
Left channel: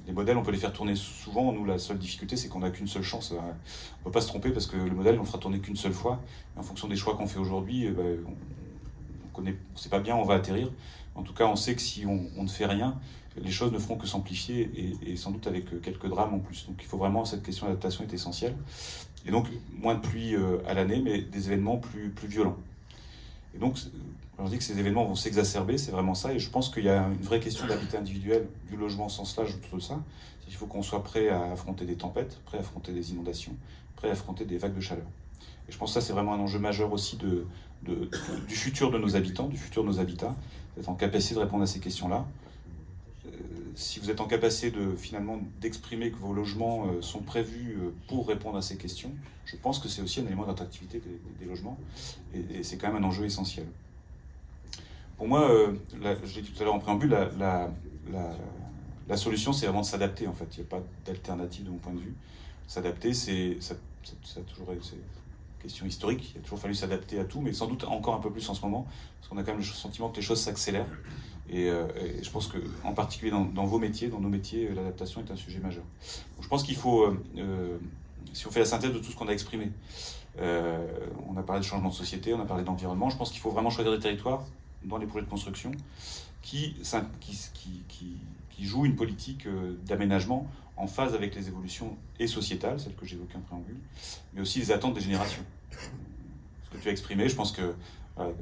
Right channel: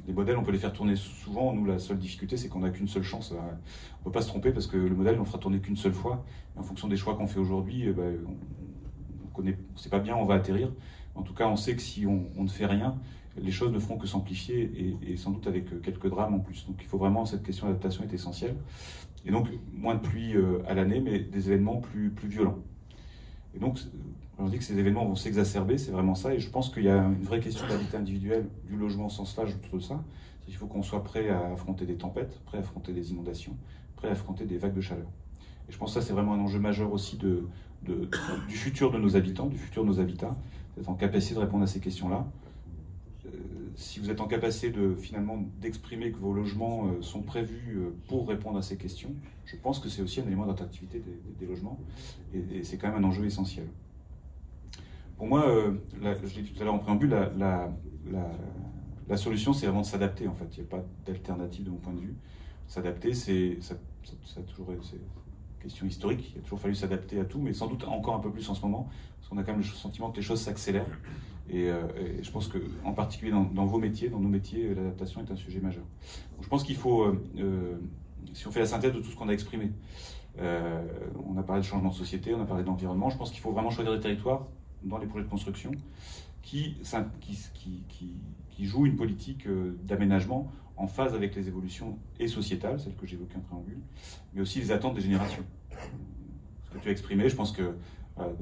Les modèles, on peut les faire tourner souvent. Nous, la seule difficulté, c'est qu'on n'a qu'une seule chance. On ne peut pas se tromper, parce que le modèle, on fera tourner qu'une seule fois. Et en fonction des choix qu'on fait aujourd'hui, on ne sait pas bien où on va atterrir. En tout cas, on sait que si on ne fait rien, les choses ne feront que s'amplifier, et sans doute avec quelques drames en plus. Donc il faut vraiment, cette question d'adaptation est essentielle. Et donc, moins de pluie à l'année, mais des événements plus violents. Et donc, On dit que ces événements vont s'exacerber, c'est vraiment ça, et je pense qu'il y a une vraie question d'habitat individuel, du logement au sens large, tout ça. Il faut qu'on soit prêt à affronter des tempêtes, prêt à affronter des inondations, prêt à affronter des vagues de chaleur. Et je pense que ça, c'est vraiment un enjeu majeur aussi du futur de nos habitants, du futur de nos habitats, d'être en capacité de répondre à ces questions-là. Si vous êtes en capacité finalement d'exprimer que vos logements sont prévus pour répondre à ces questions, je pense que c'est aussi un élément d'attractivité des logements, et c'est quand même un enjeu essentiel. Pour moi, je l'ai dit tout à l'heure en préambule, la solution, c'est vraiment de s'adapter, en fait. Il n'y a pas d'alternative de mon point de vue. S'adapter, ça a toujours été une question historique. Il a toujours fallu s'adapter à tout, mais sans doute encore un peu plus en ce moment, parce qu'on a quand même le sentiment que les choses s'accélèrent. Et je pense qu'en particulier dans vos métiers, dans nos métiers, l'adaptation est un sujet majeur. Donc, je pense qu'il faut, si on fait la synthèse de tout ce qu'on a exprimé, on a parlé de changement de société, on a parlé d'environnement, je pense qu'il faut vraiment choisir des territoires dans les projets de construction qui jouent une politique d'aménagement en phase avec les évolutions et sociétales, celles que j'évoquais en préambule, mais aussi les attentes des générations. Ce que tu as exprimé, je pense que le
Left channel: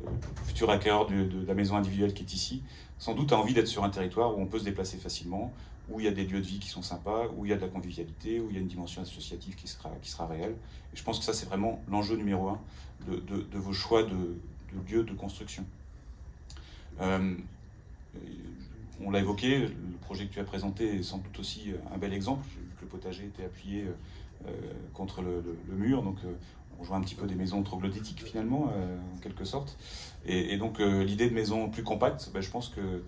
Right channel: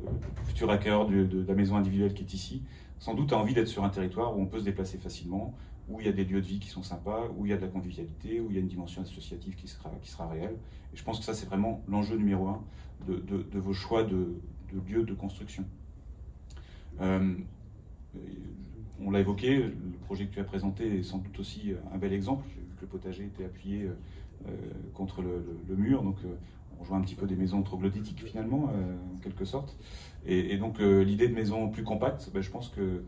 futur acquéreur de la maison individuelle qui est ici, sans doute a envie d'être sur un territoire où on peut se déplacer facilement, où il y a des lieux de vie qui sont sympas, où il y a de la convivialité, où il y a une dimension associative qui sera réelle. Et je pense que ça, c'est vraiment l'enjeu numéro un de vos choix de lieux de construction. On l'a évoqué, le projet que tu as présenté est sans doute aussi un bel exemple. J'ai vu que le potager était appuyé contre le mur, donc on joue un petit peu des maisons troglodytiques finalement, en quelque sorte. Et donc l'idée de maisons plus compactes, je pense que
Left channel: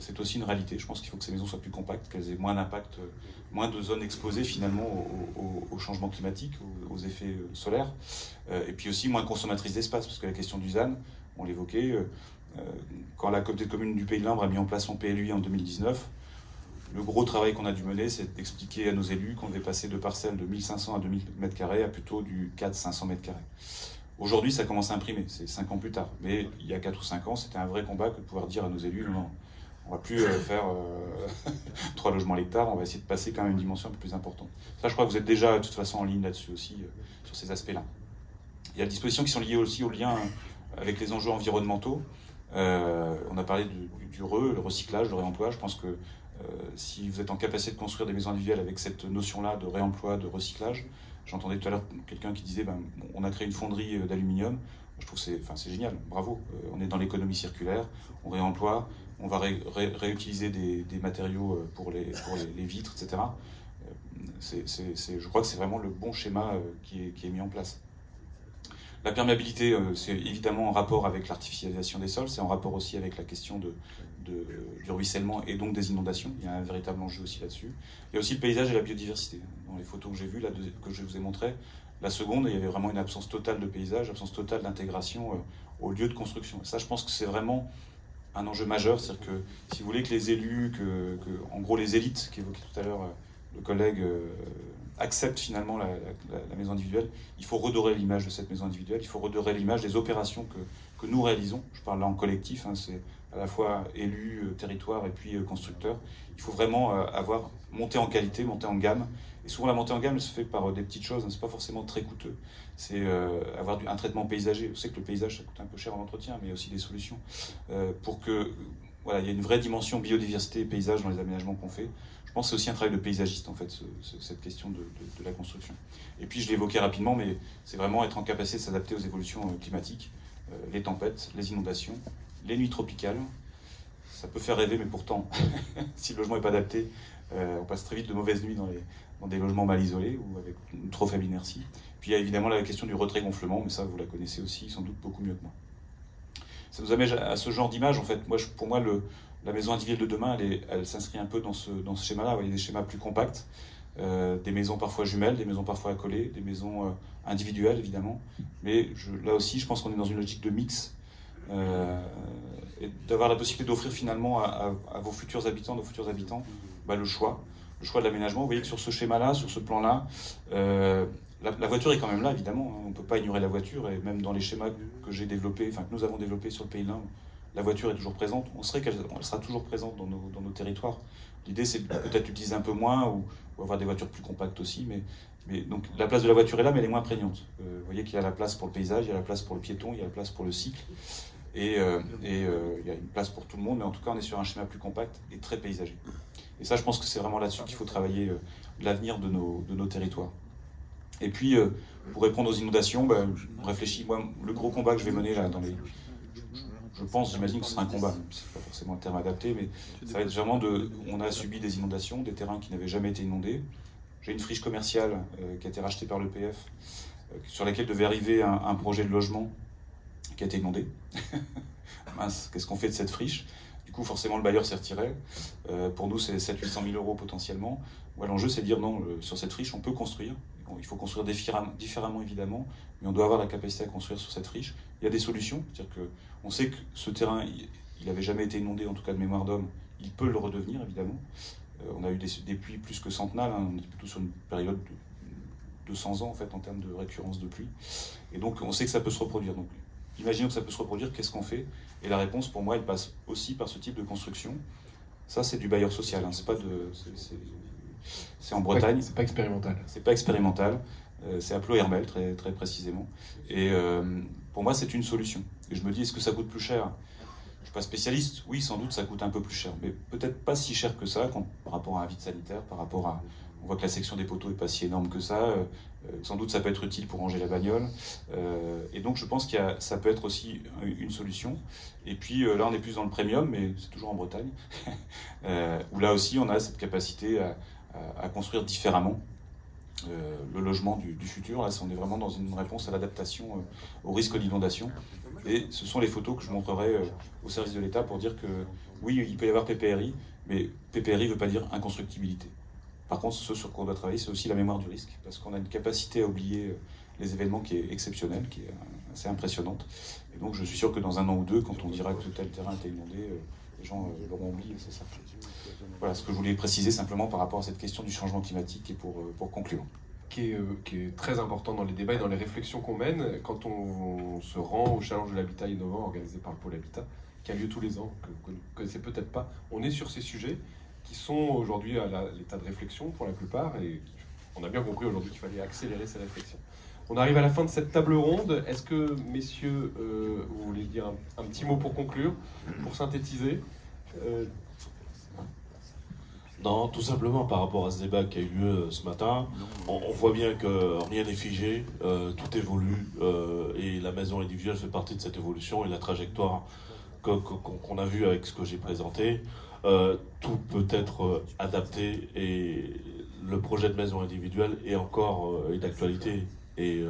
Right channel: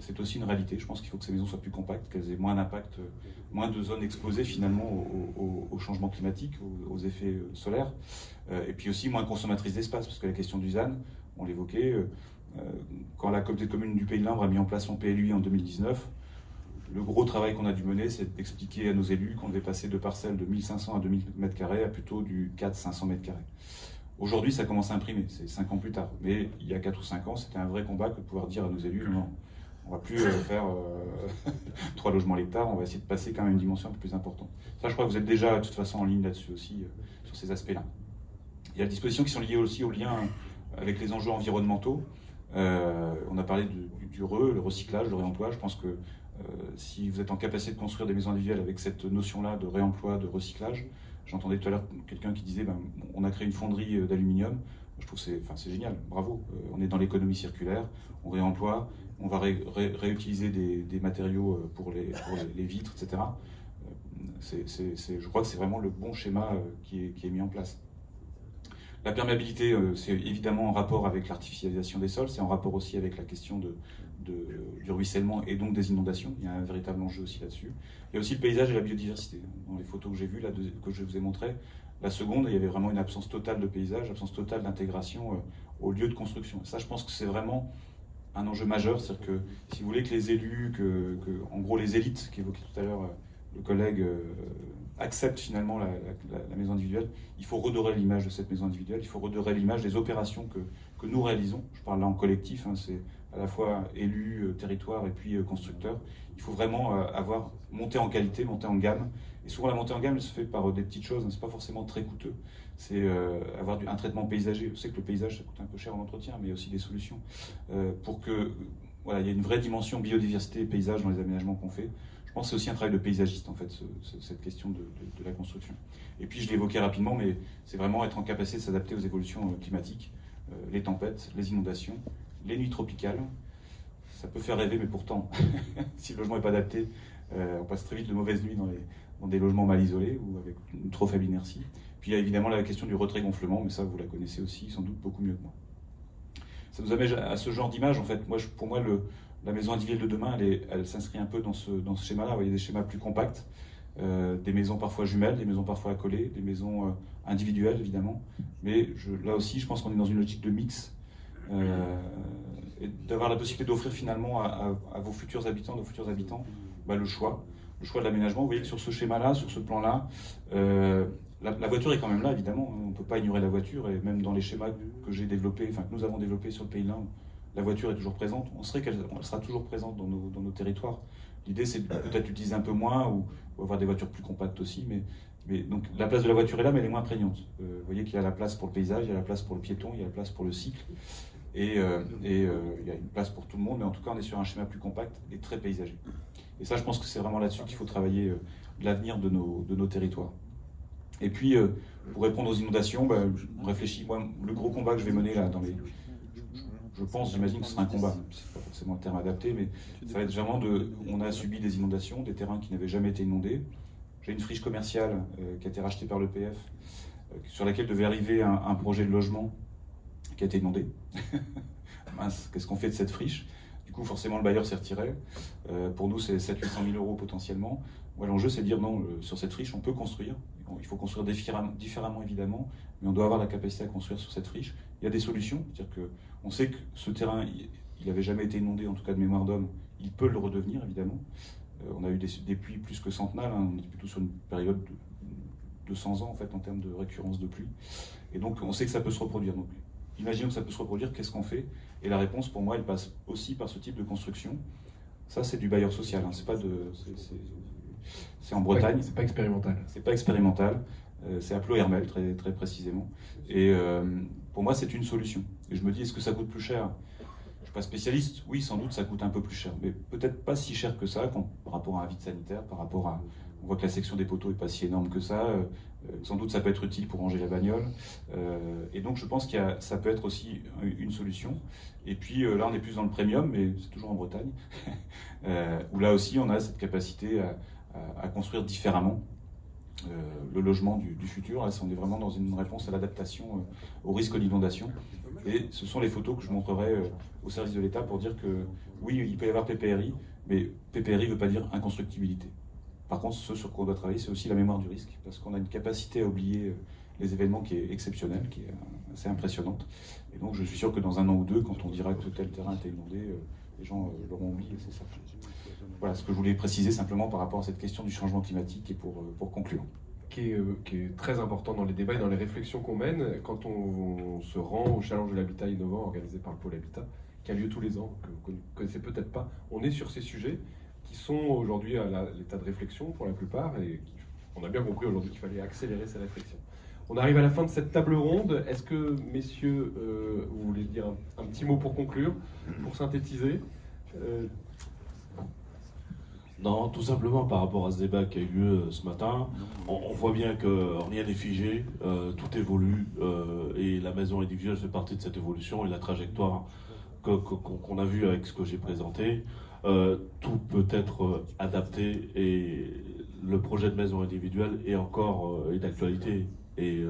c'est aussi une réalité. Je pense qu'il faut que ces maisons soient plus compactes, qu'elles aient moins d'impact, moins de zones exposées finalement au changement climatique, aux effets solaires, et puis aussi moins consommatrices d'espace, parce que la question du ZAN, on l'évoquait, quand la communauté de communes du Pays de l'Indre a mis en place son PLUI en 2019, le gros travail qu'on a dû mener, c'est d'expliquer à nos élus qu'on devait passer de parcelles de 1500 à 2000 m² à plutôt du 400-500 m². Aujourd'hui, ça commence à imprimer, c'est 5 ans plus tard. Mais il y a 4 ou 5 ans, c'était un vrai combat que de pouvoir dire à nos élus, non, on ne va plus faire 3 logements à l'hectare, on va essayer de passer quand même une dimension un peu plus importante. Ça, je crois que vous êtes déjà de toute façon en ligne là-dessus aussi, sur ces aspects-là. Il y a des dispositions qui sont liées aussi au lien avec les enjeux environnementaux. On a parlé du le recyclage, le réemploi. Je pense que si vous êtes en capacité de construire des maisons individuelles avec cette notion-là de réemploi, de recyclage, j'entendais tout à l'heure quelqu'un qui disait on a créé une fonderie d'aluminium. Je trouve que c'est génial, bravo. On est dans l'économie circulaire, on réemploie, on va réutiliser des matériaux pour les vitres, etc. Je crois que c'est vraiment le bon schéma qui est mis en place. La perméabilité, c'est évidemment en rapport avec l'artificialisation des sols, c'est en rapport aussi avec la question du ruissellement et donc des inondations. Il y a un véritable enjeu aussi là-dessus. Il y a aussi le paysage et la biodiversité. Dans les photos que j'ai vues, que je vous ai montrées, la seconde, il y avait vraiment une absence totale de paysage, absence totale d'intégration au lieu de construction. Ça, je pense que c'est vraiment un enjeu majeur. C'est-à-dire que si vous voulez que les élus, en gros les élites qu'évoquait tout à l'heure le collègue, acceptent finalement la maison individuelle, il faut redorer l'image de cette maison individuelle, il faut redorer l'image des opérations que nous réalisons. Je parle là en collectif, c'est à la fois élus, territoire et puis constructeurs. Il faut vraiment monter en qualité, monter en gamme. Et souvent la montée en gamme, elle se fait par des petites choses, c'est pas forcément très coûteux. C'est avoir un traitement paysager. On sait que le paysage, ça coûte un peu cher en entretien, mais il y a aussi des solutions pour que il y ait une vraie dimension biodiversité et paysage dans les aménagements qu'on fait. Je pense que c'est aussi un travail de paysagiste, en fait, cette question de la construction. Et puis, je l'ai évoqué rapidement, mais c'est vraiment être en capacité de s'adapter aux évolutions climatiques, les tempêtes, les inondations, les nuits tropicales. Ça peut faire rêver, mais pourtant, si le logement n'est pas adapté, on passe très vite de mauvaises nuits dans des logements mal isolés ou avec une trop faible inertie. Puis, il y a évidemment la question du retrait-gonflement, mais ça, vous la connaissez aussi, sans doute beaucoup mieux que moi. Ça nous amène à ce genre d'image, en fait. Pour moi, la maison individuelle de demain, elle s'inscrit un peu dans ce schéma-là. Vous voyez, des schémas plus compacts, des maisons parfois jumelles, des maisons parfois accolées, des maisons individuelles, évidemment. Mais là aussi, je pense qu'on est dans une logique de mix, et d'avoir la possibilité d'offrir finalement à vos futurs habitants, nos futurs habitants, le choix de l'aménagement. Vous voyez que sur ce schéma-là, sur ce plan-là, la voiture est quand même là, évidemment. On ne peut pas ignorer la voiture, et même dans les schémas que j'ai développés, que nous avons développés sur le Pays de l'Indre, la voiture est toujours présente. On sait qu'elle sera toujours présente dans nos territoires. L'idée, c'est peut-être l'utiliser un peu moins ou avoir des voitures plus compactes aussi. Mais donc la place de la voiture est là, mais elle est moins prégnante. Vous voyez qu'il y a la place pour le paysage, il y a la place pour le piéton, il y a la place pour le cycle. et il y a une place pour tout le monde, mais en tout cas on est sur un schéma plus compact et très paysager. Et ça, je pense que c'est vraiment là-dessus qu'il faut travailler l'avenir de nos territoires. Et puis, pour répondre aux inondations, on réfléchit. Moi, le gros combat que je vais mener là, j'imagine que ce sera un combat, c'est pas forcément un terme adapté, mais ça va être vraiment on a subi des inondations, des terrains qui n'avaient jamais été inondés. J'ai une friche commerciale qui a été rachetée par l'EPF, sur laquelle devait arriver un projet de logement qui a été inondé. Mince, qu'est-ce qu'on fait de cette friche? Du coup, forcément, le bailleur s'est retiré. Pour nous, c'est 700 000 € potentiellement. L'enjeu, c'est de dire non, sur cette friche, on peut construire. Il faut construire différemment, évidemment, mais on doit avoir la capacité à construire sur cette friche. Il y a des solutions, c'est-à-dire qu'on sait que ce terrain, il n'avait jamais été inondé, en tout cas de mémoire d'homme, il peut le redevenir, évidemment. On a eu des pluies plus que centennales, on est plutôt sur une période de 200 ans, en fait, en termes de récurrence de pluie. Et donc, on sait que ça peut se reproduire. Donc, imaginons que ça peut se reproduire, qu'est-ce qu'on fait? Et la réponse, pour moi, elle passe aussi par ce type de construction. Ça, c'est du bailleur social, hein. C'est en Bretagne. C'est pas expérimental. C'est pas expérimental. C'est à Ploërmel, très, très précisément. Et pour moi, c'est une solution. Et je me dis, est-ce que ça coûte plus cher? Je ne suis pas spécialiste. Oui, sans doute, ça coûte un peu plus cher. Mais peut-être pas si cher que ça par rapport à un vide sanitaire, par rapport à... On voit que la section des poteaux n'est pas si énorme que ça. Sans doute, ça peut être utile pour ranger la bagnole. Et donc, je pense que ça peut être aussi une solution. Et puis, là, on est plus dans le premium, mais c'est toujours en Bretagne, où là aussi, on a cette capacité à construire différemment le logement du futur. Là, on est vraiment dans une réponse à l'adaptation au risque d'inondation. Et ce sont les photos que je montrerai au service de l'État pour dire que oui, il peut y avoir PPRI, mais PPRI ne veut pas dire inconstructibilité. Par contre, ce sur quoi on doit travailler, c'est aussi la mémoire du risque, parce qu'on a une capacité à oublier les événements qui est exceptionnelle, qui est assez impressionnante. Et donc, je suis sûr que dans un an ou deux, quand on dira que tel terrain était inondé, les gens l'auront oublié, c'est ça. Voilà ce que je voulais préciser simplement par rapport à cette question du changement climatique et pour conclure. Qui est très important dans les débats et dans les réflexions qu'on mène quand on se rend au challenge de l'habitat innovant organisé par le Pôle Habitat, qui a lieu tous les ans, que vous ne connaissez peut-être pas. On est sur ces sujets qui sont aujourd'hui à l'état de réflexion pour la plupart, et on a bien compris aujourd'hui qu'il fallait accélérer ces réflexions. On arrive à la fin de cette table ronde. Est-ce que, messieurs, vous voulez dire un petit mot pour conclure, pour synthétiser? Non, tout simplement par rapport à ce débat qui a eu lieu ce matin, on voit bien que rien n'est figé, tout évolue, et la maison individuelle fait partie de cette évolution, et la trajectoire qu'on a vue avec ce que j'ai présenté, tout peut être adapté, et le projet de maison individuelle est encore d'actualité. Et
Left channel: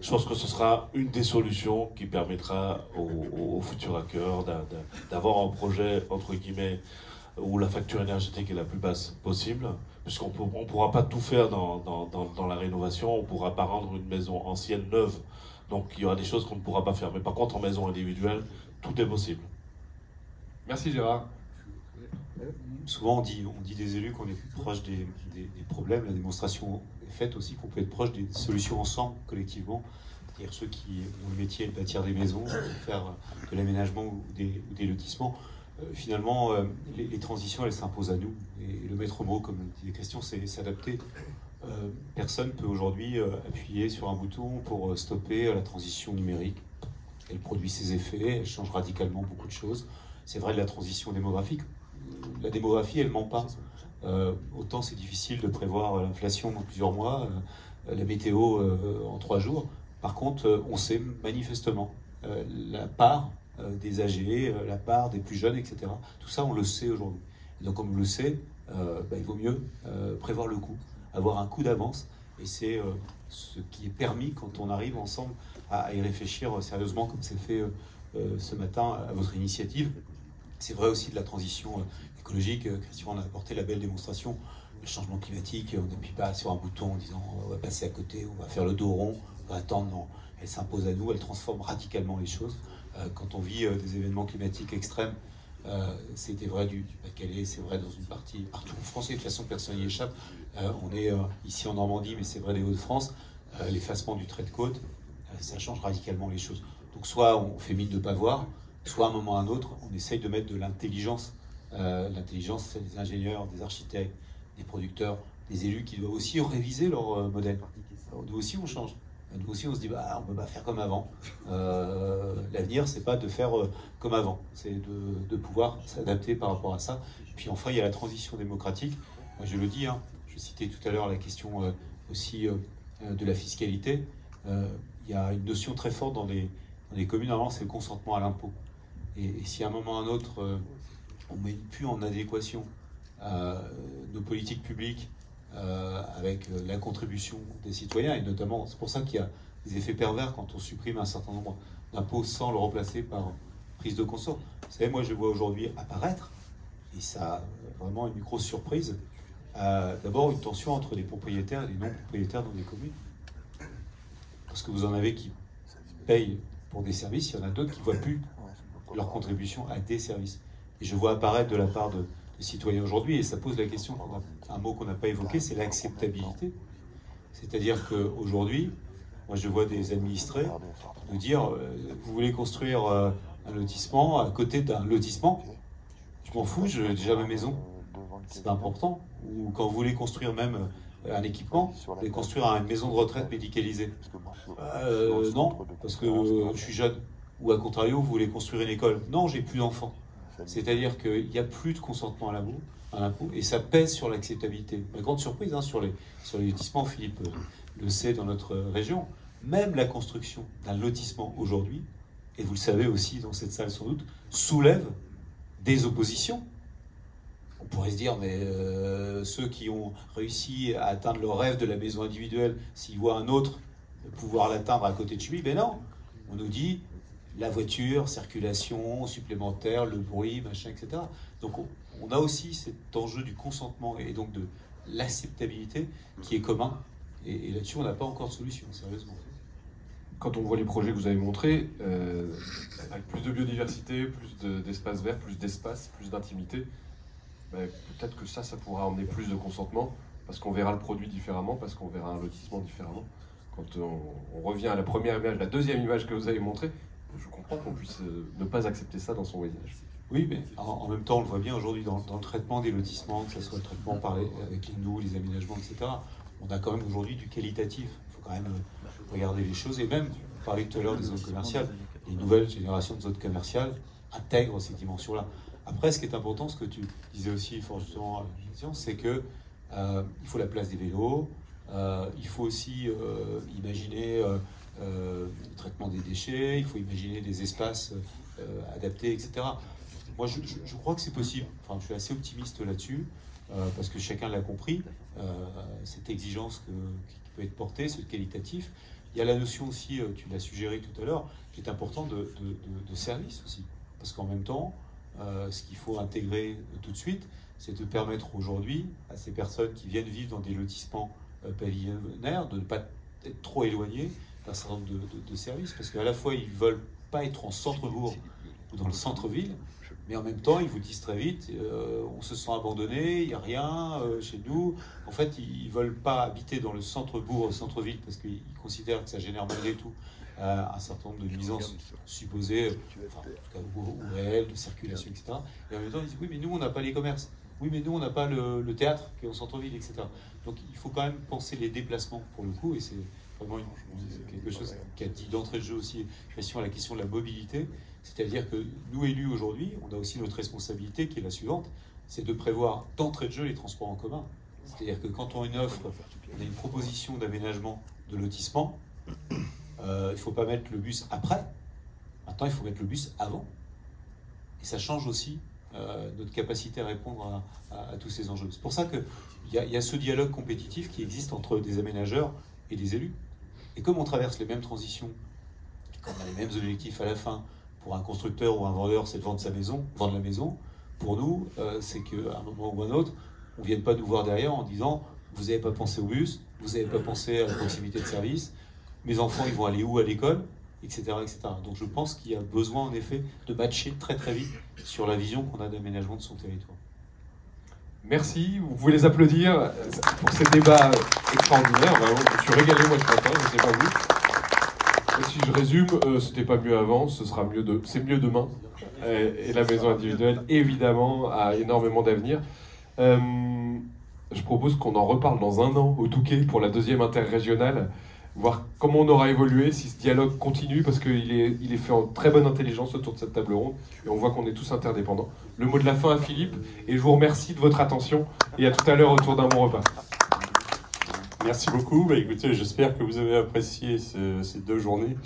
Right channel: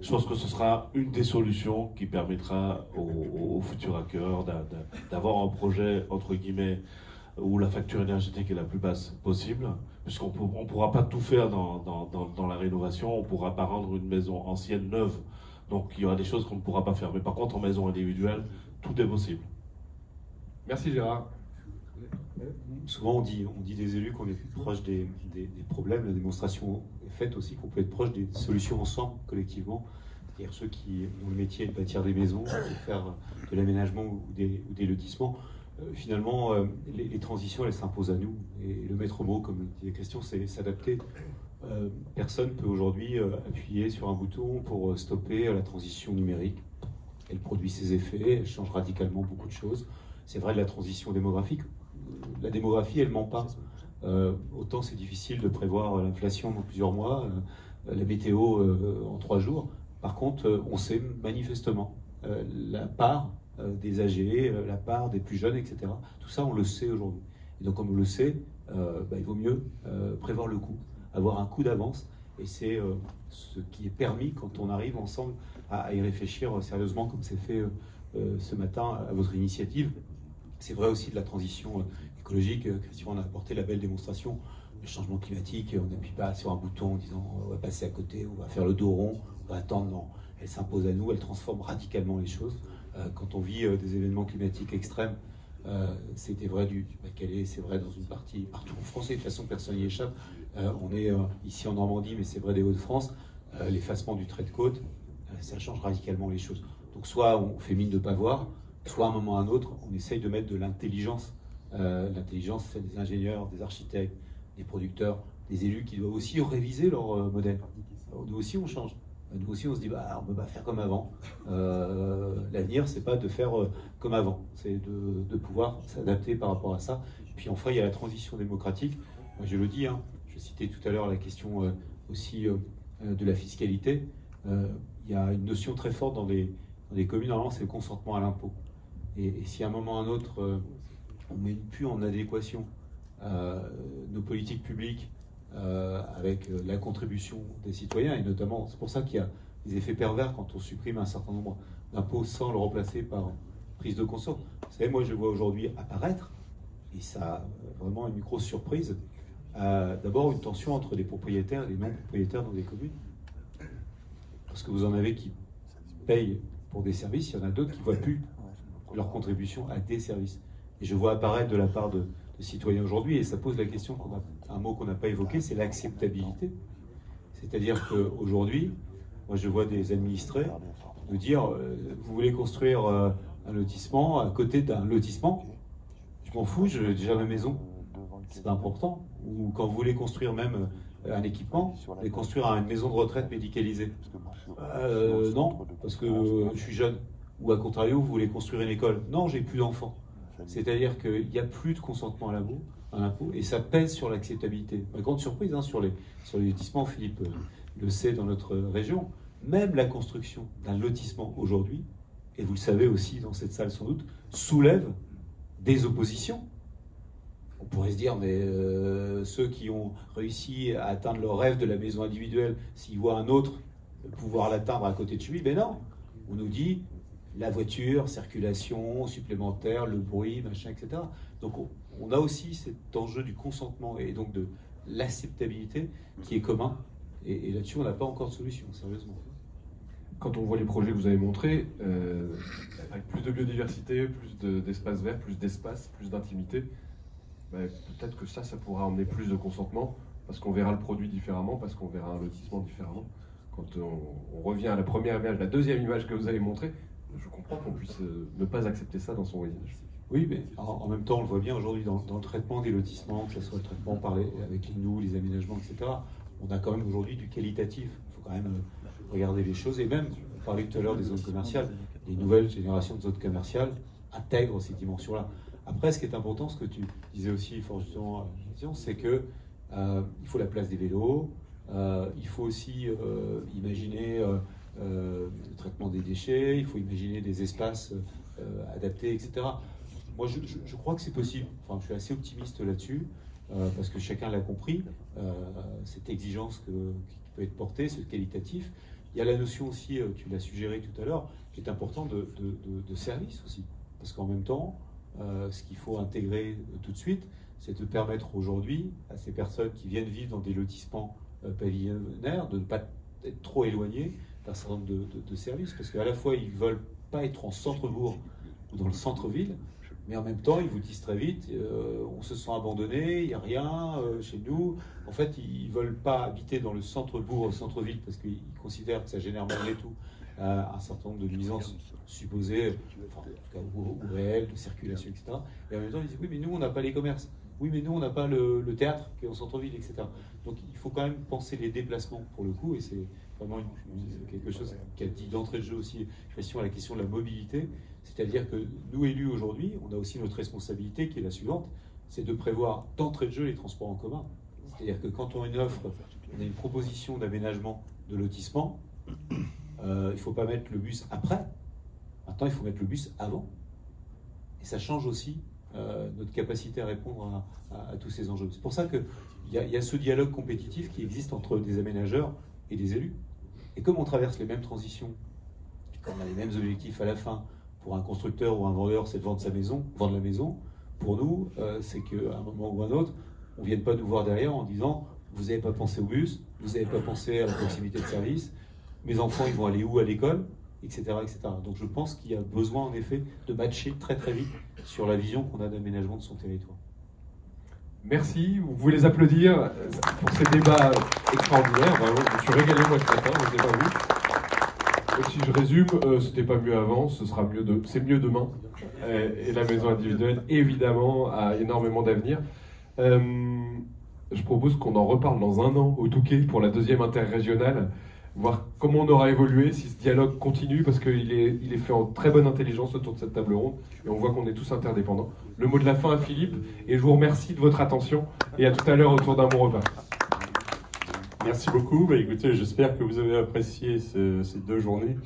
je pense que ce sera une des solutions qui permettra aux futurs hackers d'avoir un projet, entre guillemets, où la facture énergétique est la plus basse possible, puisqu'on ne pourra pas tout faire dans la rénovation, on ne pourra pas rendre une maison ancienne neuve, donc il y aura des choses qu'on ne pourra pas faire. Mais par contre, en maison individuelle, tout est possible. Merci Gérard. Souvent on dit des élus qu'on est proche des problèmes, la démonstration est faite aussi qu'on peut être proche des solutions ensemble, collectivement. C'est-à-dire ceux qui ont le métier de bâtir des maisons, de faire de l'aménagement ou des lotissements. Finalement, les transitions, elles s'imposent à nous. Et le maître mot, comme disait Christian, c'est s'adapter. Personne ne peut aujourd'hui appuyer sur un bouton pour stopper la transition numérique. Elle produit ses effets, elle change radicalement beaucoup de choses. C'est vrai de la transition démographique. La démographie, elle ne ment pas. Autant c'est difficile de prévoir l'inflation dans plusieurs mois, la météo en 3 jours. Par contre, on sait manifestement la part des âgés, la part des plus jeunes, etc. Tout ça, on le sait aujourd'hui. Et donc, comme on le sait, il vaut mieux prévoir le coup, avoir un coup d'avance. Et c'est ce qui est permis quand on arrive ensemble à y réfléchir sérieusement, comme c'est fait ce matin à votre initiative. C'est vrai aussi de la transition écologique. Christian en a apporté la belle démonstration. Le changement climatique, on n'appuie pas sur un bouton en disant on va passer à côté, on va faire le dos rond, on va attendre. Non, elle s'impose à nous, elle transforme radicalement les choses. Quand on vit des événements climatiques extrêmes, c'était vrai du Pas-de-Calais, c'est vrai dans une partie partout en France, et de toute façon personne n'y échappe. On est ici en Normandie, mais c'est vrai des Hauts-de-France, l'effacement du trait de côte, ça change radicalement les choses. Donc soit on fait mine de ne pas voir, soit à un moment ou à un autre, on essaye de mettre de l'intelligence. L'intelligence, c'est des ingénieurs, des architectes, des producteurs, des élus qui doivent aussi réviser leur modèle. Alors, nous aussi, on change. Nous aussi, on se dit, bah, on ne peut pas faire comme avant. L'avenir, c'est pas de faire comme avant, c'est de pouvoir s'adapter par rapport à ça. Puis enfin, il y a la transition démocratique. Moi, je le dis, hein, je citais tout à l'heure la question aussi de la fiscalité. Il y a une notion très forte dans les communes, normalement, c'est le consentement à l'impôt. Et si à un moment ou à un autre, on ne met plus en adéquation nos politiques publiques avec la contribution des citoyens, et notamment, c'est pour ça qu'il y a des effets pervers quand on supprime un certain nombre d'impôts sans le remplacer par prise de conscience. Vous savez, moi je vois aujourd'hui apparaître, et ça a vraiment une grosse surprise, d'abord une tension entre les propriétaires et les non-propriétaires dans les communes. Parce que vous en avez qui payent pour des services, il y en a d'autres qui ne voient plus leur contribution à des services. Et je vois apparaître de la part des citoyens aujourd'hui, et ça pose la question, un mot qu'on n'a pas évoqué, c'est l'acceptabilité. C'est-à-dire qu'aujourd'hui, moi je vois des administrés nous dire, vous voulez construire un lotissement à côté d'un lotissement, je m'en fous, j'ai déjà ma maison, c'est pas important. Ou quand vous voulez construire même un équipement, vous voulez construire une maison de retraite médicalisée. Non, parce que je suis jeune. Ou à contrario, vous voulez construire une école. Non, j'ai plus d'enfants. C'est-à-dire qu'il n'y a plus de consentement à l'impôt, et ça pèse sur l'acceptabilité. Ma grande surprise sur les lotissements, Philippe le sait dans notre région, même la construction d'un lotissement aujourd'hui, et vous le savez aussi dans cette salle sans doute, soulève des oppositions. On pourrait se dire, mais ceux qui ont réussi à atteindre leur rêve de la maison individuelle, s'ils voient un autre pouvoir l'atteindre à côté de chez lui, ben non. On nous dit la voiture, circulation supplémentaire, le bruit, machin, etc. Donc on a aussi cet enjeu du consentement et donc de l'acceptabilité qui est commun. Et là-dessus, on n'a pas encore de solution, sérieusement. Quand on voit les projets que vous avez montrés, avec plus de biodiversité, plus d'espaces verts, plus d'espace, plus d'intimité, peut-être que ça pourra emmener plus de consentement, parce qu'on verra le produit différemment, parce qu'on verra un lotissement différemment. Quand on revient à la première image, la deuxième image que vous avez montrée, je comprends qu'on puisse ne pas accepter ça dans son voyage. Oui, mais en même temps, on le voit bien aujourd'hui dans le traitement des lotissements, que ce soit le traitement avec les aménagements, etc. On a quand même aujourd'hui du qualitatif. Il faut quand même regarder les choses. Et même, on parlait tout à l'heure des zones commerciales. Les nouvelles générations de zones commerciales intègrent ces dimensions-là. Après, ce qui est important, ce que tu disais aussi fort justement, c'est que il faut la place des vélos. Il faut aussi imaginer le traitement des déchets. Il faut imaginer des espaces adaptés, etc. Moi, je crois que c'est possible. Enfin, je suis assez optimiste là-dessus. Parce que chacun l'a compris, cette exigence qui peut être portée, ce qualitatif. Il y a la notion aussi, tu l'as suggéré tout à l'heure, qui est importante de service aussi. Parce qu'en même temps, ce qu'il faut intégrer tout de suite, c'est de permettre aujourd'hui à ces personnes qui viennent vivre dans des lotissements pavillonnaires de ne pas être trop éloignés d'un certain nombre de services. Parce qu'à la fois, ils ne veulent pas être en centre-bourg ou dans le centre-ville, mais en même temps, ils vous disent très vite, on se sent abandonné, il n'y a rien chez nous. En fait, ils ne veulent pas habiter dans le centre-bourg, au centre-ville, parce qu'ils considèrent que ça génère malgré tout un certain nombre de nuisances supposées, enfin, en tout cas ou réelles, de circulation, etc. Et en même temps, ils disent, oui, mais nous, on n'a pas les commerces. Oui, mais nous, on n'a pas le théâtre qui est au centre-ville, etc. Donc, il faut quand même penser les déplacements, pour le coup, et c'est vraiment quelque chose qui a dit d'entrée de jeu aussi, la question de la mobilité. C'est-à-dire que nous, élus aujourd'hui, on a aussi notre responsabilité qui est la suivante, c'est de prévoir d'entrée de jeu les transports en commun. C'est-à-dire que quand on a une offre, on a une proposition d'aménagement de lotissement, il ne faut pas mettre le bus après, maintenant il faut mettre le bus avant. Et ça change aussi notre capacité à répondre à tous ces enjeux. C'est pour ça qu'il y a ce dialogue compétitif qui existe entre des aménageurs et des élus. Et comme on traverse les mêmes transitions, et qu'on a les mêmes objectifs à la fin, pour un constructeur ou un vendeur, c'est de vendre la maison. Pour nous, c'est qu'à un moment ou un autre, on ne vienne pas nous voir derrière en disant « vous n'avez pas pensé au bus, vous n'avez pas pensé à la proximité de service, mes enfants, ils vont aller où à l'école ?» etc., etc. Donc je pense qu'il y a besoin, en effet, de matcher très très vite sur la vision qu'on a d'aménagement de son territoire. Merci, vous pouvez les applaudir pour ces débats extraordinaires. Vraiment, je me suis régalé moi ce matin, je ne sais pas vous. Si je résume, c'était pas mieux avant, c'est mieux demain. Et la maison individuelle, évidemment, a énormément d'avenir. Je propose qu'on en reparle dans un an au Touquet pour la deuxième interrégionale. voir comment on aura évolué, si ce dialogue continue, parce qu'il est fait en très bonne intelligence autour de cette table ronde, et on voit qu'on est tous interdépendants. Le mot de la fin à Philippe, et je vous remercie de votre attention, et à tout à l'heure autour d'un bon repas. Merci beaucoup. Écoutez, j'espère que vous avez apprécié ces 2 journées.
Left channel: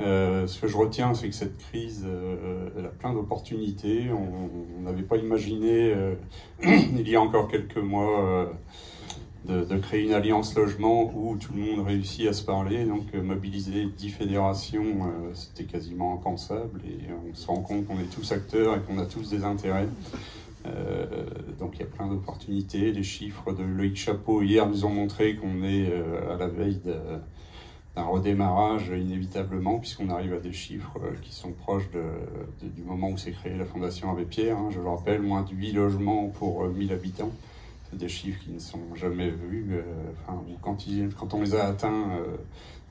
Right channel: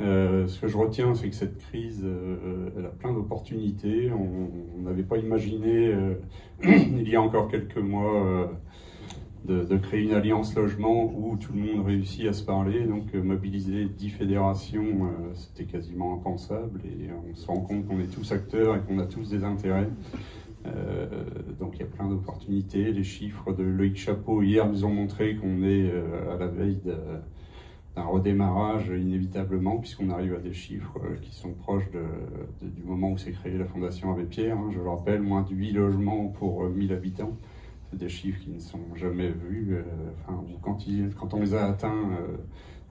Ce que je retiens, c'est que cette crise, elle a plein d'opportunités. On n'avait pas imaginé, il y a encore quelques mois, de créer une alliance logement où tout le monde réussit à se parler. Donc mobiliser 10 fédérations, c'était quasiment impensable. Et on se rend compte qu'on est tous acteurs et qu'on a tous des intérêts. Donc il y a plein d'opportunités. Les chiffres de Loïc Chapeau hier nous ont montré qu'on est à la veille d'un redémarrage inévitablement, puisqu'on arrive à des chiffres qui sont proches du moment où s'est créée la Fondation Abbé Pierre. Je le rappelle, moins de 8 logements pour 1000 habitants. C'est des chiffres qui ne sont jamais vus. Quand on les a atteints,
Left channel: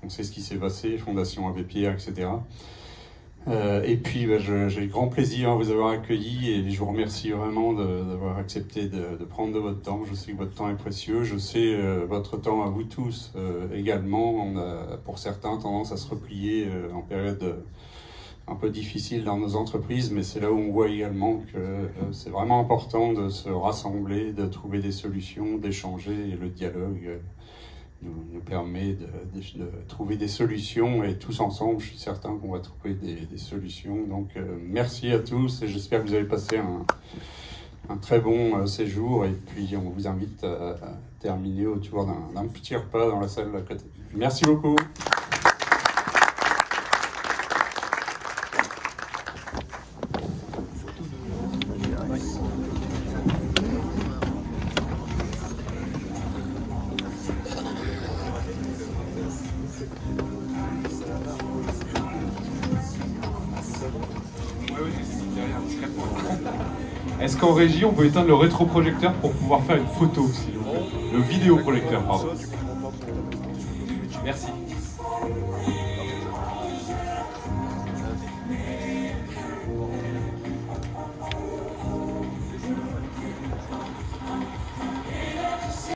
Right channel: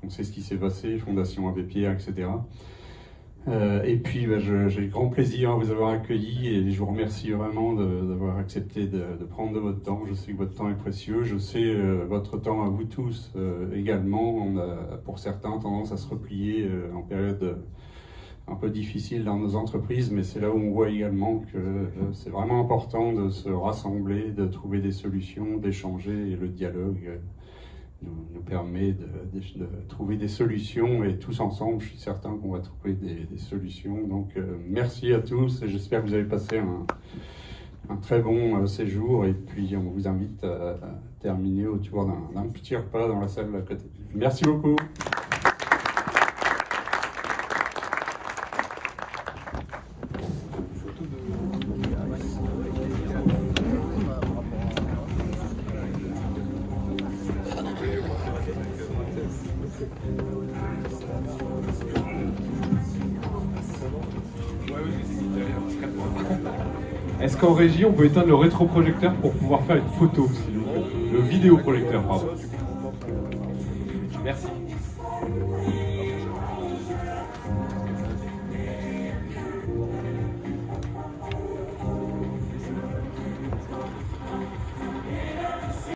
on sait ce qui s'est passé, Fondation Abbé Pierre, etc. Et puis, j'ai grand plaisir à vous avoir accueillis et je vous remercie vraiment d'avoir accepté de prendre de votre temps. Je sais que votre temps est précieux. Je sais votre temps à vous tous également. On a, pour certains, tendance à se replier en période un peu difficile dans nos entreprises, mais c'est là où on voit également que c'est vraiment important de se rassembler, de trouver des solutions, d'échanger, et le dialogue nous permet de trouver des solutions, et tous ensemble, je suis certain qu'on va trouver des solutions. Donc merci à tous, et j'espère que vous avez passé un très bon séjour, et puis on vous invite à terminer autour d'un petit repas dans la salle à côté. Merci beaucoup. Est-ce qu'en régie, on peut éteindre le rétroprojecteur pour pouvoir faire une photo aussi? Le vidéoprojecteur, pardon. Merci.